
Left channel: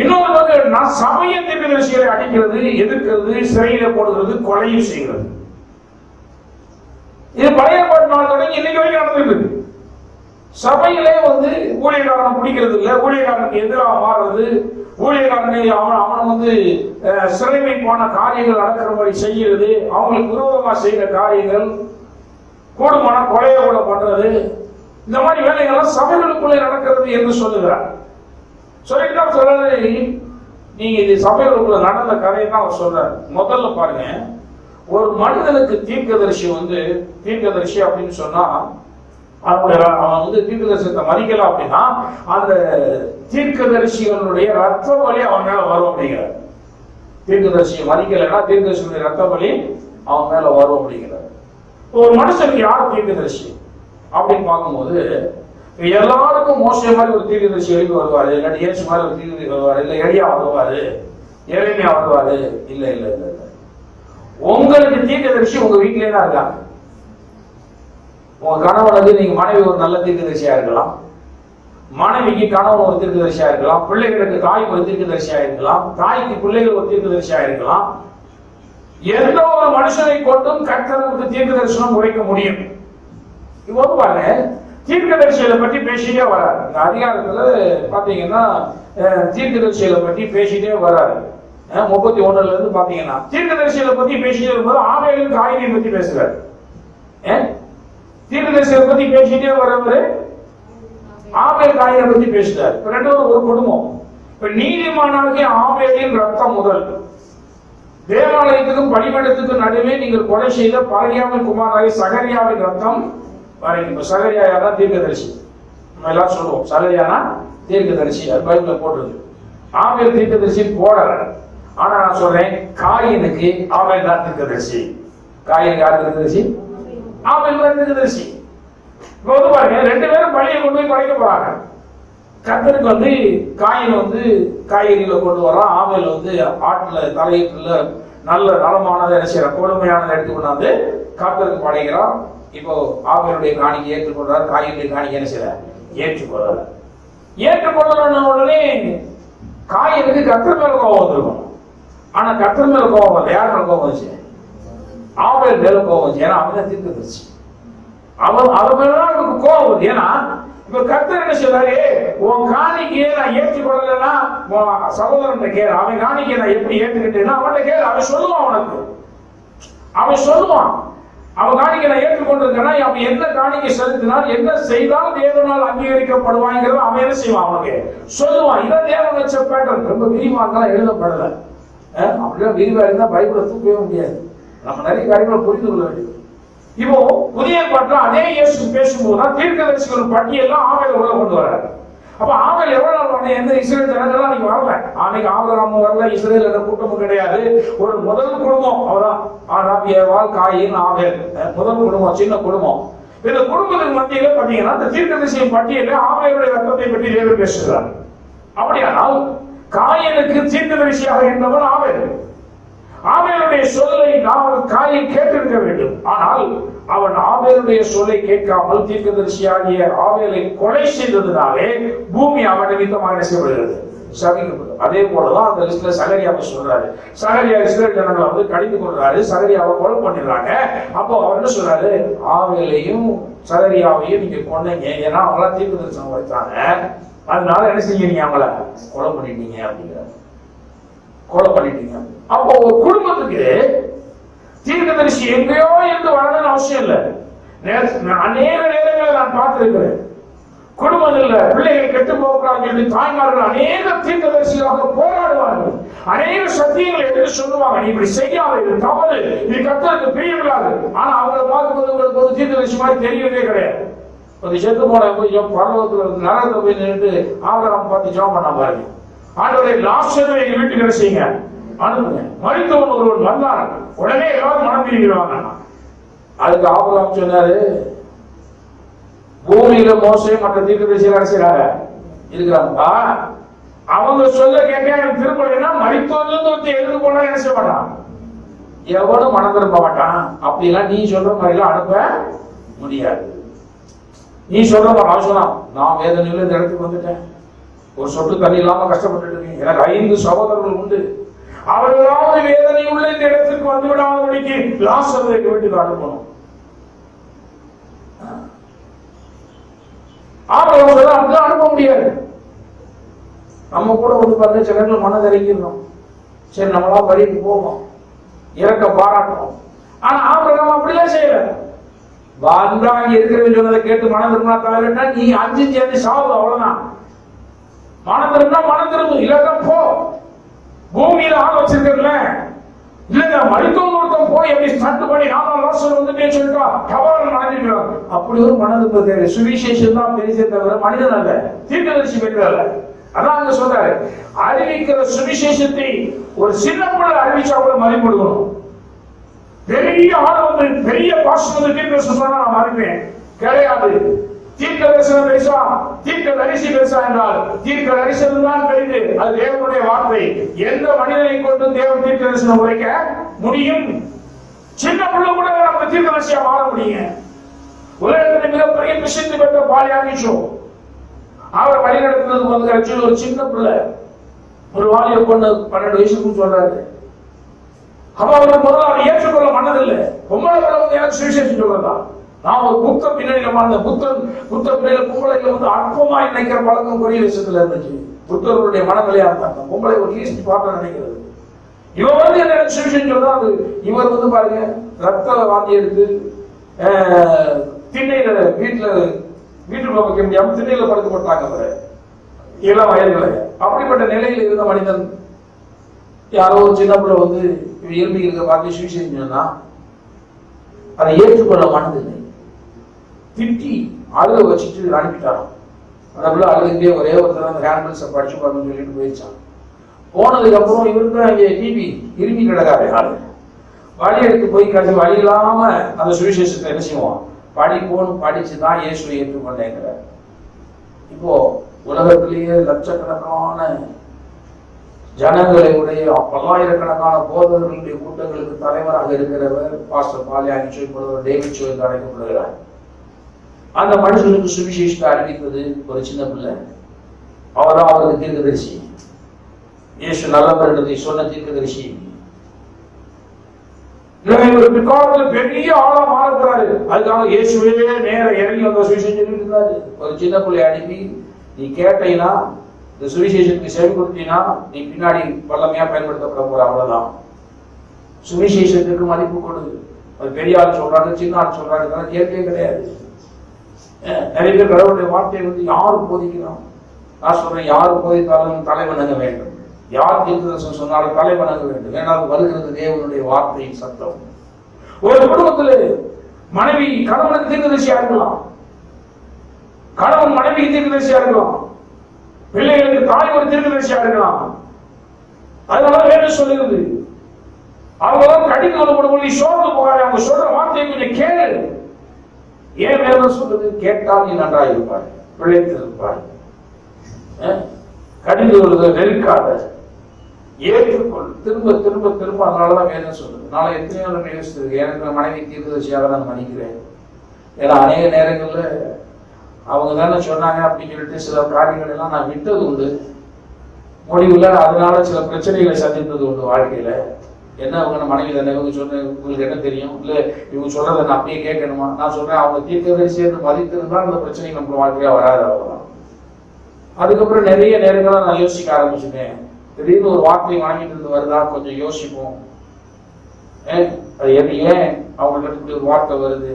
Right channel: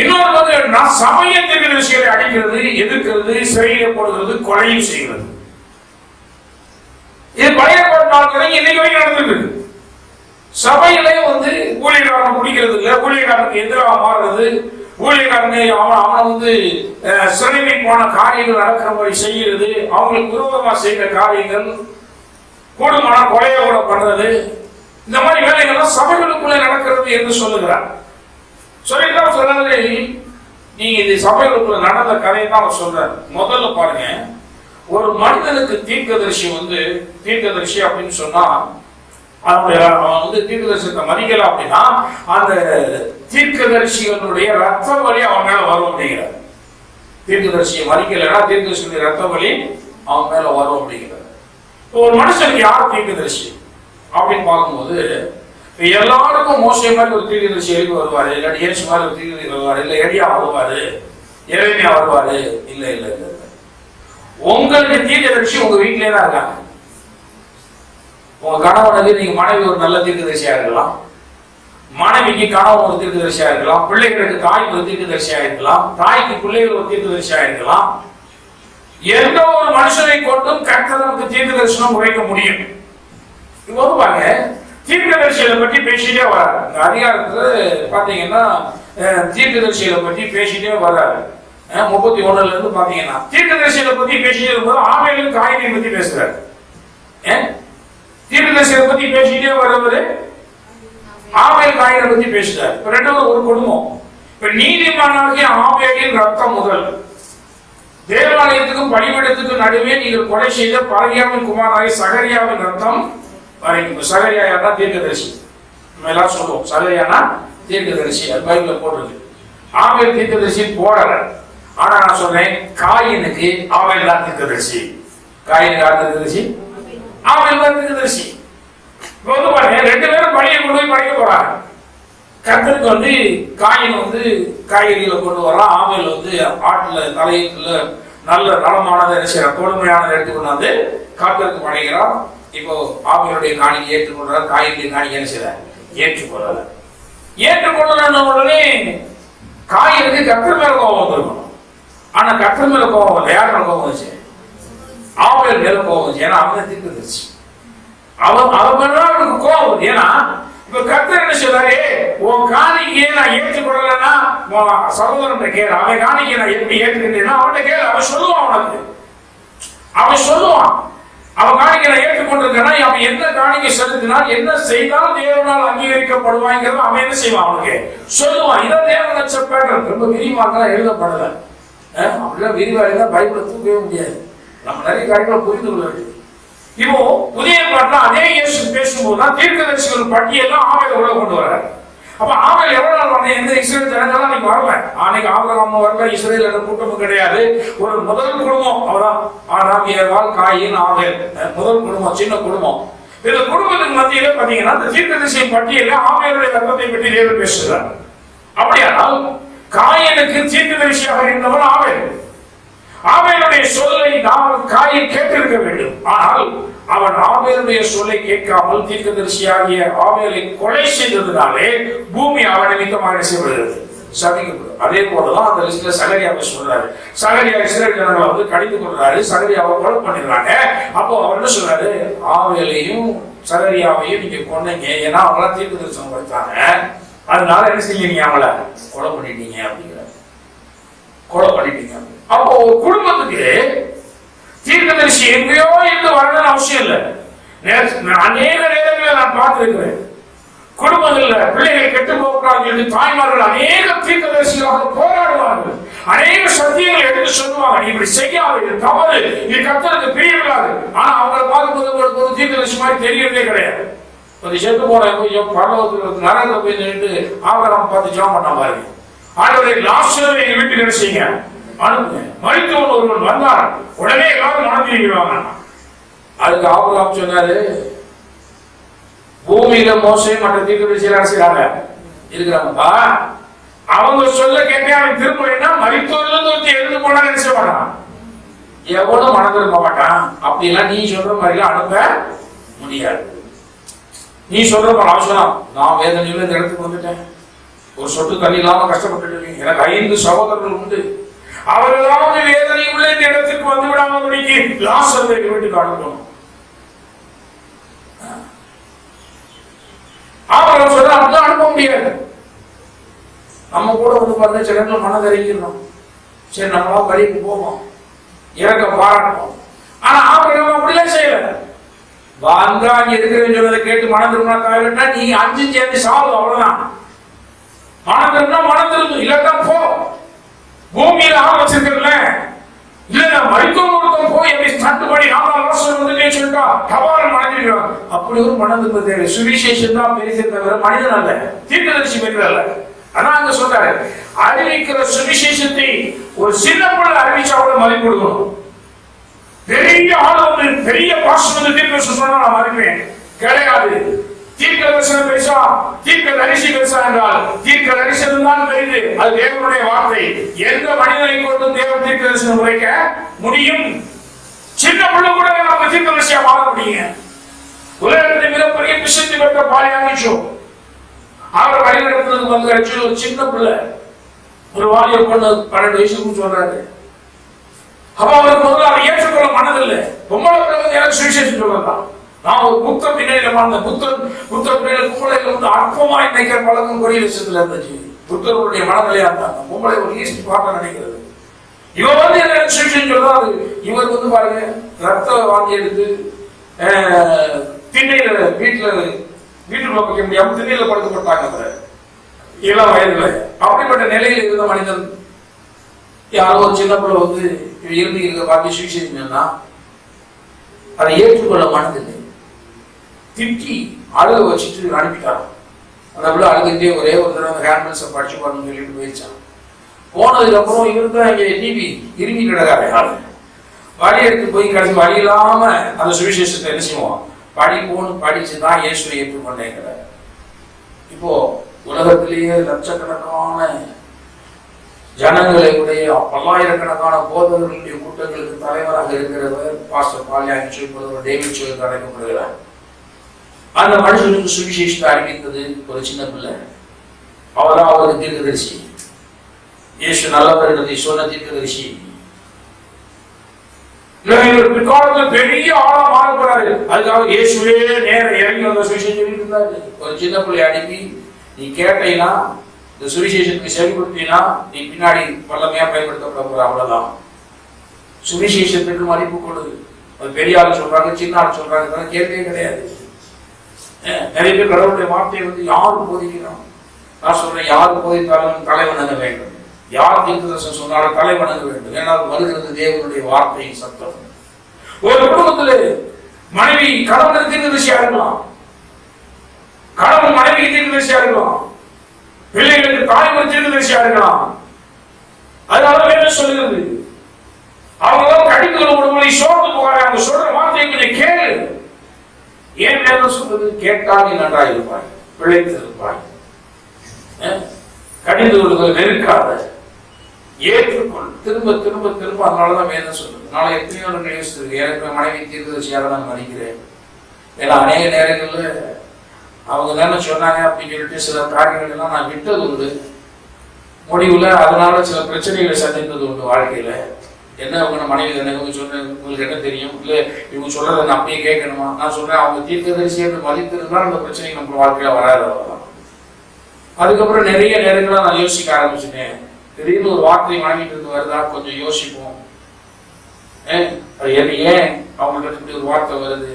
இன்னொரு வந்து நான் சமய தீர்க்க திசைகளை அடிக்கிறது, எதிர்க்கிறது, சிறையில போடுகிறது, கொலையும் செய்கிறது. இது பழைய நாள் தொடங்கி இன்னைக்கு வரைக்கும் நடந்துருக்கு. சபையிலே வந்து ஊழியக்காரனை பிடிக்கிறது இல்லை, ஊழியக்காரனுக்கு எதிராக மாறுறது, ஊழியக்காரனை அவனை வந்து சிறைமை போன காரியங்கள் நடக்கிற மாதிரி செய்கிறது, அவங்களுக்கு விரோதமா செய்கிற காரியங்கள், கூடுமான கொலையை கூட பண்றது, இந்த மாதிரி வேலைகள்லாம் சபைகளுக்குள்ளே நடக்கிறது என்று சொல்லுகிறார். சொல்லிட்டு சொல்றாரு, நீங்க இந்த சபைகளுக்குள்ள நடந்த கதையை தான் அவர் சொல்றாரு. முதல்ல பாருங்க, ஒரு மனிதனுக்கு தீர்க்கதரிசி வந்து தீர்க்கதரிசி அப்படின்னு சொன்னா அவன் வந்து தீர்க்கதரிசனத்தை மதிக்கல அப்படின்னா அந்த தீர்க்கதரிசிகளுடைய ரத்த வலி அவன் மேல வரும் அப்படிங்கிறார். தீர்க்கதரிசியை மதிக்கலைன்னா தீர்க்கதரிசியுடைய ரத்த வலி அவன் மேல வரும் அப்படிங்கிறார். ஒரு மனுஷனுக்கு யார் தீர்க்கதரிசி அப்படின்னு பார்க்கும்போது எல்லாருக்கும் மோசை மாதிரி ஒரு தீர்க்கதரிசி எழுதி வருவாரு, இல்லாட்டி ஏசு மாதிரி ஒரு தீர்க்கதரிசி வருவாரு, இல்ல எளியா வருவாரு, எளிமையா வருவாரு. இல்ல இல்ல இல்ல, உங்களுக்கு தீர்க்கதரிசி உங்க வீட்டிலே தான் இருக்காங்க. உங்க கணவனுக்கு நீங்க மனைவி ஒரு நல்ல தீர்க்கதரிசியா இருக்கலாம், மனைவிக்கு கணவன் ஒரு தீர்க்கதரிசியா இருக்கலாம், பிள்ளைகளுக்கு தாய் ஒரு தீர்க்கதரிசியா இருக்கலாம், தாய்க்கு பிள்ளைகள் ஒரு தீர்க்கதரிசியா இருக்கலாம். எந்த ஒரு மனுஷனை கொண்டும் கர்த்தர் நமக்கு தீர்க்க தரிசனம் உரைக்க முடியும். இப்போ பாருங்க, தீர்க்கதரிசிகளை பற்றி பேசிட்டே வராரு. இந்த அதிகாரத்துல பாத்தீங்கன்னா தீர்க்கதரிசிகளை பற்றி பேசிட்டே வராரு. 31 இருந்து பாத்தீங்கன்னா தீர்க்கதரிசிகளை பத்தி பேசிட்டு இருக்கும்போது ஆபேலும் காயினையும் பத்தி பேசுறாரு. தீர்க்கதரிசிகளை பத்தி பேசிட்டே வருவது ஆபேல் காயினை பத்தி பேசுறாரு. இப்ப ரெண்டாவது ஒரு குடும்பம். இப்ப நீதிமானாகிய ஆபேலின் ரத்தம் முதல் தேவாலயத்துக்கும் பலிபீடத்துக்கும் நடுவே நீங்கள் கொலை செய்த பரகியாவின் குமாரனாகிய சகரியாவின் ரத்தம் வரைக்கும். சகரியா யாரா? தீர்க்கதரிசி. நம்ம எல்லாம் சொல்லுவோம் சகரியானா தீர்க்கதரிசி, அது பைபிள்ல போட்டிருக்கு. ஆபேல் தீர்க்கதரிசி போடல. ஆனா நான் சொல்றேன் காயினுக்கு ஆபேல் தான் தீர்க்கதரிசி. காயினுக்கு யார் தீர்க்கதரிசி? ஆபேல் தான் தீர்க்கதரிசி. இப்ப வந்து பாருங்க, ரெண்டு பேரும் பலியை கொண்டு போய் படைக்க போறாங்க. கர்த்தருக்கு காயின் காய்கறிகளை கொண்டு வரான். ஆபேல் ஆட்டுல தலையீட்டுல நல்ல நலமானதை என்ன செய்யறான், கொடுமையானதை எடுத்து கொண்டாந்து கர்த்தருக்கு படைக்கிறான். இப்போ ஆபேலுடைய காணிக்கை ஏற்றுக்கொள்றார், காயினுடைய காணிக்கை என்ன செய்யற ஏற்றுக்கொள்ளல. ஏற்றுக்கொள்ளல உடனே காயினுக்கு கர்த்தர் மேல கோபம் வந்துருக்கணும். ஆனா கர்த்தர் மேல கோபம் இல்லை. யார் மேல கோபம் வந்துச்சு? ஆபேல் மேல கோபம் வந்துச்சு. ஏன்னா அவன் தீர்க்கதரிசி. அவன் மேல அவனுக்கு கோபம் வருது. ஏன்னா இப்ப கர்த்தர் என்ன சொல்றாரு, உன் காணிக்கையை நான் ஏற்றுக்கொள்ளலன்னா சகோதரன் கேளு, அவன் காணிக்கையை நான் எப்படி ஏற்றுக்கிட்டேன்னா அவன்கிட்ட கேளு, அவன் சொல்லுவான். உனக்கு அவன் சொல்லுவான், அவன் காணிக்கை நான் ஏற்றுக்கொண்டிருக்கேன்னா அவன் என்ன காணிக்கை செலுத்தினால் என்ன செய்தால் தேவனால் அங்கீகரிக்கப்படுவாங்கிறத அவன் என்ன செய்வான், அவனுக்கு சொல்லுவான். இதான் தேவன் வச்ச பேட்டர்ன். ரொம்ப விரிவாக எழுதப்படல. அப்படிலாம் விரிவாக இருந்தால் பைபிளை தூக்கவே முடியாது. நம்ம நிறைய காரியங்களை புரிந்து கொள்ள வேண்டியது. இப்போ புதிய பாட்டுல அதே இயேசு பேசும்போதுதான் தீர்க்கதரிசிகள் பட்டியெல்லாம் ஆபேல் உள்ள கொண்டு வர்றாரு. அப்ப ஆபேல் எவ்வளவு நாள் வந்த எந்த இஸ்ரேல் ஜனங்களும் அன்னைக்கு வரல. அன்னைக்கு ஆபிரகாமும் வரல, இஸ்ரேல் என்ற கூட்டமும் கிடையாது. ஒரு முதல் குடும்பம் அவதான் ஆதாம், ஏவாள், காயின், ஆபேல். முதல் குடும்பம், சின்ன குடும்பம். இந்த குடும்பத்துக்கு மத்தியில பாத்தீங்கன்னா இந்த தீர்க்கதரிசியின் பட்டியல ஆபேலுடைய ரத்தத்தை பற்றி தேவன் பேசுகிறார். அப்படியானால் காயினுக்கு தீர்க்கதரிசியாக இருந்தவர் ஆபேல். ஆபேலுடைய சொல்லை காயின் கேட்டிருக்க வேண்டும். ஆனால் அவன் ஆபேலுடைய சொல்லை கேட்காமல் தீர்க்கதரிசியாகிய ஆபேலை கொலை செய்ததினாலே பூமி அவன் நிமித்தமாக செய்யப்படுகிறது, சபிக்கப்படுது. அதே போலதான் அந்த லிஸ்ட்ல சகரியாவை சொல்றாரு. சகரியா இஸ்ரேல் ஜனங்களை கடிந்து கொள்றாரு, சகரியாவை கொலை பண்ணிடுறாங்க. அப்போ அவர் என்ன சொல்றாரு, ஆபேலையும் சகரியாவையும் நீங்க கொன்னீங்க, ஏன்னா அவங்கள தீர்க்கதரிசனம் கொடுத்தாங்க, அதனால என்ன செய்யறீங்க, அவங்கள கொலை பண்ணிட்டீங்க அப்படிங்கிறார். கொலை பண்ணிட்டீங்க. அப்போ ஒரு குடும்பத்துக்கு தீர்க்கதரிசி எங்கேயோ இருந்து வரணும்னு அவசியம் இல்லை. அநேக நேரங்களில் நான் பார்த்திருக்கிறேன், குடும்பங்கள்ல பிள்ளைகள் கெட்டு போகிறார்கள் என்று தாய்மார்கள் அநேக தீர்க்கதரிசிகளாக போராடுவார்கள். அநேக சத்தியங்களை எடுத்து சொல்லுவாங்க, நீ இப்படி செய்யாத, இது தவறு, இது கர்த்தருக்கு பிரியமில்லாது. ஆனா அவங்களை பார்க்கும்போது உங்களுக்கு ஒரு தீர்க்கதரிசி மாதிரி தெரியறதே கிடையாது. கொஞ்சம் செத்து போன கொஞ்சம் பரலோகத்தில் நரகத்தை போய் நின்று ஆபிரகாம் பார்த்து ஜெபம் பண்ண பாருங்க, ஆண்டவரே லாசரை எங்க வீட்டுக்கு என்ன செய்யுங்க, அனுப்புங்க. மரித்தவன் ஒருவன் வந்தான், உடனே எல்லாரும் மனம் திரும்பிடுவாங்க. அதுக்கு ஆபிரகாம் சொன்னாரு, பூமியில மோசே மற்ற தீர்க்கதரிசிகள் செய்யறாங்க இருக்கிறாங்கப்பா, அவங்க சொல்ல கேட்டே அவன் திரும்பலைன்னா மரித்தவர்ல எழுந்து போனா என்ன செய்ய மாட்டான், எவனும் மனம் திரும்ப மாட்டான். அப்படி எல்லாம் நீ சொல்ற மாதிரி எல்லாம் அனுப்ப முடியாது. நீ சொல்ற மாதிரி அவசரம், நான் வேதனையில இந்த இடத்துக்கு வந்துட்டேன், ஒரு சொட்டு தண்ணி இல்லாம கஷ்டப்பட்டு எனக்கு 5 சகோதரர்கள் உண்டு, அவர்களாவது வேதனை உள்ள இந்த இடத்துக்கு வந்து விடாமபடிக்கு லாசரை வீட்டுக்கு அனுப்பணும். ஆபரகம் சொல்ல அப்படிதான் அனுப்ப முடியாது. நம்ம கூட பாருங்க சில இடத்துல மனதறிக்கிறோம், சரி நம்மளா பலிக்கு போவோம், இறக்க பாராட்டுவோம். ஆனா ஆபரகம் அப்படிலாம் செய்யல. வந்தா அங்க இருக்கிறேன்னு சொன்னதை கேட்டு மனம் திரும்பினா காயிலா நீ 5 சேர்ந்து சாவு, அவ்வளவுதான். மனம் திரும்பினா மனம் திரும்பும், இல்லதான் போ. பூமியில ஆள் வச்சிருக்கல, இல்ல மருத்துவம் கொடுத்தோம் போய் எப்படி ஸ்டார்ட் பண்ணி 4 வருஷம் வந்துட்டே சொல்லிட்டா தவறு மனதிருக்கிறான். அப்படி ஒரு மனம் திரும்ப தேவை. சுவிசேஷம் தான் பெரிய தவிர மனிதன் அல்ல, தீர்க்கதரிசி பெரியதல்ல. அதான் அங்க சொல்றாரு, அறிவிக்கிற சுவிசேஷத்தை ஒரு சின்ன பிள்ளை அறிவிச்சா கூட மதிப்பு கொடுக்கணும். பெரிய ஆள் பெரிய பாசம் தீர்க்கதரிசனம் சொன்னா நான் மதிப்பேன் கிடையாது. தீர்க்க தரிசனம் பேசா, தீர்க்க தரிசி பேசா என்றால் தீர்க்க தரிசனம் தான் பெரிது, அது தேவனுடைய வார்த்தை. எந்த மனிதனை கொண்டு தேவன் தீர்க்க தரிசனம் உரைக்க முடியும்? சின்ன பிள்ளை கூட நம்ம தீர்க்க தரிசியா மாற முடியுங்க. உலகத்தில் மிகப்பெரிய பிரசித்தி பெற்ற பாலியானிச்சோ அவரை வழிநடத்துறதுக்கு வந்து ஒரு சின்ன பிள்ளை, ஒரு வாலிய பொண்ணு 12 வயசுக்கு சொல்றாரு. அப்ப அவருக்கு முதல்ல அவர் ஏற்றுக்கொள்ள மனதில்லை. பொம்பளை பிள்ளை எனக்கு சுவிசேஷம் சொல்லலாம். நான் ஒரு புத்த பின்னணியில வாழ்ந்த புத்த பின்னணியில பொம்பளை அற்பமாய் நினைக்கிற பழக்கம் கொடிய விஷயத்துல இருந்துச்சு. புத்தருடைய மனநிலையா இருந்தாங்க. பொம்பளை ஒரு ஈஸ்ட் பார்க்க நினைக்கிறது. இவர் வந்து என்ன சுவிசேஷம் சொல்றாரு, இவர் வந்து பாருங்க ரத்த வாந்தி எடுத்து திண்ணையில வீட்டுக்குள்ள வைக்க முடியாம திண்ணையில படுத்து போட்டாங்க இளம் வயதுல. அப்படிப்பட்ட நிலையில் இருந்த மனிதன் யாரோ ஒரு சின்ன பிள்ளை வந்து இருந்து இருக்க பார்த்து சுவிசேஷம் சொன்னா அதை ஏற்றுக்கொள்ள மனதில்லை, திட்டி அழுக வச்சுட்டு அனுப்பிட்டாராம். அந்த பிள்ளை அழுதுகிட்டே ஒரே ஒரு தடவை அந்த ஹேண்ட்பில்ஸை படிச்சு பாருன்னு சொல்லிட்டு போயிடுச்சான். போனதுக்கு அப்புறம் இவருக்கு அங்கே டிவி இருமி கிடக்காரு ஆளு. வழி எடுத்து போய் கடைசி வழி இல்லாம அந்த சுவிசேஷத்தை என்ன செய்வோம், படிச்சுதான் இயேசுவை ஏற்றுக்கொண்டேங்கிற. இப்போ உலகத்திலேயே லட்சக்கணக்கான ஜனங்களை உடைய பல்லாயிரக்கணக்கான போதவர்களுடைய கூட்டங்களுக்கு தலைவராக இருக்கிறவர் பாஸ்டர் பால்யாங்கி சொல்பவர் டேவிட் சோல் அழைக்கப்படுகிறார். அந்த மனுஷனுக்கு சுவிசேஷத்தை அறிவித்தது ஒரு சின்ன பிள்ளை. அவர்தான் அவருக்கு தீர்க்கதரிசி, இயேசு நல்லவர் என்பதை சொன்ன தீர்க்கதரிசி. இவர் பிற்காலத்தில் பெரிய ஆளா மாற போறாரு. அதுக்காக இயேசுவே நேர இறங்கி வந்த சுவிசேஷம் சொல்லிட்டு இருந்தாரு. ஒரு சின்ன பிள்ளை அனுப்பி நீ கேட்டீங்கன்னா இந்த சுவிசேஷத்துக்கு செயல்படுத்தினா நீ பின்னாடி வல்லமையா பயன்படுத்தப்பட போற, அவ்வளவுதான். சுவிசேஷத்துக்கு மதிப்பு கொடுது. அது பெரிய ஆள் சொல்றாங்க, சின்ன ஆள் சொல்றாங்க, கேட்கவே கிடையாது. நிறைய பேர் கடவுளுடைய வார்த்தையை வந்து யாரு போதிக்கிறோம், நான் சொல்றேன் யாரு போதித்தாலும் தலை வணங்க வேண்டும், யார் தீர்க்கதரிசனம் சொன்னாலும் தலை வணங்க வேண்டும். ஏன்னால் வருகிறது தேவனுடைய வார்த்தையின் சத்தம். ஒரு குடும்பத்தில் மனைவி கணவனுக்கு தீர்க்கதரிசியா இருக்கலாம், கணவன் மனைவிக்கு தீர்க்கதரிசியா இருக்கலாம், பிள்ளைகளுக்கு தாய்மொழி தீர்க்கதரிசியா இருக்கலாம். அதனால வேணும் சொல்லுகிறது அவங்க கடிந்து கொள்ளப்படுவதை சோர்ந்து போகாது. அவங்க சொல்ற வார்த்தையை கொஞ்சம் கேளு. ஏன் வேணும் சொல்றது, கேட்டால் நீ நன்றாக இருப்பாய், பிழைத்து இருப்பாய். கடிந்து கொள்வதை வெறுக்காத, ஏற்றுக்கொள், திரும்ப திரும்ப திரும்ப. அதனாலதான் வேணும் சொல்றது. நாளை எத்தனையோ நியூஸ் இருக்கு, எனக்கு மனைவி தீர்க்கதரிசியாக நான் நினைக்கிறேன். ஏன்னா அநேக நேரங்கள்ல அவங்க தானே சொன்னாங்க அப்படின்னு சொல்லிட்டு சில காரியங்கள் எல்லாம் நான் விட்டது உண்டு. முடிவுல அதனால சில பிரச்சனைகளை சந்தித்தது உண்டு வாழ்க்கையில. என்ன அவங்க மனைவி தானே, இவங்க சொன்ன உங்களுக்கு என்ன தெரியும், இல்ல இவங்க சொல்றதை நான் அப்படியே கேட்கணுமா? நான் சொல்றேன் அவங்க தீர்க்கதரிசி என்று மதித்திருந்தால் அந்த பிரச்சனை நம்ம வாழ்க்கையில வராது. அவ்வளவுதான். அதுக்கப்புறம் நிறைய நேரங்களா நான் யோசிக்க ஆரம்பிச்சுட்டேன். திடீர்னு ஒரு வார்த்தை மனைவிட்டு இருந்து வருதா, கொஞ்சம் யோசிப்போம். ஏன் அவங்களுக்கு இப்படி ஒரு வார்த்தை வருது,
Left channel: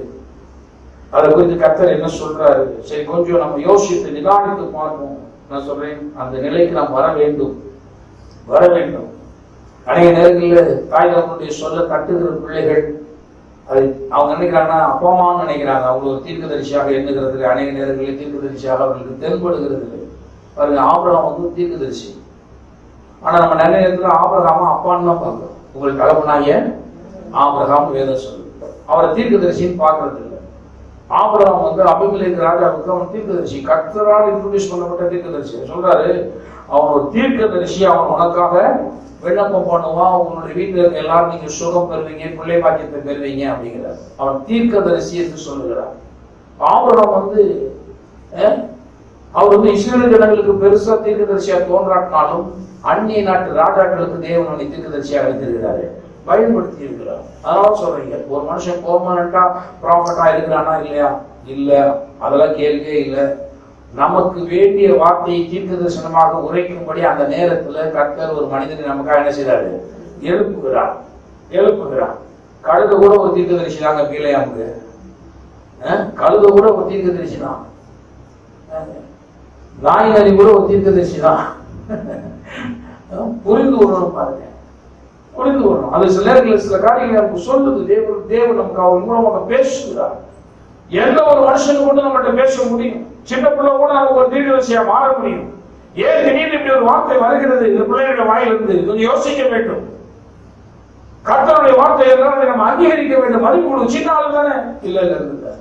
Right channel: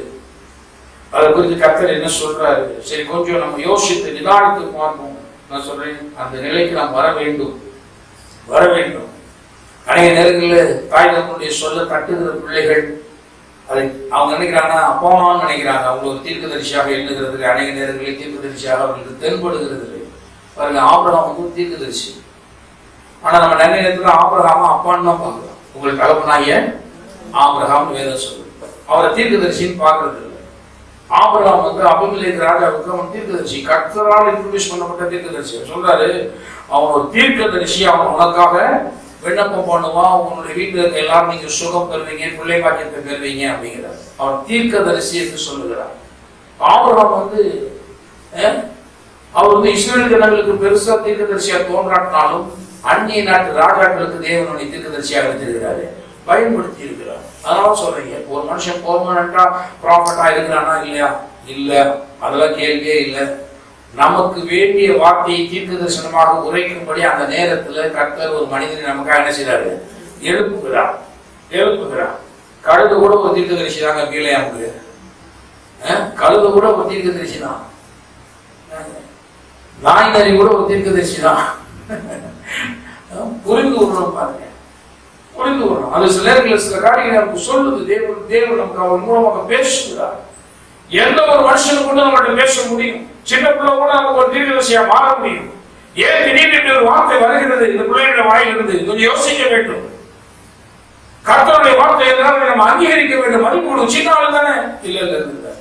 அதை குறித்து கர்த்தர் என்ன சொல்றாரு, சரி கொஞ்சம் நம்ம யோசித்து நிதானித்து பார்ப்போம். நான் சொல்றேன் அந்த நிலைக்கு நாம் வர வேண்டும். அநேக நேரங்களில் தாய் தகவலுடைய சொல்ல தட்டுகிற பிள்ளைகள் அதை அவங்க நினைக்கிறாங்கன்னா அப்பமான்னு நினைக்கிறாங்க. அவங்க ஒரு தீர்க்கதரிசியாக எண்ணுகிறதுக்கு அநேக நேரங்களில் தீர்க்கதரிசியாக அவர்களுக்கு தென்படுகிறது. பாருங்க, ஆபிரகாம் வந்து தீர்க்கதரிசி. ஆனா நம்ம நிறைய நேரத்தில் ஆபிரகாம அப்பான்னு தான் பார்க்கிறோம். உங்களுக்கு கலப்பனாய ஆபிரகாம் வேதம் சொல்லு, அவரை தீர்க்கதரிசின்னு பார்க்கறது இல்லை. ஆபிரகாம் வந்து அபிமெலேக்கு ராஜாவுக்கு அவன் தீர்க்கதரிசி, கர்த்தரால் இன்ட்ரோடியூஸ் பண்ணப்பட்ட தீர்க்கதரிசி. சொல்றாரு அவன் ஒரு தீர்க்கதரிசி, அவன் உனக்காக விண்ணப்பம் பண்ணுவான், உன்னுடைய வீட்டில் இருக்க எல்லாரும் நீங்க சுகம் பெறுவீங்க, பிள்ளை பாக்கியத்தை பெறுவீங்க அப்படிங்கிறார். அவன் தீர்க்கதரிசி என்று சொல்லுகிறார். ஆபிரகாம் வந்து அவர் வந்து இஸ்ரேல் ஜனங்களுக்கு பெருசா தீர்க்கதரிசியா தோன்றாட்டினாலும் அந்நிய நாட்டு ராஜாக்களுக்கு தேவனுடைய தீர்க்கதரிசியாக வைத்திருக்கிறாரு, பயன்படுத்தி இருக்கிறார். அதனால சொல்றீங்க ஒரு மனுஷன் பெர்மனண்டா ப்ராஃபட்டா இருக்கிறானா இல்லையா? இல்ல, அதெல்லாம் கேள்வியே இல்லை. நமக்கு வேண்டிய வார்த்தையை தீர்க்க தரிசனமாக உரைக்கும்படி அந்த நேரத்துல கர்த்தர் ஒரு மனிதனை நமக்காக என்ன செய்யறாரு, எழுப்புகிறார். கழுது கூட ஒரு தீர்க்க தரிசி தாங்க பீலையாமுக்கு. கழுது கூட ஒரு தீர்க்க தரிசி தான், நாய் நரி கூட ஒரு தீர்க்க தரிசி தான். புரிந்து விடணும் பாருங்க, புரிந்து விடணும். அது சில நேரங்களில் சில காரியங்களை நமக்கு சொல்லுது. தேவன் நமக்கு அவர் மூலமாக பேசுகிறார். எந்த ஒரு மனுஷனுக்கு கூட நம்மகிட்ட பேச முடியும். சின்ன பிள்ளை கூட நமக்கு ஒரு தீர்க்கதரிசியா மாற முடியும். ஏன் திடீர்னு ஒரு வார்த்தை வருகிறது இந்த பிள்ளைகளுடைய வாயிலிருந்து? கொஞ்சம் யோசிக்க வேண்டும். கர்த்தருடைய வார்த்தை எதனால நம்ம அங்கீகரிக்க வேண்டும். மதிப்பு சின்ன ஆளு தானே, இல்ல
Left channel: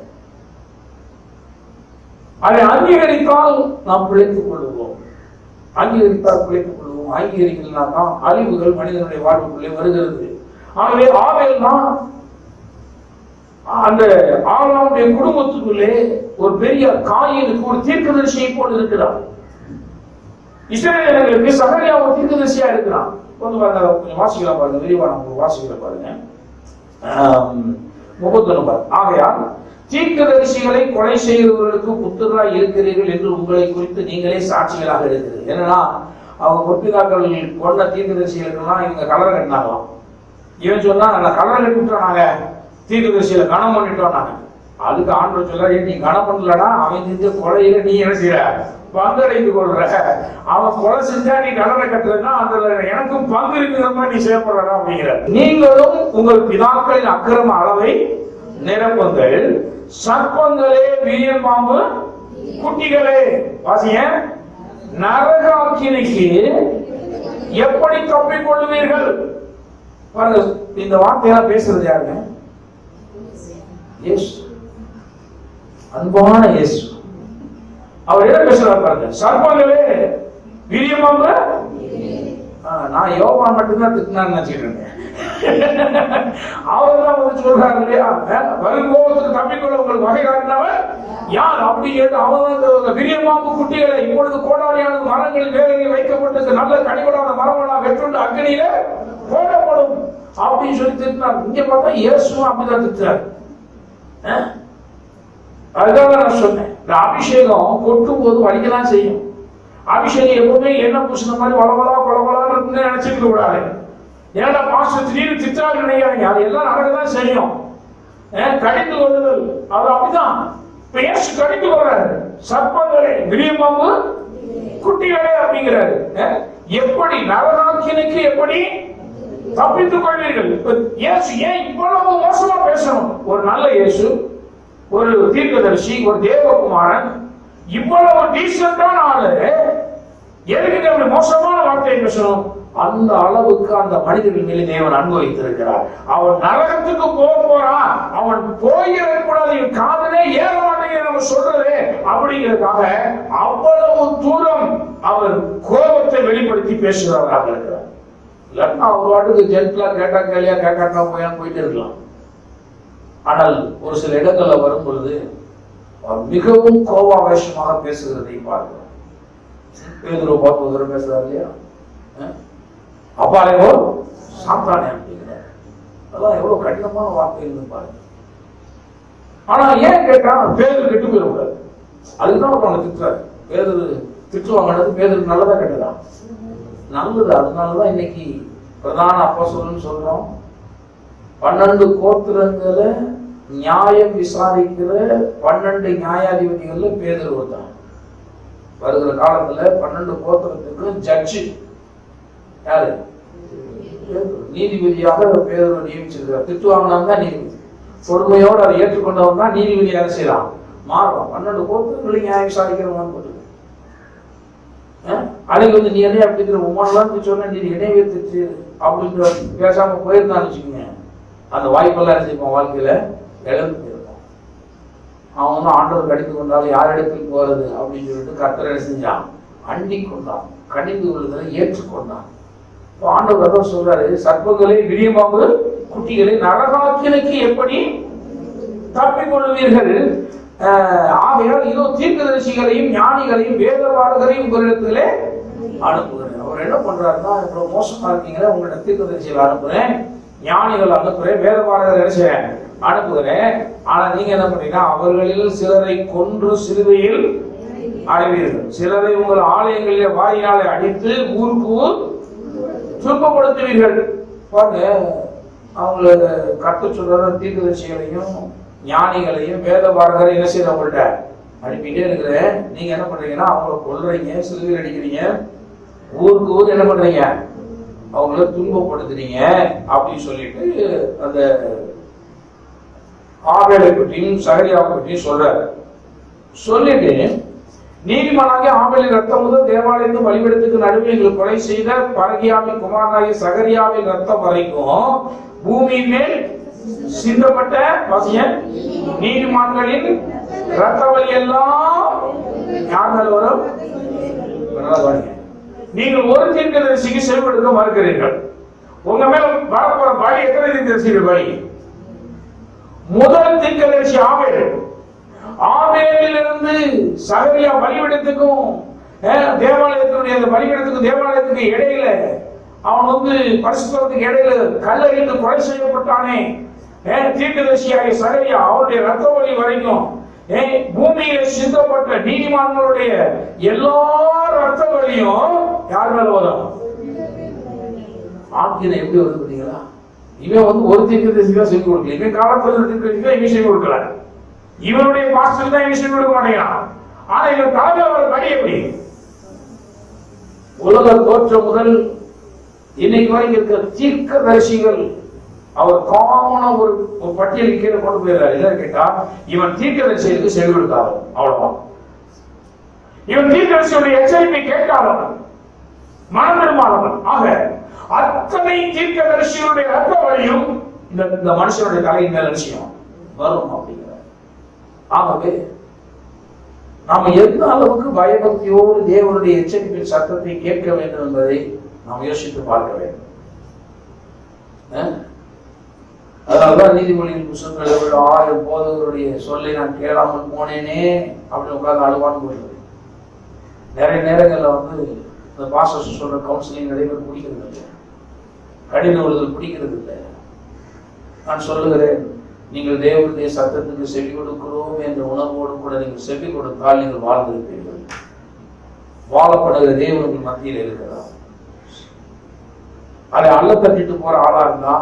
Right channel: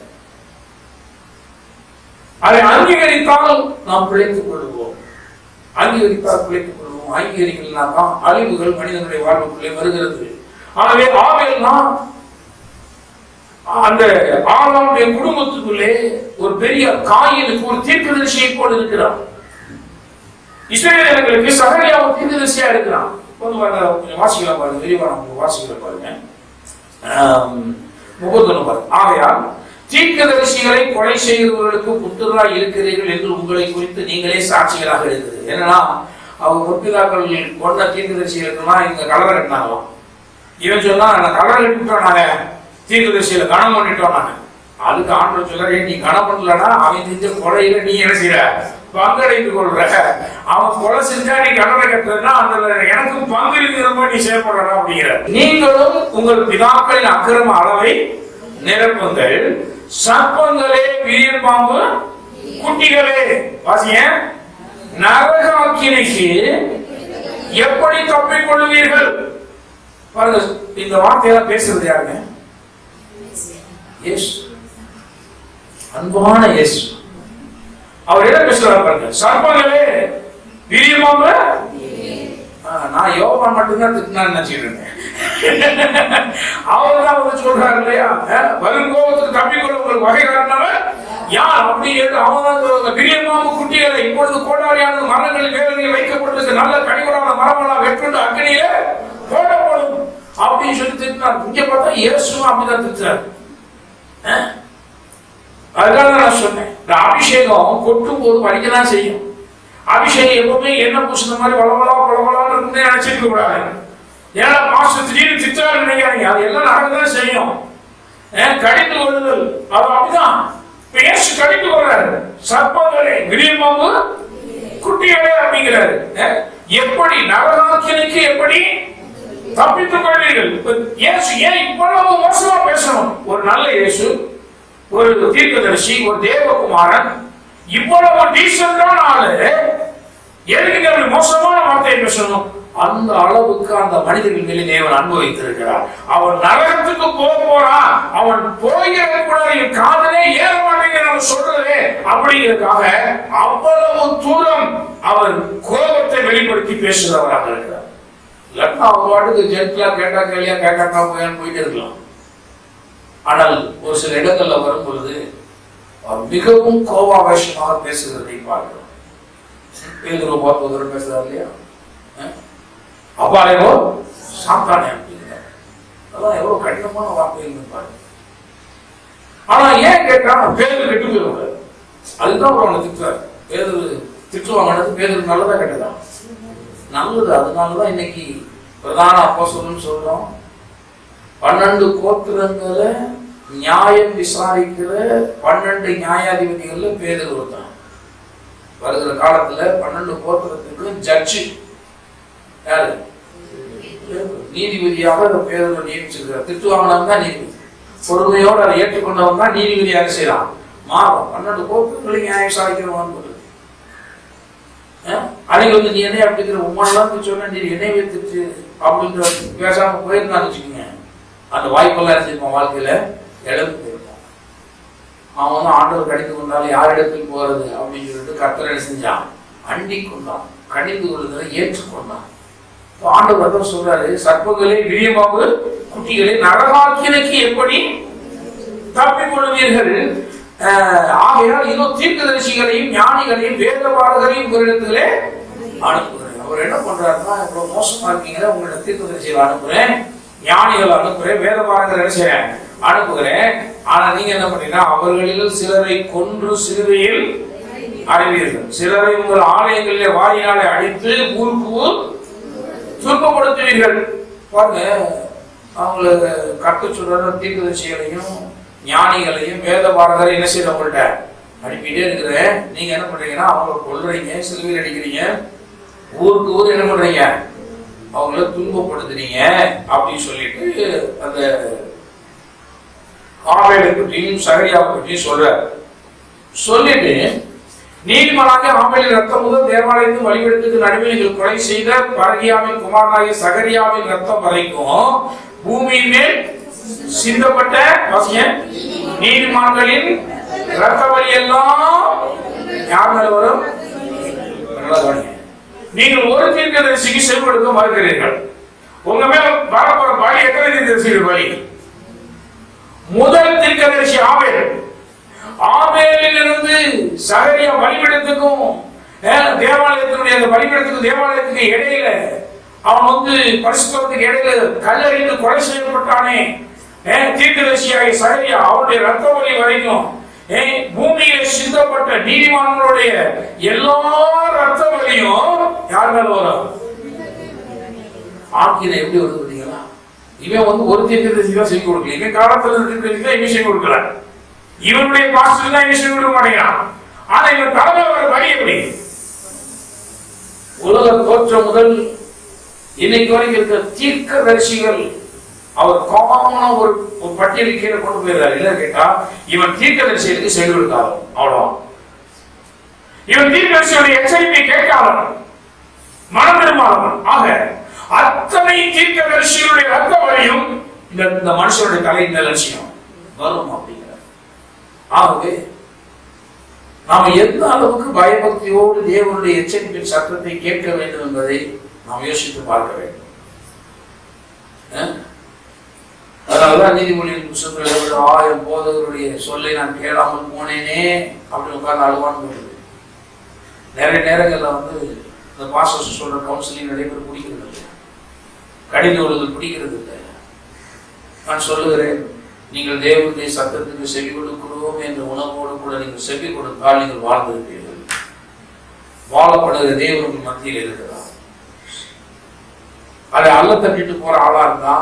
அதை அங்கீகரித்தால் நாம் பிழைத்துக் கொள்வோம். அங்கீகரித்தால் பிழைத்துக் கொள்வோம். அங்கீகரிக்கலனா அழிவுகள் மனிதனுடைய வாழ்வுக்குள்ளே வருகிறது. ஆகவே ஆபேல் தான் அந்த ஆளாளுடைய குடும்பத்துக்குள்ளே ஒரு பெரிய காயினுக்கு ஒரு தீர்க்கதரிசியை போல இருக்கிறார். இஸ்ரவேல் ஜனங்களுக்கு சகரியா ஒரு தீர்க்கதரிசியா இருக்கிறான். வாசிக்கலாம் பாருங்க, விரிவா நம்ம வாசிக்கிற பாருங்க 31 பாருங்க. ஆகையால் தீர்க்கதரிசிகளை கொலை செய்கிறவர்களுக்கு புத்தராய் இருக்கிறீர்கள் என்று உங்களை குறித்து நீங்களே சாட்சிகளாக இருக்கிறது. என்னன்னா அவங்க முற்பிதாக்கள் கொண்ட தீர்க்கதரிசிகளுக்குன்னா இவங்க கலரை கட்டினாங்களாம். இவன் சொன்னா நான் கலரை கட்டிவிட்டோம், நாங்க தீர்க்கதரிசியில கனம் பண்ணிட்டோம் நாங்க. அதுக்கு ஆண்டவர் சொல்ற, நீ கனம் பண்ணலன்னா அவன் செஞ்ச கொலையில நீ என்ன செய்யற, பங்கடைந்து கொள்ற. அவன் கொலை செஞ்சா நீ கலரை கட்டுறதுன்னா அந்த எனக்கும் பங்கு இருக்கிற மாதிரி நீ செயல்படுற அப்படிங்கிற. நீங்களும் உங்கள் பிதாக்களின் அக்கிரம அளவை நிரப்புங்கள், சர்ப்பங்களே விரியன் பாம்பு குட்டிகளே வாசிய நரக அக்கினிக்கு எப்படி தப்பிக் கொள்வீர்கள். பாருங்க, இந்த வார்த்தையெல்லாம் பேசுறது யாருங்க? இயேசு, அன்பான இயேசு. அவர் என்ன பேசுறாரு பாருங்க, சர்ப்பங்களே விரியமாம. நான் யோவான் மட்டும்தான் திட்டினான்னு நினைச்சிட்டு இருந்தேன். அவர் தான் வந்து சொல்றாரு இல்லையா, வரும் கோபத்துக்கு தப்பிக்கொள்ள உங்களுக்கு வகை காரணவர் யார் அப்படி அவன் விரியமாம குட்டிகளை இப்பொழுது கோடாரியானது மரங்களில் வேலையை வைக்கப்பட்டிருக்கு, நல்ல கனிகளான மரமெல்லாம் வெற்று அக்னியில போடப்படும் அப்படின்னு சொல்லி திட்டினார். இங்க பார்த்தா இயேசுவும் அப்படிதான் திட்டுறாரு. அதுதான் நான் சொன்னேன், இந்த அபிஷேகம் கொட்டும் போது வலிக்கதான் செய்யும். அபிஷேகம் எப்பவுமே என்ன பூசின மாதிரி வளவலா பளவலான்னு இருக்குன்னு நினைச்சிருக்க கூடாது. ஏன்னா மாஸ்டர் திடீர்னு திட்டாரு நினைக்காதீங்க, அது எல்லாம் நடக்கதான் செய்யும். கடிந்து கொள்ளுதல் அது அப்படிதான். பேசு கடிந்து கொள்றாரு, சர்ப்பங்களே விரியமாவு குட்டிகளே அப்படிங்கிறாரு. எப்படி நரகாக்கினிக்கு எப்படி தப்பித்துக் கொள்வீர்கள். இயேசு ஏன் இவ்வளவு மோசமா பேசணும்? ஒரு நல்ல இயேசு, ஒரு தீர்க்கதரிசி, ஒரு தேவகுமாரன், இவ்வளவு டீசென்டான ஆளு எதுக்கு மோசமான வார்த்தையை பேசணும்? அந்த அளவுக்கு அந்த மனிதர்கள் மேலே தேவன் அன்பு வைத்திருக்கிறார். அவன் நரகத்துக்கு போறான், அவன் போகிற கூட காதலே ஏற மாட்டேங்கிற சொல்றதே அப்படிங்கிறதுக்காக அவ்வளவு தூரம் அவர் கோபத்தை வெளிப்படுத்தி பேசுகிறவராக இருக்கிறார். இல்லைன்னா அவர் வாட்டுக்கு ஜென்ட்லா கேட்டா கேள்வியா கேட்காட்டா போயான்னு போயிட்டு இருக்கலாம். ஆனால் ஒரு சில இடங்கள்ல வரும் பொழுது அவர் மிகவும் கோபாவேசமாக பேசுகிறதை பார்க்கிறோம். பேதுரு பார்த்து ஒரு பேசுறாரு இல்லையா, அப்பாலேயோ சாத்தானே அப்படிங்கிறார். அதெல்லாம் எவ்வளவு கடினமான வார்த்தைகள் பாருங்க. ஆனா ஏன் கேட்டா பேதுரு கெட்டு போயிருக்காரு, அதுதான் அவர் அவனை திட்டுறாரு. பேதுரு திட்டுவாங்கன்னது பேதுரு நல்லதா கெட்டதான்? நல்லது. அதனாலதான் இன்னைக்கு பிரதான அப்போஸ்தலன்னு சொல்றோம். 12 கோத்திரங்களை நியாயம் விசாரிக்கிற 12 நியாயாதிபதிகள்ல பேதுரு ஒருத்தன். வருகிற காலத்துல 12 கோத்திரத்துக்கு ஜட்ஜி யாரு? நீதிபதியாக பேதுரு நியமிச்சிருக்கிறார். திட்டு வாங்கினவன் தான் நீதிபதி, பொறுமையோடு அதை ஏற்றுக்கொண்டவன் தான் நீதிபதியாக செய்யலாம். மாறும் 12 கோத்திரங்களை நியாயம் விசாரிக்கிறவன். அதை வந்து நீ என்னை அப்படிங்கிற உமானலாம் சொன்ன, நீ என்னையே திட்டு அப்படின்ற பேசாம போயிருந்தான்னு வச்சுக்கோங்க, அந்த வாய்ப்பெல்லாம் இருந்திருப்பான், வாழ்க்கையில இழந்து போயிருப்பான். அவன் வந்து ஆண்டவர் கடிந்து கொண்டாலும் யார் இடத்துக்கு போறது அப்படின்னு சொல்லிட்டு கர்த்தர் என்ன செஞ்சான்? அண்டி கொண்டான், கடிந்து கொள்ளுதலை ஏற்றுக்கொண்டான். ஆண்டவர் சொல்றாரு, சர்ப்பங்களே விரியமாவு குட்டிகளை நரகாக்கினைக்கு எப்படி தப்பிக் கொள்வீர்கள். ஆகையால் இதோ தீர்க்கதரிசிகளையும் ஞானிகளையும் வேதபாரகரையும் உங்களிடத்திலே அனுப்புகிறேன். அவர் என்ன பண்றாருன்னா, இவ்வளவு மோசமா இருக்கீங்க, உங்களோட தீர்க்கதரிசிகளை அனுப்புறேன், ஞானிகள் அனுப்புறேன், வேதபாரகர் அனுப்புகிறேன். ஆனா நீங்க என்ன பண்றீங்கன்னா, அவர்களில் சிலரை கொன்று சிலுவையில் அறைவீர்கள், சிலரை உங்கள் ஆலயங்களிலே வாரியாலை அடித்து ஊருக்கு ஊர் துன்பப்படுத்துவீர்கள். பாருங்க, அவங்களை கற்று சொல்ற தீர்க்கதரிசிகளையும் ஞானிகளையும் வேதபாரகரை என்ன செய்ய அவங்கள்ட்ட அனுப்பிட்டே இருக்கிறேன். நீங்க என்ன பண்றீங்கன்னா, அவங்களை கொல்றீங்க, சிலுவையில் அடிக்கிறீங்க, ஊருக்கு ஊர் என்ன பண்றீங்க, அவங்கள துன்பப்படுத்துறீங்க அப்படின்னு சொல்லிட்டு அந்த ஆபேலை பற்றியும் சகரியாவை பற்றியும் சொல்லிட்டு, நீதிமானாகிய ஆபேலின் ரத்தம் முதல் தேவாலயத்தின் வழிபடத்துக்கு நடுவில் நீங்கள் கொலை செய்த பரகியாவின் குமாரனாகிய சகரியாவின் ரத்தம் வரைக்கும் பூமியின் மேல் சிந்தப்பட்ட நீதிமான்களின் ரத்த வலி எல்லாம் யார் மேல வரும்? நீங்கள் ஒரு தீர்க்கதரிசிக்கு செவிடுக்க மறுக்கிறீர்கள். உங்க மேல வரப்போற பலி எத்தனை தீர்க்கதரிசிகள் பலி? முதல் தீர்க்கதரிசி ஆபேல். ஆபேலில் இருந்து சகரியா பலிபீடத்துக்கும் தேவாலயத்தினுடைய பலிபீடத்துக்கும் தேவாலயத்துக்கு இடையில அவன் வந்து பரிசுத்தத்துக்கு இடையில கல்லறிந்து கொலை செய்யப்பட்டானே தீர்க்கதரிசியாகிய சகரியா, அவருடைய ரத்த வலி வரைக்கும் பூமியில சிந்தப்பட்ட நீதிமான்களுடைய எல்லா ரத்த வலியும் யார் மேல வரும்? ஆக்கினை எப்படி வருது பார்த்தீங்களா? இவன் வந்து ஒரு தீர்க்கதரிசி தான் செய்தி கொடுக்கல, இவன் காலத்துல தீர்க்கதரிசி விஷயம் கொடுக்கல, இவனுடைய பாஸ்டர் தான் விஷயம் கொடுக்க மாட்டேங்கிறான். ஆனா இவன் தலைமை வர வழி எப்படி? உலக தோற்றம் முதல் இன்னைக்கு வரைக்கும் இருக்கிற தீர்க்கதரிசிகள் அவர் காமனா ஒரு பட்டியல் கீழே கொண்டு போயிடுறாரு. என்ன கேட்டா, இவன் தீர்க்கதரிசிக்கு செவி கொடுத்தாலும் அவ்வளவு, இவன் தீர்க்கதரிசியுடைய எச்சரிப்பை கேட்காதவன், மனம் பெருமானவன். ஆக அத்தனை தீர்க்கதரிசிகளுடைய ரத்த வழியும் இந்த மனுஷனுடைய தலை மேல் லட்சியம் வரும் அப்படிங்கிறார். ஆகவே நாம் எந்த அளவுக்கு பயபக்தியோடு தேவனுடைய எச்சரிப்பின் சத்தத்தை கேட்க வேண்டும் என்பதை நாம் யோசித்து பார்க்க வேண்டும். அதனாலதான் நீதிமொழியின் புத்தகத்தில் 1000 போதகருடைய சொல்லை நான் கேளாமல் போனேனே அப்படின்னு உட்கார்ந்து அழுவான்னு போடுது. நிறைய நேரங்கள்ல வந்து இந்த பாஸ்டர்ஸ் சொல்ற கவுன்சிலிங் நிறைய பேர் பிடிக்கிறது இல்லை, கடின உள்ளது பிடிக்கிறது இல்லை. நான் சொல்லுகிறேன், நீங்கள் தேவனுடைய சத்தத்துக்கு செவி கொடுக்கிறோம் என்ற உணர்வோடு கூட நீங்கள் செவி கொடுத்தால் நீங்கள் வாழ்ந்திருப்பீர்கள். வாழப்படுகிற தேவனுக்கு மத்தியில் இருக்கிறார். அதை அல்ல தட்டிட்டு போற ஆளா இருந்தா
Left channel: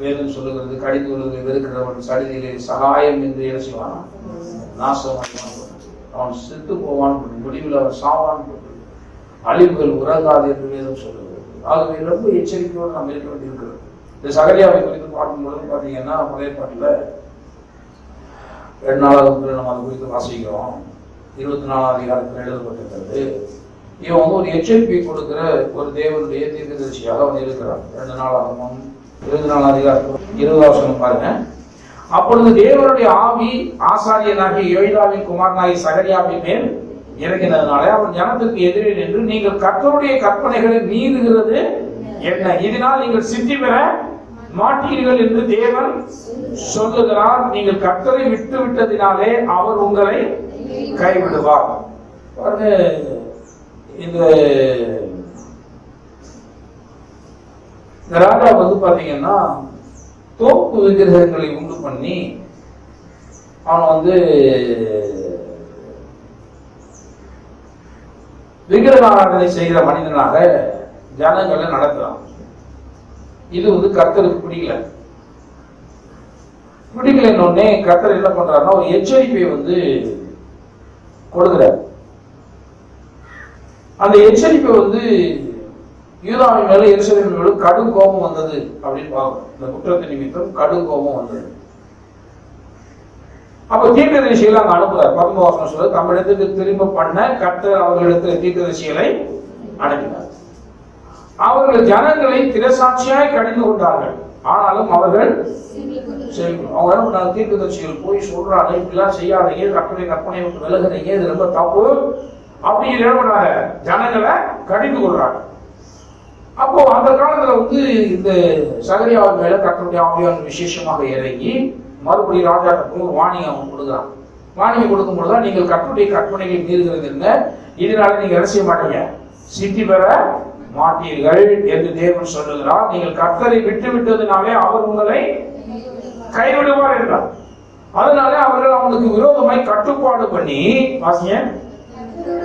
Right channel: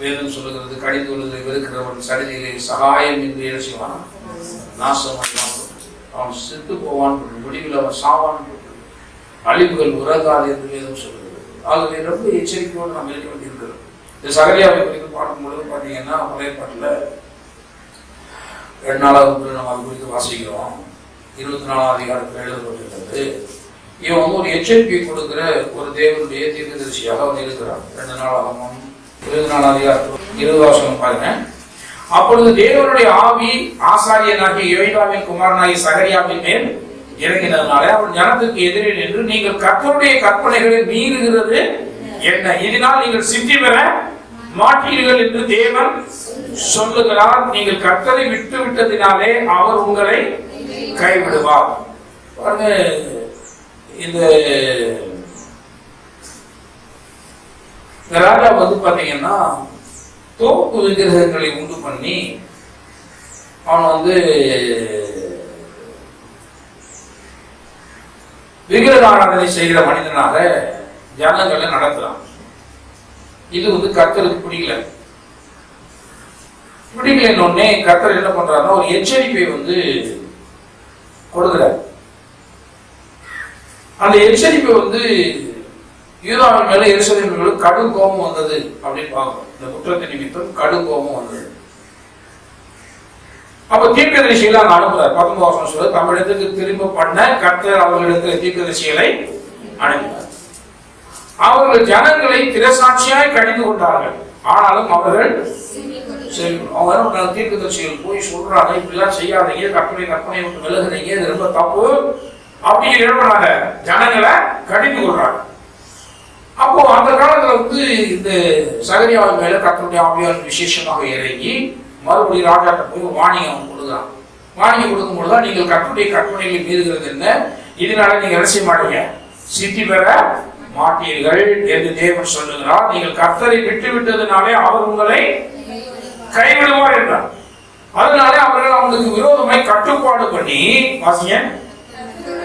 வேதம் சொல்லுகிறது, கடிந்து கொள்வதை வெறுக்கிறவன் சடிதிலே சகாயம் என்று என்ன செய்வான்? நாசம். அவன் செத்து போவான், முடிவில் அவன் சாவான், அழிவுகள் உறங்காது என்று வேதம் சொல்லுகிறது. ஆகவே ரொம்ப எச்சரிக்கையோடு நாம் இருக்க வேண்டியிருக்கிறது. இந்த சகரியாவை குறித்து பார்க்கும்பொழுது பார்த்தீங்கன்னா, பழைய பாட்டில் 2 நம்ம அது குறித்து வாசிக்கிறோம். 24ஆம் அதிகாரத்தில் எழுதப்பட்டிருக்கிறது. இவன் வந்து ஒரு எச்சரிக்கையை கொடுக்கிற ஒரு தேவனுடைய தீர்க்கதரிசியாக வந்து இருக்கிறான். 2 24ஆம் அதிகாரத்தில் 20 பாருங்க. அப்பொழுது தேவனுடைய ஆவி ஆசாரியனாகிய யோய்தாவின் குமாரனாகிய சகரியாவின் மேல் இறங்கினதுனாலே அவன் ஜனத்துக்கு எதிரே நின்று, நீங்கள் கர்த்தருடைய கற்பனைகளை மீறுகிறது என்ன? இதனால் நீங்கள் சித்தி பெற மாட்டீர்கள் என்று தேவன் சொல்லுகிறார். நீங்கள் கர்த்தரை விட்டு விட்டதினாலே அவர் உங்களை கைவிடுவார். இந்த ராஜா வந்து பாத்தீங்கன்னா தோப்பு விக்கிரகங்களை உண்டு பண்ணி அவன் வந்து விக்கிரக ஆராதனை செய்கிற மனிதனாக ஜனங்களை நடத்துறான். இது வந்து கர்த்தருக்கு பிடிக்கலன்னொடனே கர்த்தர் என்ன பண்றாருன்னா ஒரு எச்சரிப்பை வந்து கொடுக்கிறார். அந்த எச்சரிப்பை வந்து யூதாவின் மேல எருசலேமின் மேல கடும் கோபம் வந்தது அப்படின்னு பார்க்கணும். இந்த குற்றத்தை நிமித்தம் கடும் கோபம் வந்தது. அப்ப தீர்க்கதரிசிகளை அங்க அனுப்புறார். 19 சொல்ல தமிழத்துக்கு திரும்ப பண்ண கர்த்தர் அவர்களிடத்துல தீர்க்கதரிசிகளை அனுப்பினார். அவர்கள் ஜனங்களை திரசாட்சியாய் கடிந்து கொண்டார்கள். ஆனாலும் அவர்கள் அவங்க தீர்க்கதரிசிகள் போய் சொல்றாங்க, இப்படிலாம் செய்யாதீங்க, கற்பனை விட்டு விலகுறீங்க, இது ரொம்ப தப்பு அப்படின்னு எழுதுறாங்க. ஜனங்களை கடிந்து கொள்றாங்க. அப்போ அந்த காலத்துல வந்து இந்த சகரியாவின் மேல கர்த்தருடைய ஆவியானவர் விசேஷமாக இறங்கி மறுபடியும் ராஜாட்ட போய் வாணியம் கொடுக்குறான். வாணியம் கொடுக்கும் பொழுதுதான், நீங்கள் கர்த்தருடைய கற்பனைகளை மீறுகிறது என்ன, இதனால நீங்க என்ன செய்ய மாட்டீங்க, சித்தி பெற மாட்டீர்கள் என்று தேவன் சொல்லுகிறார். நீங்கள் கர்த்தரை விட்டு விட்டதுனாலே அவர் உங்களை கைவிடுவார் என்றார். அதனாலே அவர்கள் அவனுக்கு விரோதமாய் கட்டுப்பாடு பண்ணி வாசிங்க,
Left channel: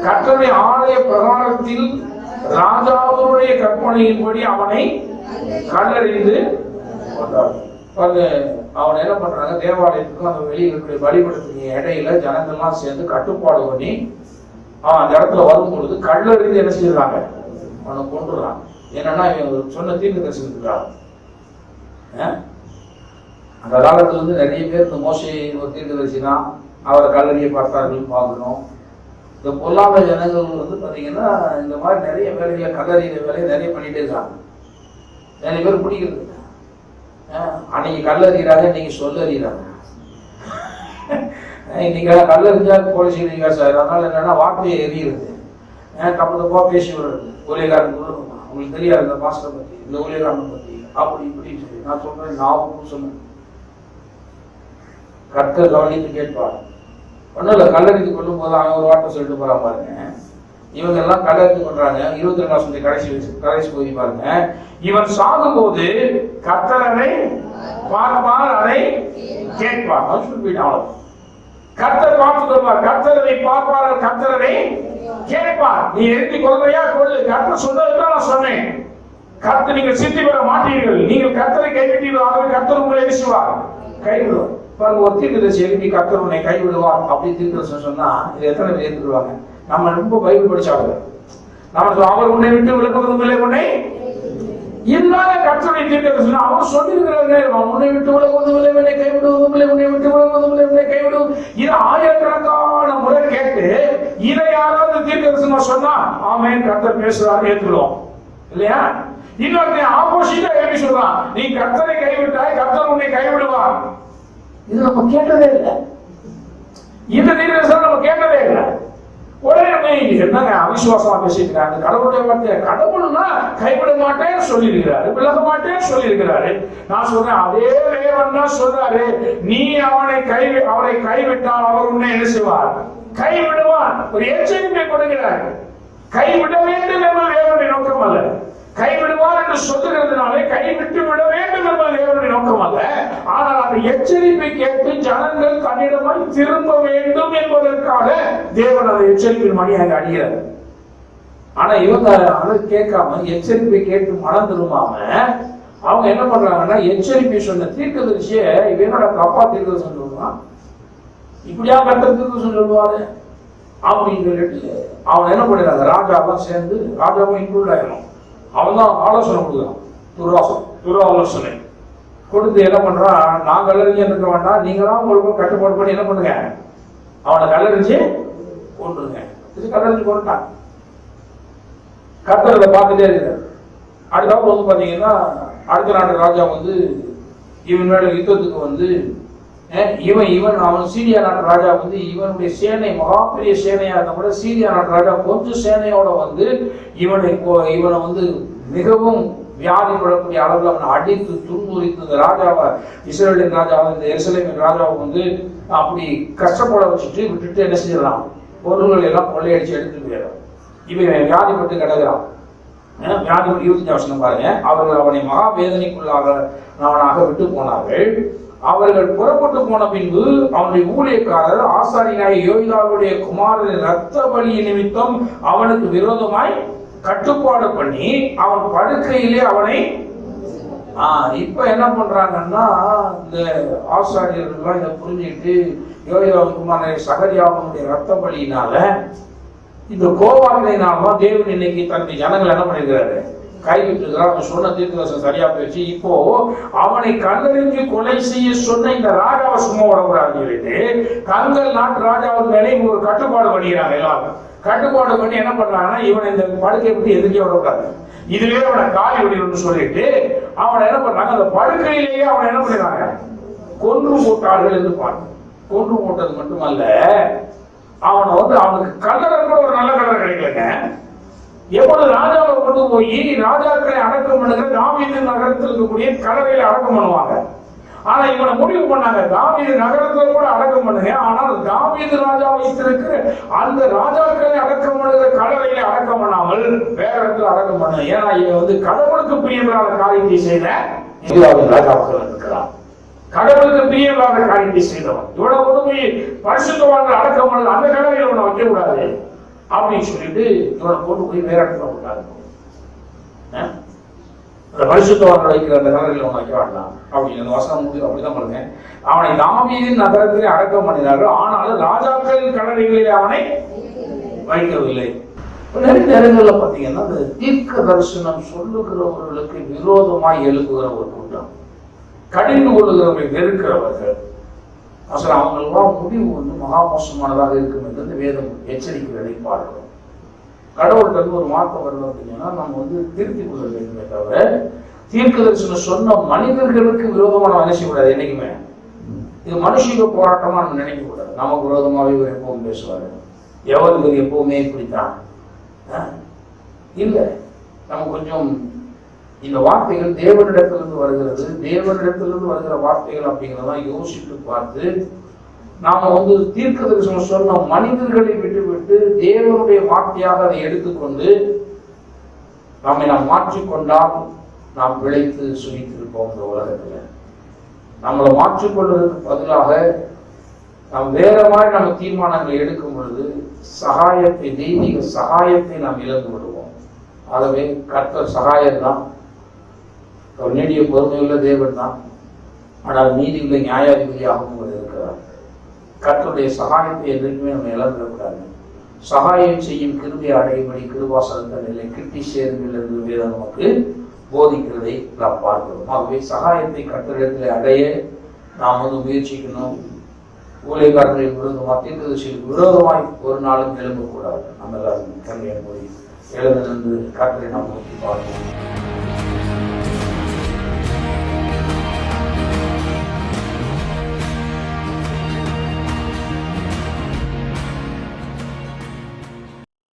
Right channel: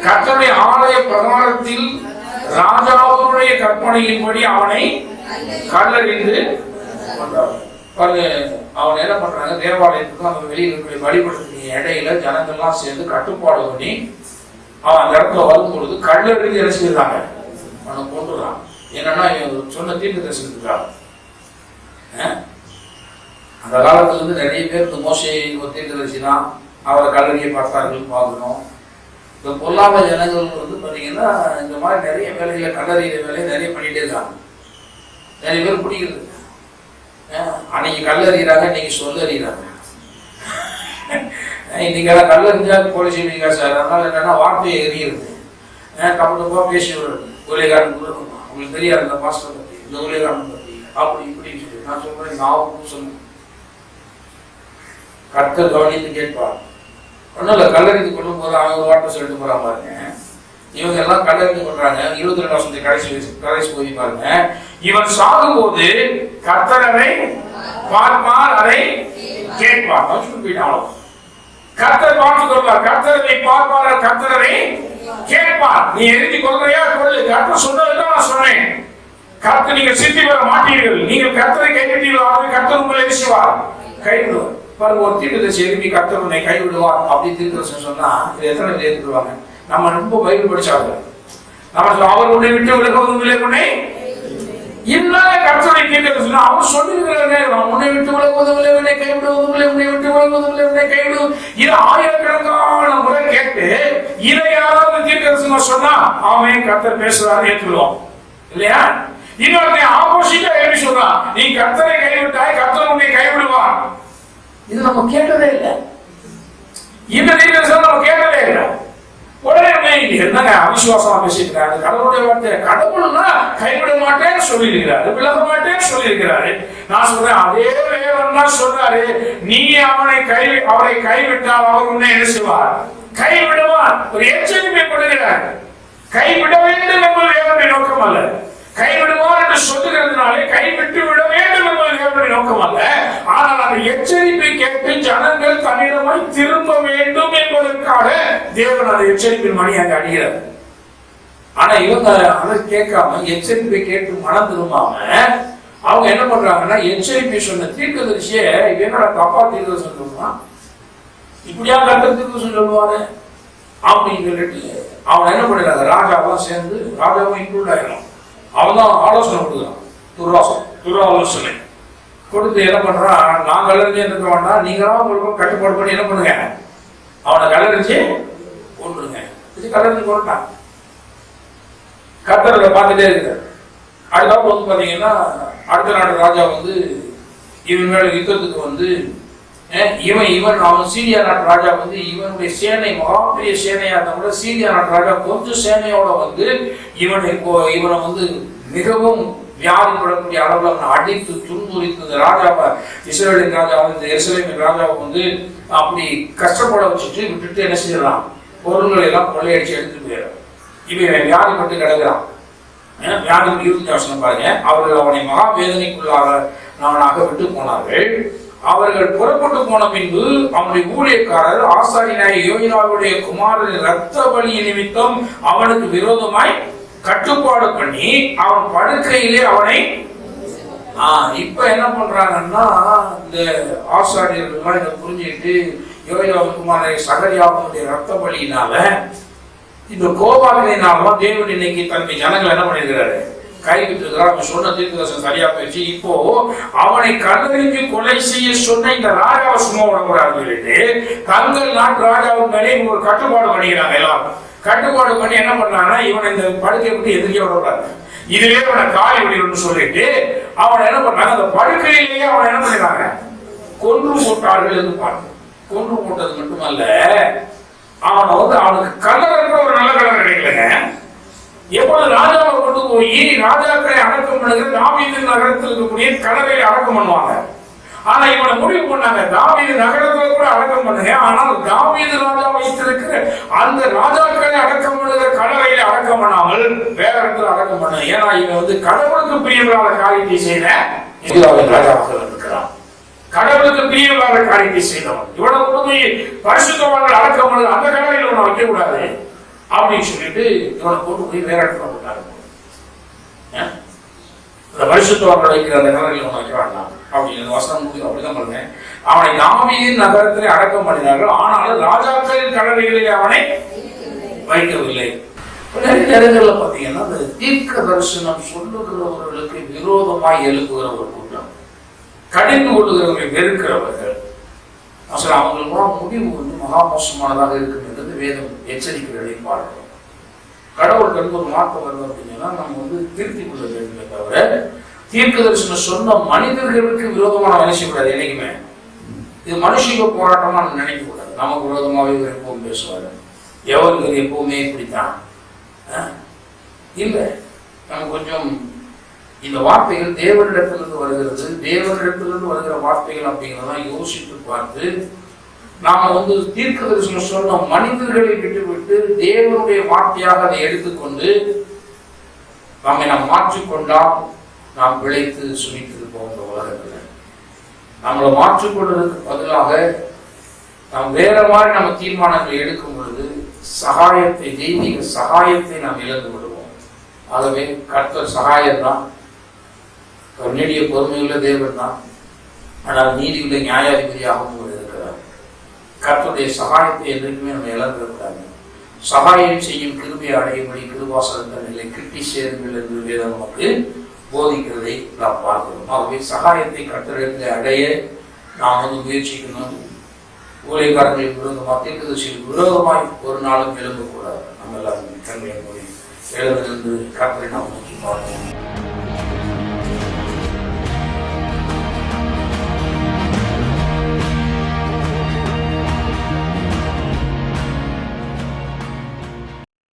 கர்த்தருடைய ஆலய பிரகாரத்தில் ராஜாவுடைய கற்பனையின்படி அவனை கல்லறிந்து கொண்டார். அவன் என்ன பண்றாங்க, தேவாலயத்துக்கும் அந்த வெளியில் இருக்கிற வழிபடுத்தின இடையில ஜனங்கள்லாம் சேர்ந்து கட்டுப்பாடு பண்ணி அவன் அந்த இடத்துல வரும் பொழுது கல்லறிந்து என்ன செய்யறாங்க, அவனை கொண்டுறான். என்னன்னா சொன்ன தீர்க்க தரிசனத்துக்காக. அந்த காலத்துல இருந்து நிறைய பேர் இந்த மோசே ஒரு தீர்க்க தரிசி தான், அவரை கல்லறியை பார்த்தார்கள் பார்க்கணும். இந்த பொல்லாத ஜனங்கள் வந்து பார்த்தீங்கன்னா இந்த மாதிரி நிறைய வேலைகளை கல்லறிகிற வேலையை நிறைய பண்ணிட்டே இருக்காங்க. நிறைய பேர் பிடிக்கிறது. அன்னைக்கு கல்லறிகிறாங்க, இன்னைக்கு சொல்லறிகிறாங்க. இன்னைக்கு எல்லாம் கல்லறிஞ்சா கொலை செய்வீங்க சார். அதனால என்னன்னா வார்த்தையை எறிகிறது, தப்பு தப்பா பேசி ஊழியக்காரன் உங்களுக்கு தெரியாது இந்த பாஸ்டர் பற்றி, இந்த ஊழியக்காரன் பற்றி அப்படி இப்படின்னு சொல்லி நான் சொல்றேன். நான் சொன்னேன், கர்த்தர் கவனித்து கேட்பார். ஒன்றும் இல்லை, கல்லறிந்து கொள்ளும் போது அவன் ஒரு வார்த்தை சொல்லிட்டு போறான் பாருங்க. இவங்க எல்லாம் கல்லறிந்து கொள்றாங்க. 22 கடைசி போய் பாருங்க. இவன் சாகும் போது கர்த்தர் அதை பார்ப்பார், அதை கேட்பார். போயிட்டான். கர்த்தர் பார்த்துக் கொள்வார். கர்த்தரை பார்ப்பார், கர்த்தரை கேட்பார். நீ எழுதி கொள்றியா கொள்ளு. கர்த்தர் சொன்னதுதான் நான் சொன்னேன். கர்த்தர் நீங்கள் சித்தி பெற மாட்டீர்கள். நீங்கள் கர்த்தரை கைவிட்டீர்கள், கர்த்தர் உங்களை செய்வார், கைவிடுவார். பாருங்க, ஒரு தீர்க்கதரிசி எழுப்பி கர்த்தர் உன்னை கைவிடுவார் அப்படி தீர்க்கதரிசனம் சொன்னா இது எத்தனை பேர் ஏற்றுக்குவாங்க? நம்ம ரொம்ப பைபிள் படிச்சாங்க. நம்ம அவர் உன்னை விட்டு விலகுவதும் இல்லை, உன்னை இல்லாத கர்த்தரை தீர்க்கதரிசனம் அவர் சொல்லிருக்கிறாங்க. நான் உன்னை விட்டு விலகுவதும் இல்லை, உன்னை கைவிடுவதும் இல்லை, உன்னை விட்டு விலகுவதும் இல்லை, உன்னை கைவிடுவதும். இது ஆயிரக்கணக்கான முறை கேட்டு இதை யாராவது தீர்க்கதரிசனம் சொன்னா அவன் கர்த்தர் பேசுறாரு ஏற்றுவோம் இல்லையா? இன்னொரு ஆப்போசிட்டா எப்படி சொல்றான், நீ கர்த்தரை கைவிட்டாய், கர்த்தர் உன்னை கைவிடுவார். இது நம்ம கேட்டதே இல்லை. இந்த தீர்க்கதரிசனம் நம்ம கேட்டதே இல்லை. உடனே என்னங்க அவிசுவாசமா பேசிக்கிறாங்க. கடவுளுடைய வார்த்தை, கடவுள்னா கைவிட மாட்டேன்னு சொல்லியிருக்கிறாரு, விலக மாட்டேன்னு சொல்லியிருக்கிறாரு. நான் சொல்றேன், அதே தேவன் தான் சொல்றாரு, நீ அவரை கைவிட்டால் அவர் உன்னை என்ன செய்வார்? கைவிடுவார். ஒரு எச்சரிக்கை கொடுக்கிறார். கைவிட வேண்டும் என்பது தேவனுடைய நோக்கம் அல்ல. கைவிடுவார் என்று சொல்லுகிறதுனாலே கைவிட்டு விட வேண்டும் என்பது தேவனுடைய நோக்கம் அல்ல. ஆனால் அந்த எச்சரிப்பை கேட்டு ஜனங்கள் தன்னிடமாய் திரும்ப வேண்டும் என்பதற்காக தேவன் அந்த எச்சரிப்பின் மணி அங்க அடிக்கிறார். ஆனா இவங்க அதை கேட்காம எச்சரிப்பை கேட்டு மனம் திரும்பாம அவங்க என்ன பண்றாங்கன்னா, எச்சரிப்பை சொன்ன தீர்க்கதரிசியே என்னோட தப்பா தீர்க்கதரிசனம் சொல்லுவான், இப்படியா கர்த்தர் தீர்க்கதரிசனம் சொல்லுவாரு அப்படின்னு சொல்லிட்டு அவன் என்ன பண்றாங்க, ராஜாவெல்லாம் சேர்ந்து, ராஜாவும் இன்க்ளூட் ஆயிடலாம், அவன் தான் ஆலோசனை கொடுக்குறான். துராலோசனை கொடுத்து என்ன பண்றான், நான் கல்லறிஞ்சு இருக்க வேண்டாம், நீங்களாம் உங்களுக்கு கட்டுப்பாடு பண்ணி என்ன பண்ணுங்க, அவனை கல்லறிஞ்சு கொண்டுருங்க. இது கல்லறிஞ்சு கொண்டுட்டான். கர்த்தரை பார்த்துட்டே இருக்காரு. அடுத்த வந்து பாத்தீங்கன்னா, அடுத்த நாட்டு ராஜா வந்து இவன் மேல யுத்தத்துக்கு வந்து இவன் அவன் சீரியா நாட்டு ராஜா வந்து இவனுடைய சேனை மகாபெரிய சேனையா இருந்தா கூட சீரியா நாட்டு ராஜா கொஞ்சம் சேனையோட வந்து இவனை வந்து மிகவும் வியாதிப்படக்கூடிய அளவில் அவனை அடித்து துன்புரித்து இந்த ராஜாவை, இஸ்ரவேலின் ராஜாவை, இந்த எருசலேமின் ராஜாவை வந்து அப்படி கஷ்டப்பட வச்சுட்டு விட்டுட்டு என்ன செஞ்சிடலாம், பொருள்களை எல்லாம் கொள்ளையடிச்சு எடுத்துட்டு போயிடறான். இவன் வியாதிப்பட்டு கிடக்கிறான். வியாதி 25 பாருங்க, அவர்கள் அவனை மகா வேதனைக்குள்ளாக விட்டு போனார்கள். அவர்கள் புறப்பட்டு போன பின்பு அவனுடைய ஊழியக்காரர் ஆசாரியனாய் யோய்தாவுடைய குமாரனின் இரத்த பலி நிமித்தம் அவனுக்கு விரோதமாய் கட்டுப்பாடு பண்ணி அவன் படுக்கையிலே அவனை இப்ப என்ன பண்றாங்கன்னா, இந்த ஆசாரியர்கள் இதை புரிஞ்சுக்கிட்டு யோய்தாவு குமாரனை சகரியாவுடைய இரத்த பலியினால, இந்த கோபாக்கினால்தான் தேவன் இன்னைக்கு தன்னுடைய ஜனங்கள் என்ன பண்ணிருக்கிறாரு, கைவிட்டுகிறார். அவன் சொன்ன தீர்க்கதரிசனம் சரியா போயிடுச்சு. இப்போ அவனை கல்லறிஞ்சு கொலை செய்ய சொன்ன இந்த ராஜாவை சும்மா விடக்கூடாது, தங்கள் நாட்டு ராஜாவின் மேலே ஒரு கட்டுப்பாடு பண்ணிக்கிறாங்க. எல்லாரும் கட்டுப்பாடு பண்ணி என்ன பண்றாங்கன்னா, இவனை இந்த படுக்கை விட்டு எதிரியா விடுறாங்க, இதுலயே அவனை காலி விடணும்னு சொல்லிட்டு அவனை என்ன பண்றாங்க, அந்த படுக்கையிலேயே அவனை என்ன பண்ணிடுறாங்க, கொன்று போட்டார்கள் என்று பாருங்க. கொன்று போட்டது மட்டுமல்ல, அவனை வந்து அவனுக்கு கல்லறை கூட ஒரு நல்ல கல்லறை கிடைக்கலங்க. எப்பொழுது ராஜாவை கொண்டு போய் ராஜாக்களை அடக்கம் பண்ணுகிற தாவீது நகரத்தில் இருக்கக்கூடிய கல்லறையை அடக்கம் பண்ணுவாங்க. ஆனா இவனை முடிவு பண்ணாங்க, தாவீது நகரத்துல கூட அடக்கம் பண்ணுங்க, ஆனால் தாவீது ராஜா வைத்திருக்கிற அந்த ராஜாக்களை அடக்கம் பண்ணுகிற கல்லறையை அடக்கம் பண்ணாமல் வேற இடத்துல அடக்கம் பண்ண. ஏன்னா இவன் வந்து கடவுளுக்கு பிரியமில்லாத காரியத்தை செய்த ராஜாவாக இருக்கிறான். கடவுளுக்கு பிரியமில்லாத காரியத்தை செய்தவன். இவ்வளவு கொடுமை பரிசுத்தவான்கள் அடக்கம் பண்ணது அந்த கல்லறையில் ஒண்ணு வைக்க கூடாது அப்படின்னு சொல்லிட்டு இவனை கொண்டு போய் வேற இடத்துல போட்டாரு. அந்த பரிசுத்தவான்கள் வைக்கிற அந்த கல்லறையில் ஒண்ணு வைக்க வேண்டாம் அப்படின்னு வசனம் முடிவு. அப்படிதான் பண்ணுவேன். அவனை தாவீதின் நகரத்திலே அடக்கம் பண்ணினார்கள், ஆனாலும் ராஜாக்களின் கல்லறைகளிலே அவனை வைக்கவில்லை. நிறைய நேரங்களில் பார்த்தீங்கன்னா, அந்த தீர்க்க தரிசனம் சொல்லுகிறவர்களுக்கு விரோதமாய் எழுப்புகிற ஒரு கூட்டம், கடிந்து கொள்ளுகிறவர்களை வெறுக்கிறவர்கள், அவங்களுக்கெல்லாம் முடிவு வந்து மகா மோசமானதாக இருக்கும் என்றது வேதம் எச்சரிக்கைகளை பார்க்கிறோம். கடவுள்கிட்ட ஒரு மாற்றம் வருது அப்படின்னா நம்ம வந்து திருத்தி கொள்ள வேண்டுமே தவிர, தீர்க்க தரிசனம் சொன்ன மனிதர்களுக்கு விரோதமா நம்ம நினைக்கக்கூடாது. என்னைக்குமே இது மனுஷிக போராட்டமா நினைக்க கூடாது. நமக்கு விரோதமாவே இவர் எப்பவும் பேசுவாரு, எவருக்கு எப்பவுமே இப்படித்தான் இல்லை. நம்ம கொஞ்சம் இந்த வார்த்தைகள் தேவனிடத்திலிருந்து வருகிறது, தேவனிடத்திலிருந்து வருகிற வார்த்தைகள் அப்படிங்கிறதான் யோசித்து பார்த்து நாம வந்து தீர்க்க தரிசனம் சொன்ன மனிதர்களை விட்டுவிட்டு தேவனுடைய வார்த்தையாக அதை எடுத்துக்கொண்டு நம்மை நாம் மாற்றிக்கொண்டால் நாம் பிழைத்து சுமித்து போகிற உலகத்தில் நம்மளை மாற்றிக்கொள்வதற்கு பதிலாக நாம் வேற மாதிரி நம்ம தீர்மானங்களை எடுக்கும் பொழுது சகாயத்தை, தெய்வீக சகாயத்தை நாம் இழந்து விடுவோம். ஆகவே கர்த்தர் சகாயம் தான், நீடிய பொறுமையுள்ள தேவன் தான், ஆனால் நீதியுள்ள நியாயாதிபதியாகவும் அவர் இருக்கிறார். கர்த்தருடைய சகாயத்தை என்றைக்குமே நம்ம இழந்துவிடக்கூடாது. சகாயம் செய்யும் கிருபையை அடையும்படி கிருபாசனத்தை நிலை கிட்டி சேருங்கள் என்று வேதம் நமக்கு போதிக்கிறதை நாம் பார்க்கிறோம். ஆகவே சகாயத்தை கர்த்தரிடத்தில் அடைய நாம் முயற்சிக்கணும். ஊழியக்காரர்களுக்கு விரோதமாக, தீர்க்கதரிசிகளுக்கு விரோதமாய் ஒரு நாளும் எழும்பக்கூடாது. நம்ம எல்லாரும் கண்களை மூடி எழுந்திருந்து கர்த்தரை நாம் நோக்கி பார்க்கணும்.